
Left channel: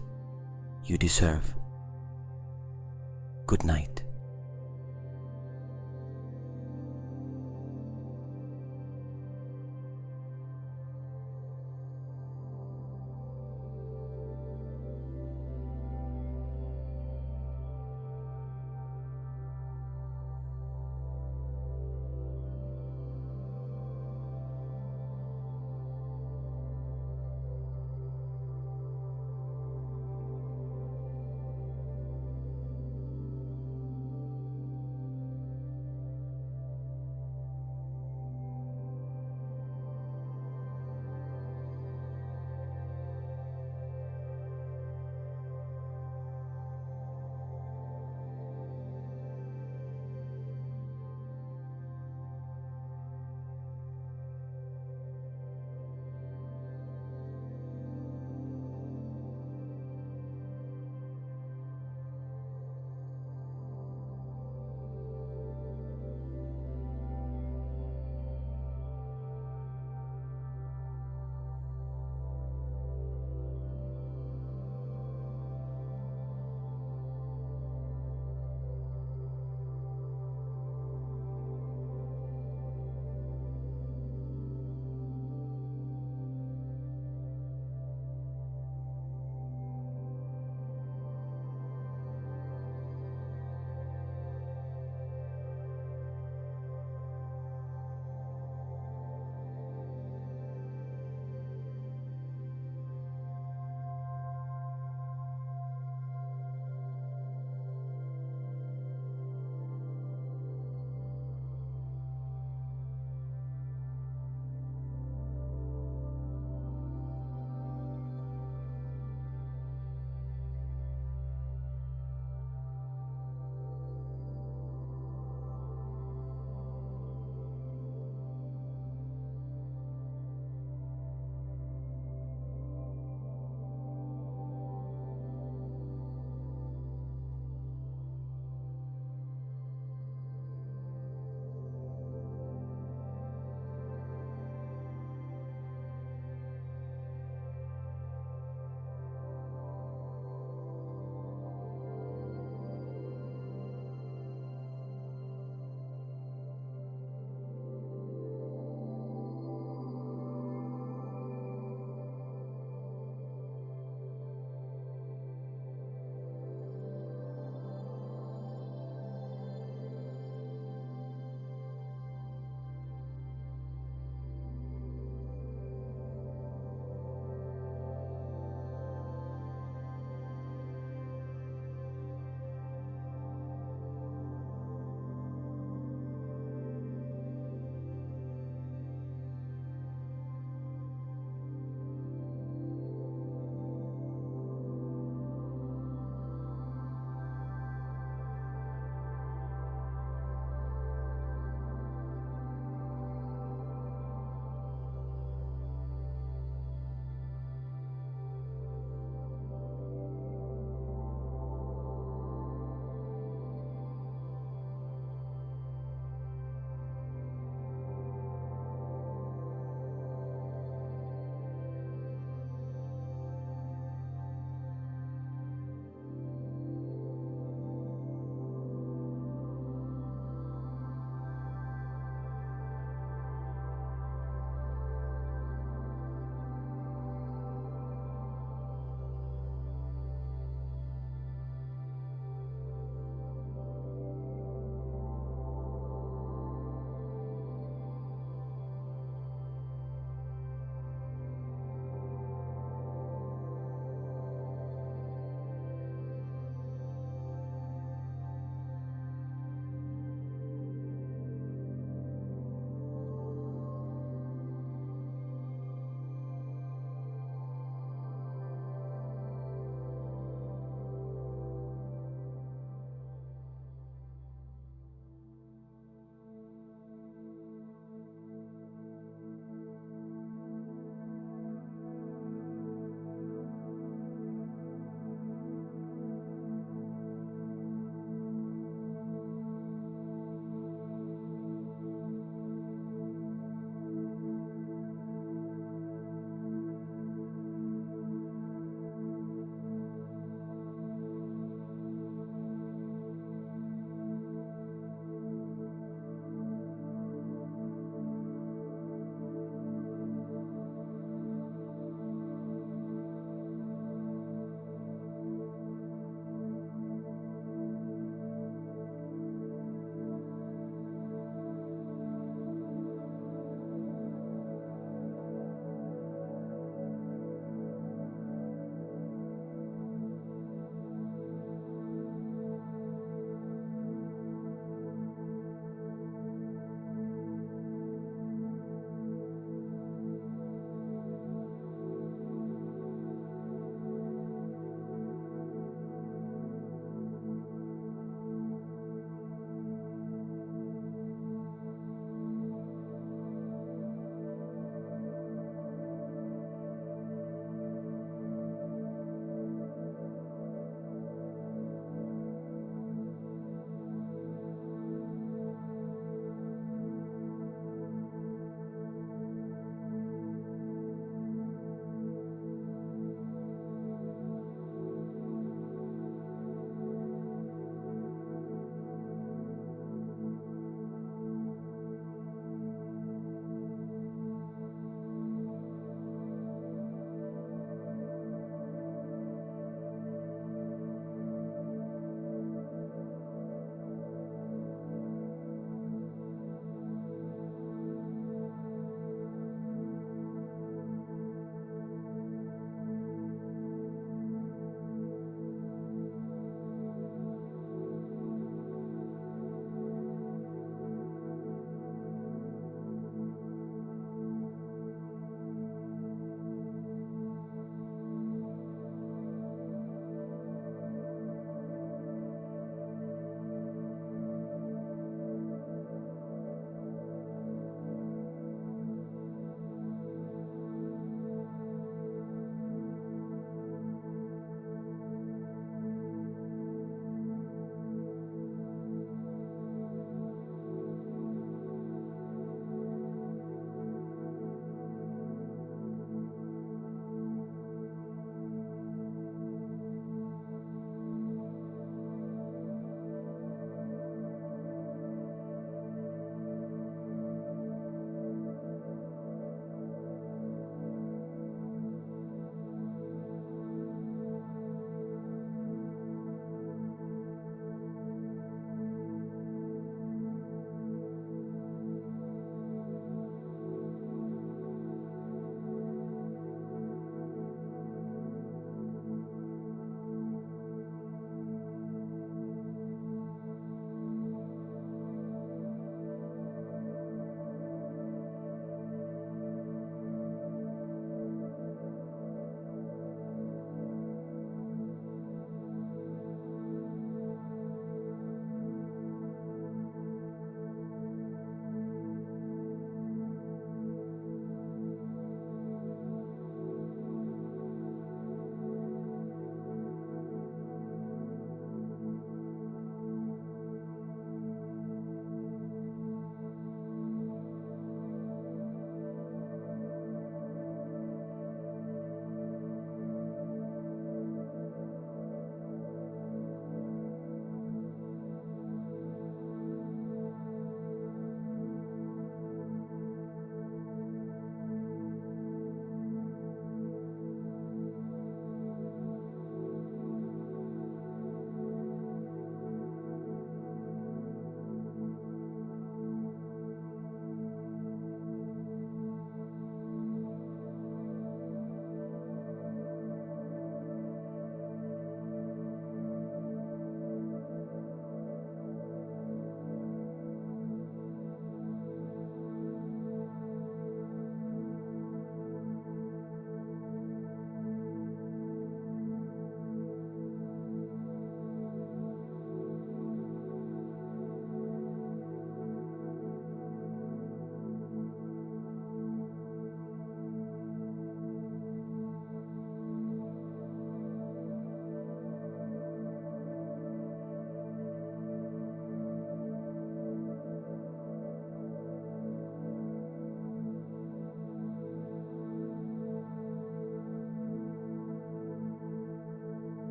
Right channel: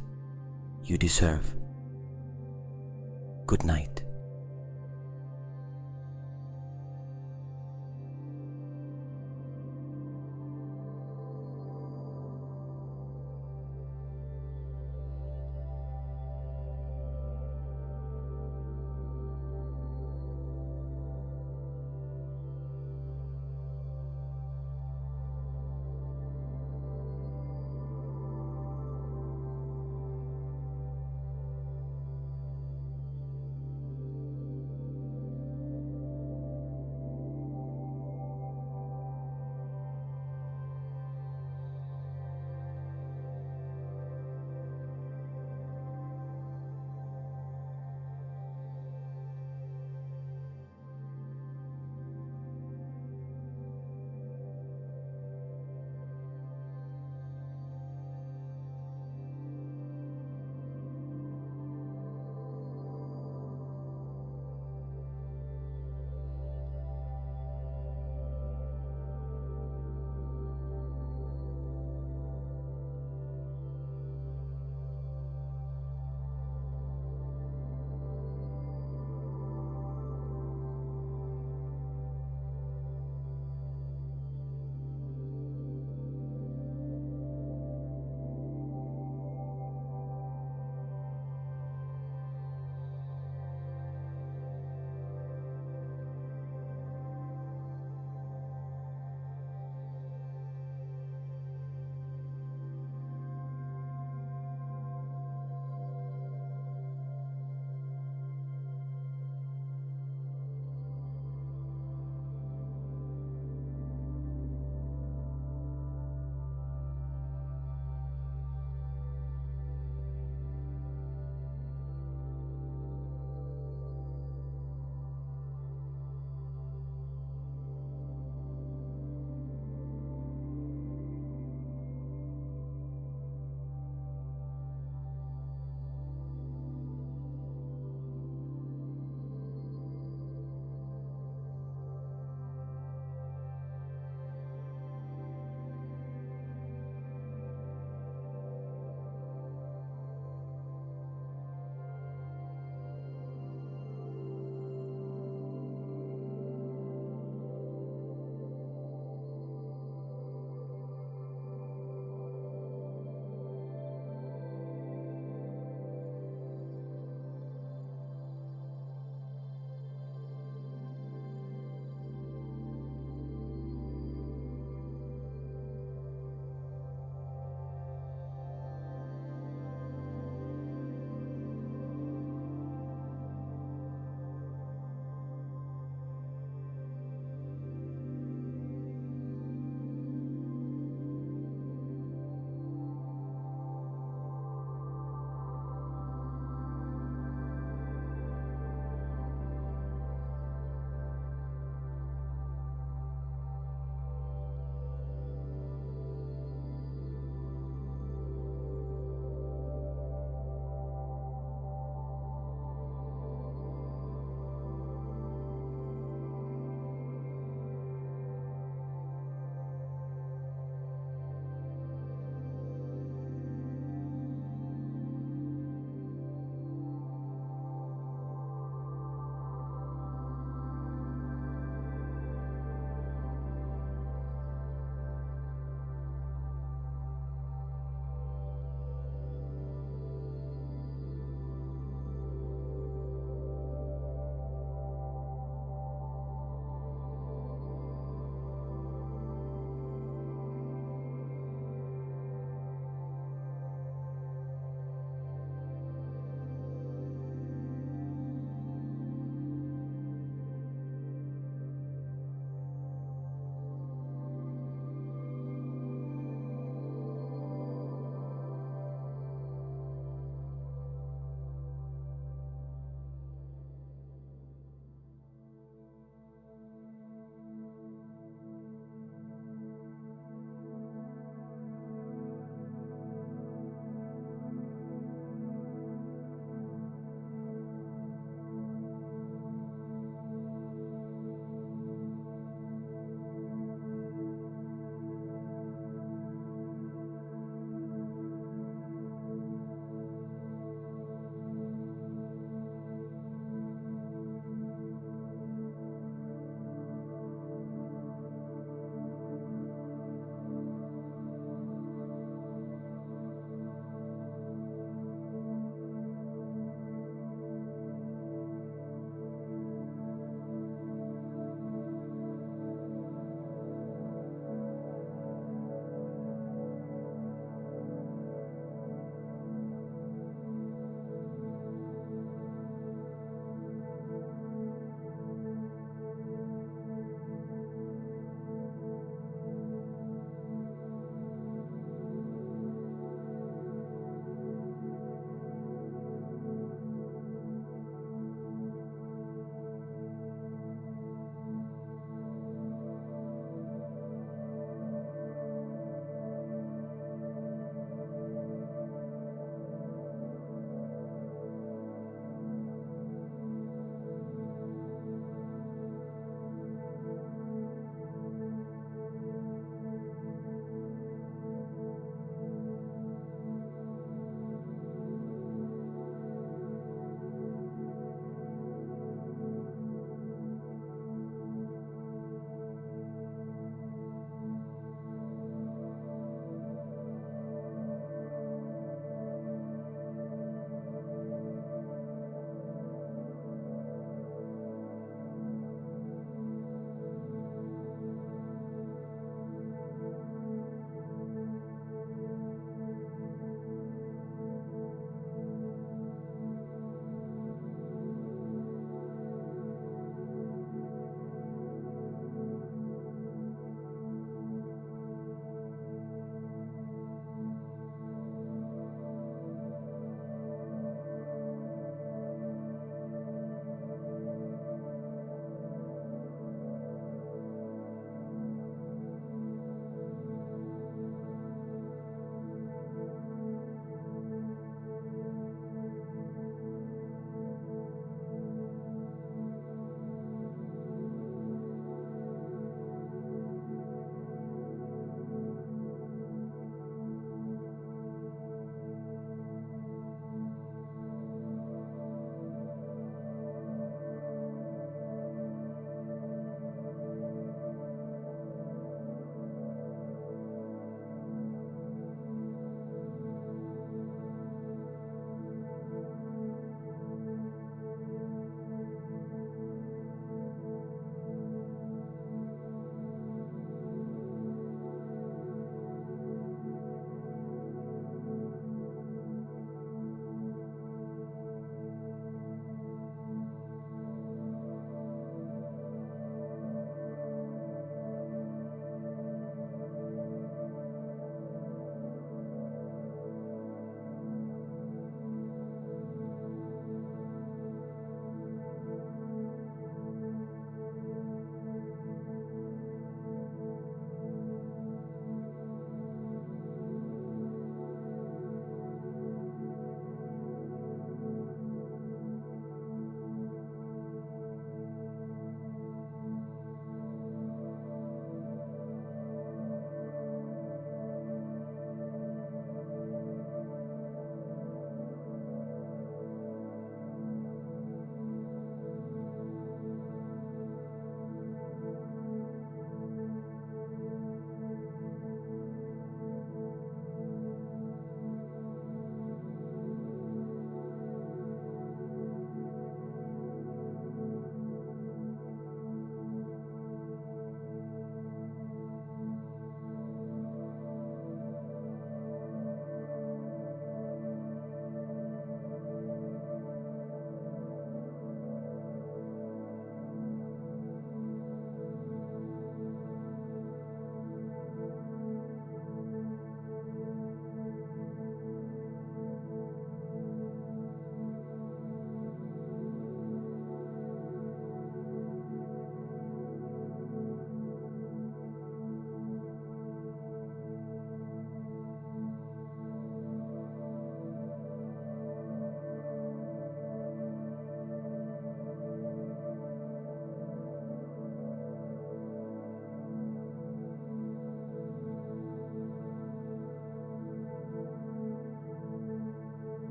you deserve. Good night.